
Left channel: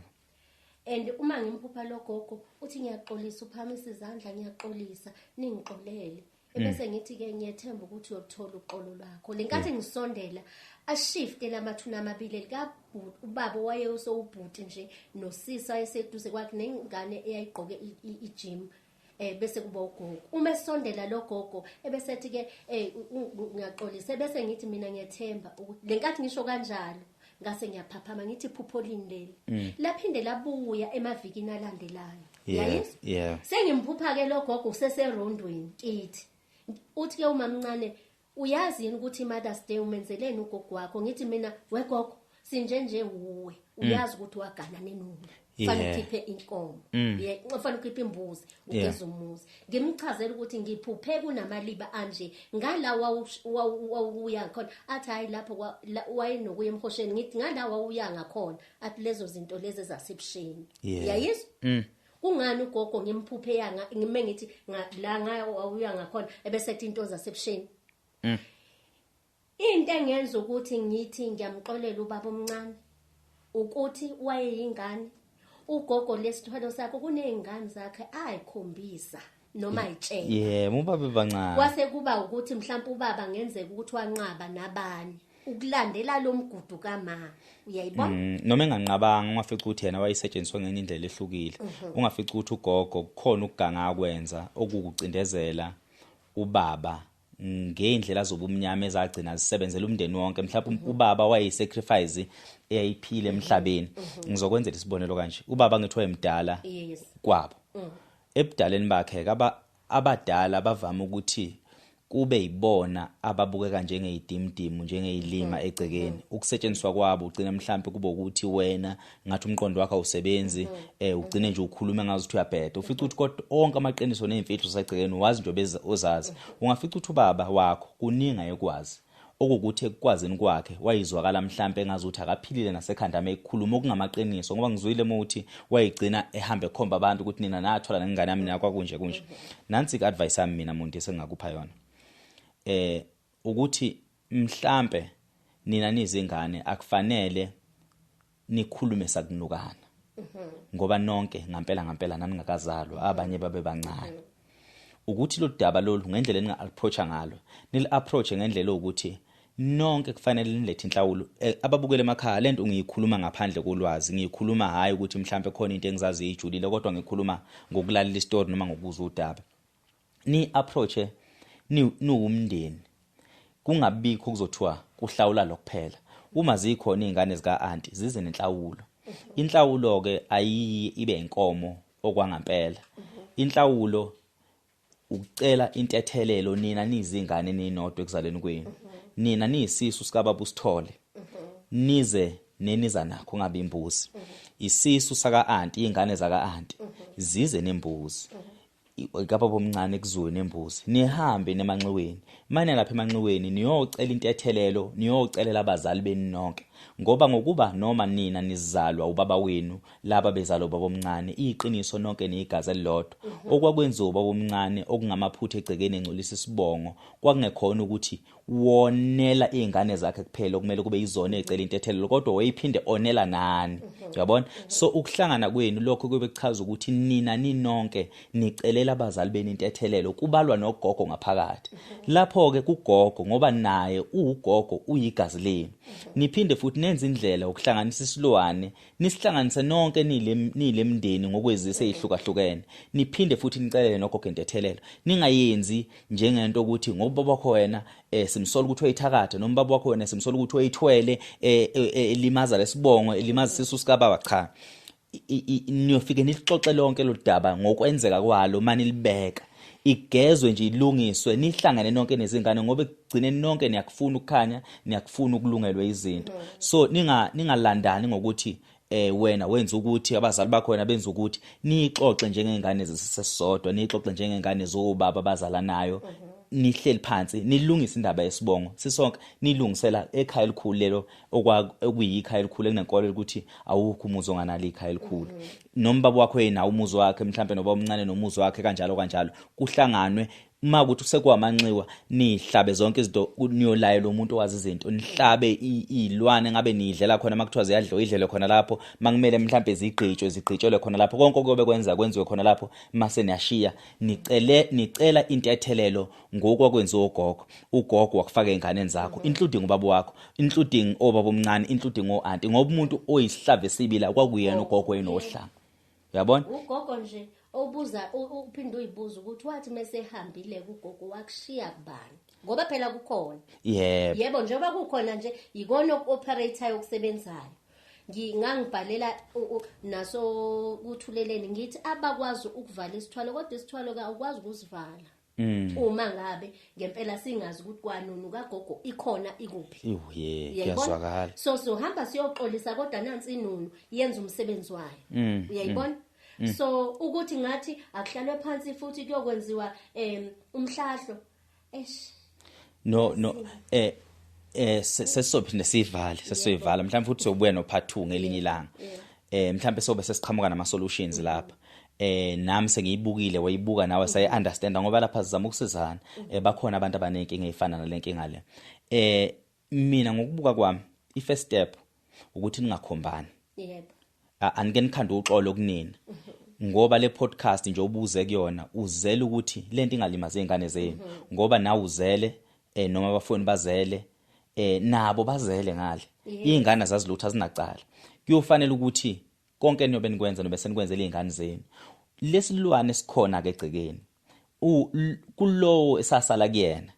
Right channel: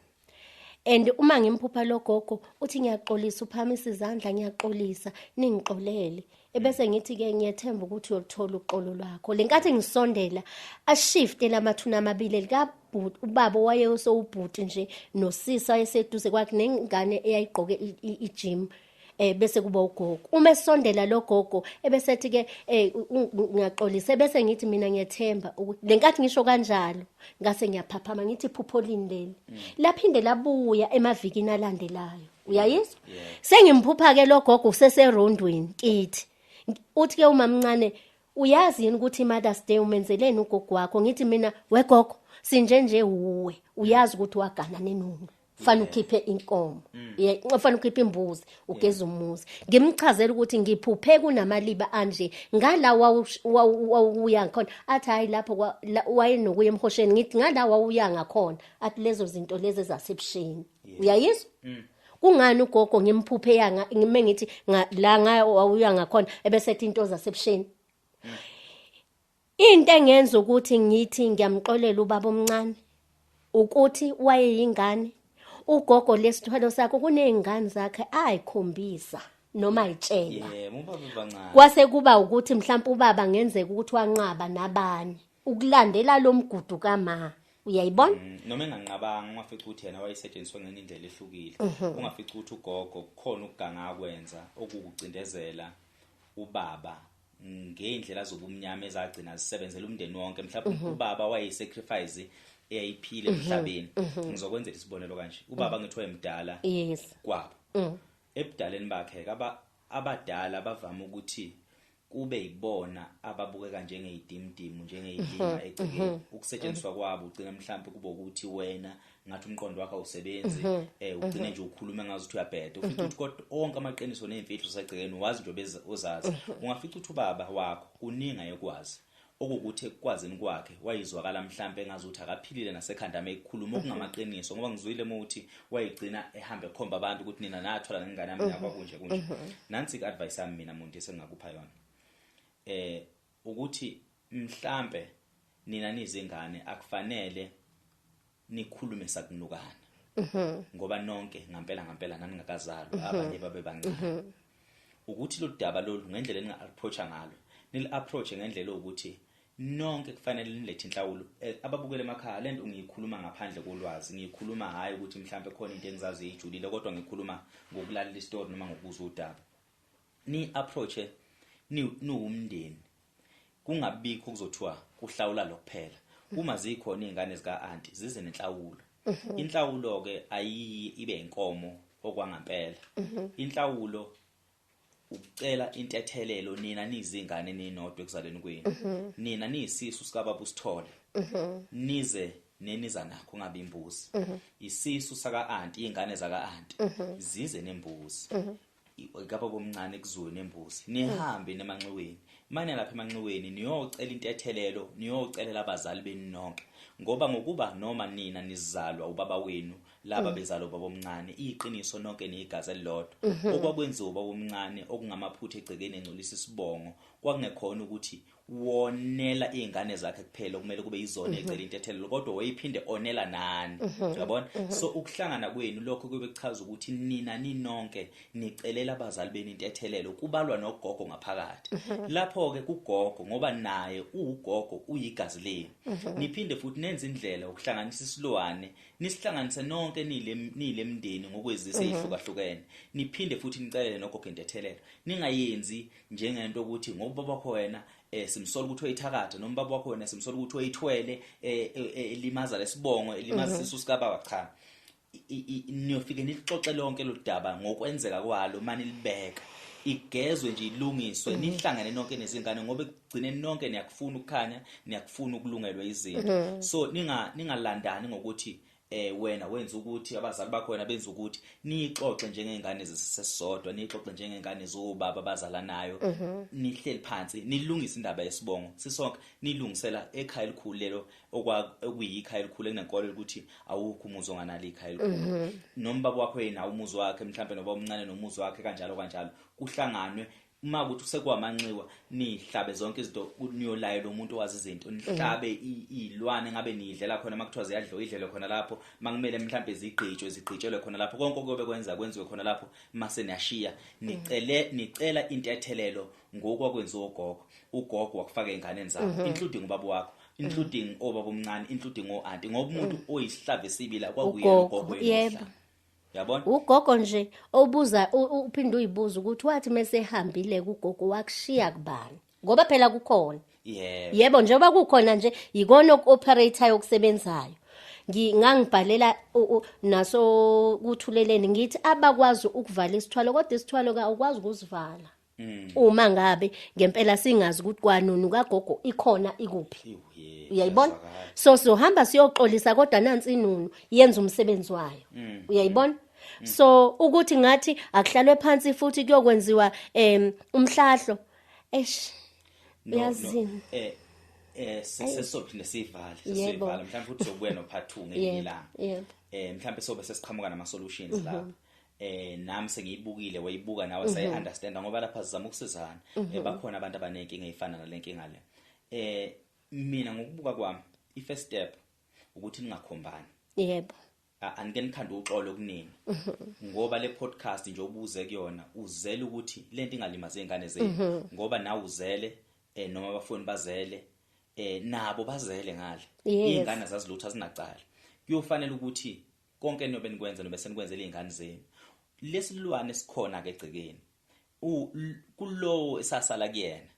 and uma ngimphupha lo gogo uthi ngiyaxolisa uphamisa izandla ngiyaxolisa ningixolele ebese ngithi ke ngiyethemba ukuthi uyolithola uxolo lwakho lenkathi ngisondela ashifte lamathuna amabili likabhuti ubaba wayesowubhuti nje nosisa wayeseduze kwakhe nengane eyayigqoke igym bese kuba ugogo uma esondela lo gogo ebesethi ke ngiyaxolisa bese ngithi mina ngiyethemba lenkathi ngisho kanjalo ngase ngiyaphaphama ngithi iphupho lindele laphinde labuya emavikini alandelayo uyayizwa sengimphupha ke lo gogo useserondweni kithi uthi ke umamncane uyazi yini ukuthi iMother's Day umenzeleni ugogo wakho ngithi mina wegogo sinjenje uwe uyazi ukuthi wagana nenuni fanele ukhiphe inkomo fanele ukhiphe imbuzi ugeza umuzi ngimchazela ukuthi ngiphuphe kunamaliba anje ngala wawuya khona athi hayi lapho wayenokuya emhosheni ngithi ngala wawuya ngakhona athi lezo zinto lezi ezasebusheni uyayizwa kungani ugogo ngimphuphe yanga ngime ngithi la wawuya ngakhona ebesethi into zasebusheni into engenza ukuthi ngithi ngiyamxolela ubaba omncane ukuthi wayeyingane ugogo lesithwalo sakho kunezingane zakhe ayikhombisa noma ayitshela ubaba bancane kwase kuba ukuthi mhlawumbe ubaba ngenzeka ukuthi wanqaba nabani ukulandela lo mgudu kama uyayibona noma enganqabanga ungafica ukuthi yena wayisetshenziswa ngenye indlela ehlukile ungafica ukuthi ugogo kukhona ukuganga akwenza okukucindezela ubaba ngeindlela zobumnyama ezagcina zisebenzela umndeni wonke mhlawumbe ubaba wayisacrifice eyayiphile emhlabeni ngizokwenzela isibonelo kanje ubaba ngithi wayemdala kwabo ebudaleni bakhe abadala bavama ukuthi kube yibona ababukeka njengeyidimdimu njengeyilima egcekeni ukusetshenziswa kwabo ugcina mhlawumbe kube ukuthi wena ngathi umqondo wakhe awusebenzi ugcine nje ukhuluma ngazi ukuthi uyabheda ufica ukuthi kodwa onke amaqiniso nezimfihlo zasegcekeni wazi nje ozazi ungafica ukuthi ubaba wakho kuninga ekwazi okukuthi ekukwazini kwakhe wayizwakala mhlawumbe engazi ukuthi akaphilile nasekhanda mekhuluma okungamaqiniso ngoba ngizwile ukuthi wayigcina ehambe ekhomba abantu ukuthi nina nathola nengane yami yakwa kunje nansi ke advice yami mina muntu esengakupha yona ukuthi mhlambe nina nizingane akufanele nikhulume sakunukana ngoba nonke ngampela nani ngakazalwa abanye babe bancane ukuthi lo daba lolu ngendlela eninga approach ngalo nil approach ngendlela ukuthi nonke kufanele nilethe inhlawulo ababukele emakhaya lento ngiyikhuluma ngaphandle kolwazi ngiyikhuluma hayi ukuthi mhlambe khona into engizazi ijulile kodwa ngikhuluma ngokulalela istory noma ngokuzwa udaba ni approach niwumndeni kungabikho kuzothiwa kuhlawula lokuphela uma zikhona izingane zika aunty zize nenhlawulo inhlawulo ke ayiyi ibe inkomo okwangampela inhlawulo ukucela intethelelo nina nizingane ninodwa ekuzaleni kwenu nina niyisisu sika baba usithole nize neniza nakho ngabe imbuzi isisu saka aunty izingane zaka aunty zize nembuzi ikapha bomncane kuzwe nembuzi nihambe nemanxiweni manje lapha emanxiweni niyocela intethelelo niyocelela abazali benu nonke ngoba ngokuba noma nina nizalwa ubaba wenu laba bezalo baba omncane iqiniso nonke neyigazi elilodwa okwakwenziwa ubaba omncane okungamaphutha egcekeni engcolisa isibongo kwakungekhona ukuthi wonela izingane zakhe kuphela kumele kube izona ezicela intethelelo kodwa wayiphinde onela nani uyabona so ukuhlangana kwenu lokho kube kuchaza ukuthi nina ninonke nicelela abazali benu intethelelo kubalwa nogogo ngaphakathi lapho ke kugogo ngoba naye ugogo uyigazi lenu niphinde futhi nenze indlela ukuhlanganisa isilwane nisihlanganise nonke nilemndeni ngokwezise ezihlukahlukene niphinde futhi nicelele nogogo intethelelo ningayenzi njengento ukuthi ngoba bakho wena simsola ukuthi uyithakatha noma baba wakho wena simsola ukuthi uyithwele elimaza lesibongo elimaza isisu sika baba cha niyofike nilixoxe lonke lo daba ngokwenzeka kwalo manje libeka igezwe nje ilungiswe nihlangane nonke nezingane ngoba ekugcineni nonke niyakufuna ukukhanya niyakufuna ukulungelwa izinto so ningalandani ngokuthi wena wenza ukuthi abazali bakho wena benza ukuthi nixoxe njengengane zesisodwa nixoxe njengengane zobaba abazalanayo nihleli phansi nilungisa indaba yesibongo sisonke nilungisela ekhaya elikhulu lelo okuyikhaya elikhulu enenkolo ukuthi awukho umuzi onganalo ikhaya elikhulu noma baba wakho yena umuzi wakhe mhlambe noba omncane nomuzi wakhe kanjalo kuhlanganwe uma ukuthi sekuwamanxiwa nihlabe zonke izinto niyolaye lo muntu owazi izinto nihlabe izilwane ngabe nidlela khona makuthiwa ziyadliwa idlele khona lapho makumele mhlambe zigqitshelwe khona lapho konke okuyobe kwenziwe khona lapho mase niyashiya nicela intethelelo ngokwakwenziwa ugogo wakufaka einganeni zakho including ubaba wakho including obaba omncane including oanti ngoba umuntu oyisihlave sibila kwakuyena ugogo enohlanga yabona ugogo nje obuza uphinde uyibuza ukuthi wathi mesehambile kugogo wakushiya kubani ngoba phela kukhona yebo njengoba kukhona nje ikona operator yokusebenzayo ngangibhalela naso kuthuleleni ngithi abakwazi ukuvala isithwalo kodwa isithwalo awukwazi ukusivala uma ngabe ngempela singazi ukuthi kwanunu kagogo ikhona ikuphi uyayibona sohamba siyoxolisa kodwa nansi inunu yenza umsebenzi wayo uyayibona so ukuthi ngathi akuhlalwe phansi futhi kuyokwenziwa umhlahlo no sesophinde siyivala mhlawumbe futhi sobuya no part 2 ngelinye ilanga mhlawumbe sobe sesiqhamuka nama solutions lapha nami sengiyibukile wayibuka nawe sayi understand ngoba lapha sizama ukusizana bakhona abantu abanenkinga ezifana nalenkinga le mina ngokubuka kwami i-first step ukuthi ningakhombani yebo anike nikhanda uxolo kunina ngoba le podcast nje ubuze kuyona uzele ukuthi lento ingalimaze izingane zenu ngoba nawe uzele noma abafuni bazele nabo bazele ngale izingane zazilutha zinacala kuyofanele ukuthi konke niyobe nikwenza nobe senikwenzele izingane zenu lesilwane esikhona ke egcekeni kulowo esasala kuyena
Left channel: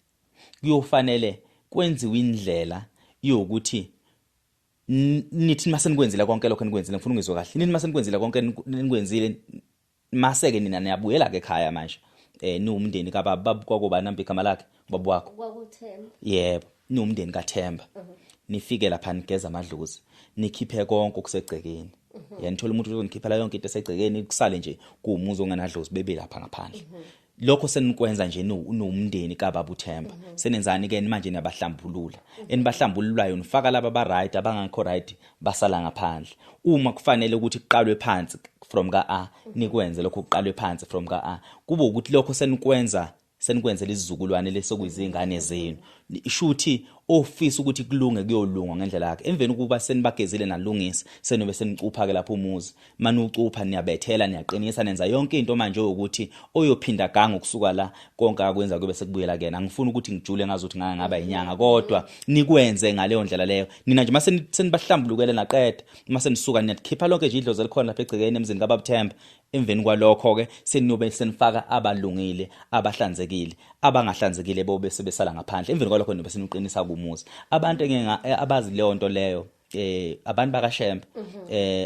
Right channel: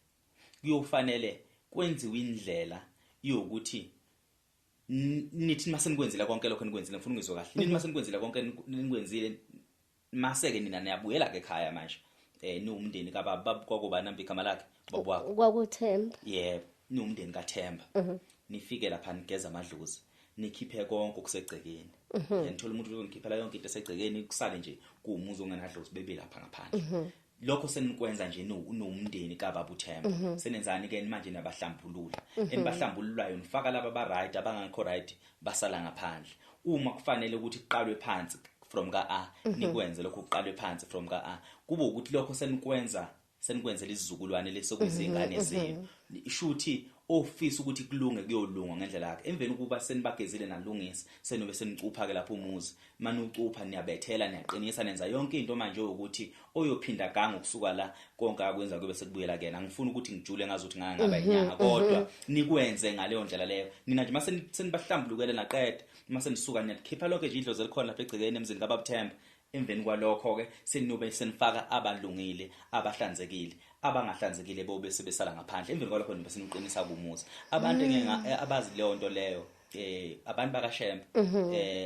kuyofanele kwenziwe indlela yokuthi nithi masenikwenzile konke lokho nikwenzile ngifuna ungizwe kahle nithi masenikwenzile konke nikwenzile maseke nina niyabuyela ke ekhaya manje niwumndeni kababa kwakuba nambe igama lakhe baba wakho kwakuThemba yebo niwumndeni kaThemba nifike lapha nigeza amadlozi nikhiphe konke okusegcekeni yanithola umuntu uzonikhiphala yonke into esegcekeni kusale nje kuumuzi onganadlozi bebe lapha ngaphandle lokho senikwenza nje niwumndeni kababa uThemba senenzani ke manje niyabahlambulula enibahlambululayo nifaka laba ba right abangakho right basala ngaphandle uma kufanele ukuthi kuqalwe phansi from ka A nikwenze lokho kuqalwe phansi from ka A kube ukuthi lokho senikwenzela izizukulwane lesokuyizingane zenu ishuthi ofisa ukuthi kulunge kuyolunga ngendlela yakhe emveni ukuba senibagezile nalungisa senobe senicupha ke lapho umuzi manje ucupha niyabethela niyaqinisa nenza yonke into manje ukuthi oyophinda ganga ukusuka la konke akwenza kube sekubuyela kena ngifuna ukuthi ngijule ngazuthi ngaba inyanga kodwa nikwenze ngale ndlela leyo nina nje mase senibahlambulukele naqeda mase nisuka niyakhipha lonke nje idlozi elikhona lapha egcekeni emzini kaBaba Themba emveni kwalokho ke seniyobe senifaka abalungile abahlanzekile abangahlanzekile bobe sebesala ngaphandle emveni kwalokho nibe seniqinisa kumuzi abantu abazi leyo nto leyo abantu bakaShembe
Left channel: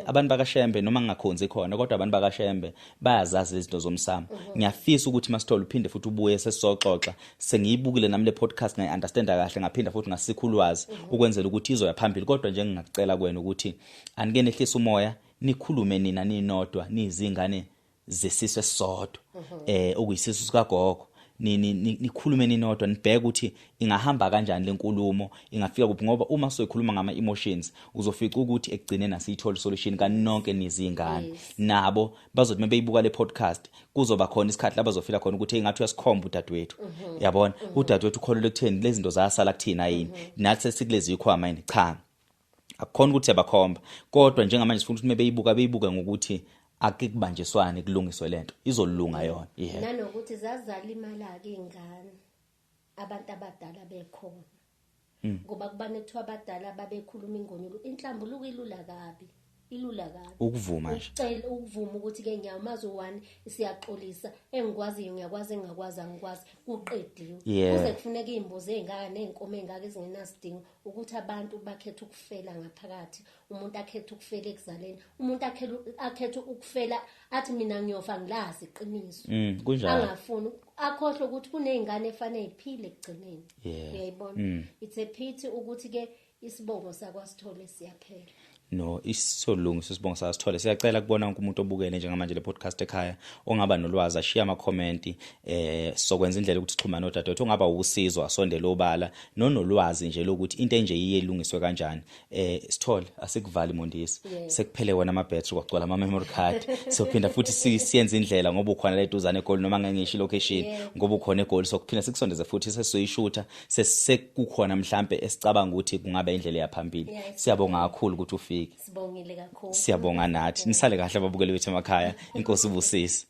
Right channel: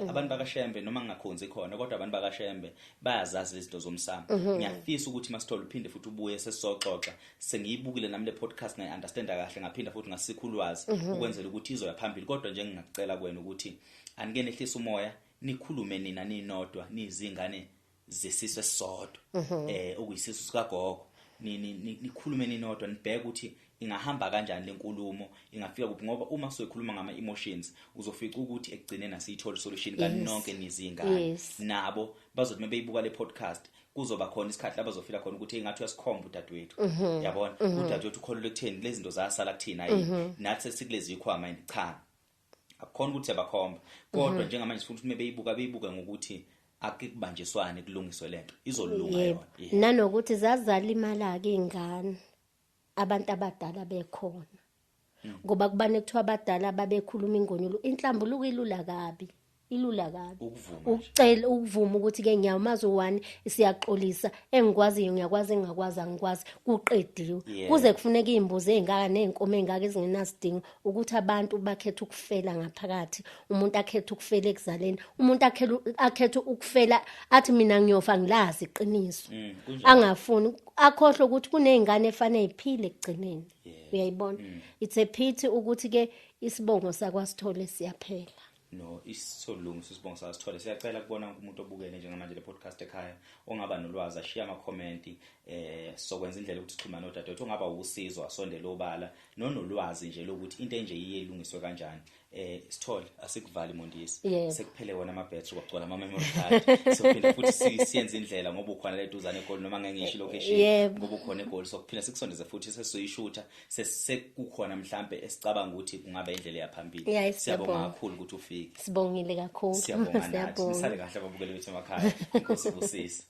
abantu bakaShembe noma ngingakhonzi khona kodwa abantu bakaShembe bayazazi izinto zomsamo ngiyafisa ukuthi masithola uphinde futhi ubuye sesizoxoxa sengiyibukile nami le podcast ngayi understand kahle ngaphinda futhi ngasikhulwazi ukwenzela ukuthi izoya phambili kodwa nje ngingacela kuwena ukuthi anike nehlisa umoya nikhulume nina ninodwa nizingane zesizwe sisodwa okuyisizwe sikagogo nikhulume ninodwa nibheke ukuthi ingahamba kanjani lenkulumo ingafika kuphi ngoba uma soyikhuluma ngama emotions uzofica ukuthi ekugcineni asiyithola solution kanonke nizingane nabo bazothi mabeyibuka le podcast kuzoba khona isikhathi la bazofila khona ukuthi engathi uyasikhomba udadewethu yabona udadewethu ukholele ekutheni lezi zinto zasala kuthina yini nathi sesikulezi ikhwama yini cha akukhona ukuthi abakhomba kodwa njengamanje sifuna ukuthi beyibuka ngokuthi akekubanjiswane kulungiswe lento izolunga yona nanokuthi zazala imali ke ingane abantu abadala bekhona ngoba kubane kuthiwa abadala babekhuluma ingonyolo inhlambuluko ilula kabi ukuvuma nje ucela ukuvuma ukuthi ke nyamazi u1 siyaxolisa engikwaziyo ngiyakwazi engakwazi angikwazi kuqediwe kuze kufuneka izimbuzi ezingaka nezinkomo ezingaka ezingenasidingo ukuthi abantu bakhethe ukufela ngaphakathi umuntu akhethe ukufela ekuzaleni umuntu akhethe ukufela athi mina ngiyofa ngilazi iqiniso angafuni akhohle ukuthi kunezingane efanele iphile ekugcineni uyayibona it's a pity ukuthi ke isibongo sakwaSithole siyaphela no isolungiso sibonga sasithole. Siyacela kubona wonke umuntu obukele njengamanje le podcast ekhaya ongaba nolwazi ashiya ama comment sokwenza indlela ukuthi sixhumane nodadewethu ongaba usizo asondele obala nonolwazi nje lokuthi into enje iyelungiswe kanjani. Sithole asikuvali Mondisi sekuphele wona ama battery kwagcwala ama memory card sophinda futhi siyenza indlela ngoba ukhona la eduzane eGoli noma ngengisho location ngoba ukhona eGoli sokuphinda sikusondeze futhi sesiyishutha sekukhona mhlambe esicabanga ukuthi kungabe indlela yaphambili. Siyabonga kakhulu ukuthi ufike. Sibongile kakhulu. Siyabonga nathi. Nisale kahle ababukeli bethu emakhaya. Inkosi ubusisi.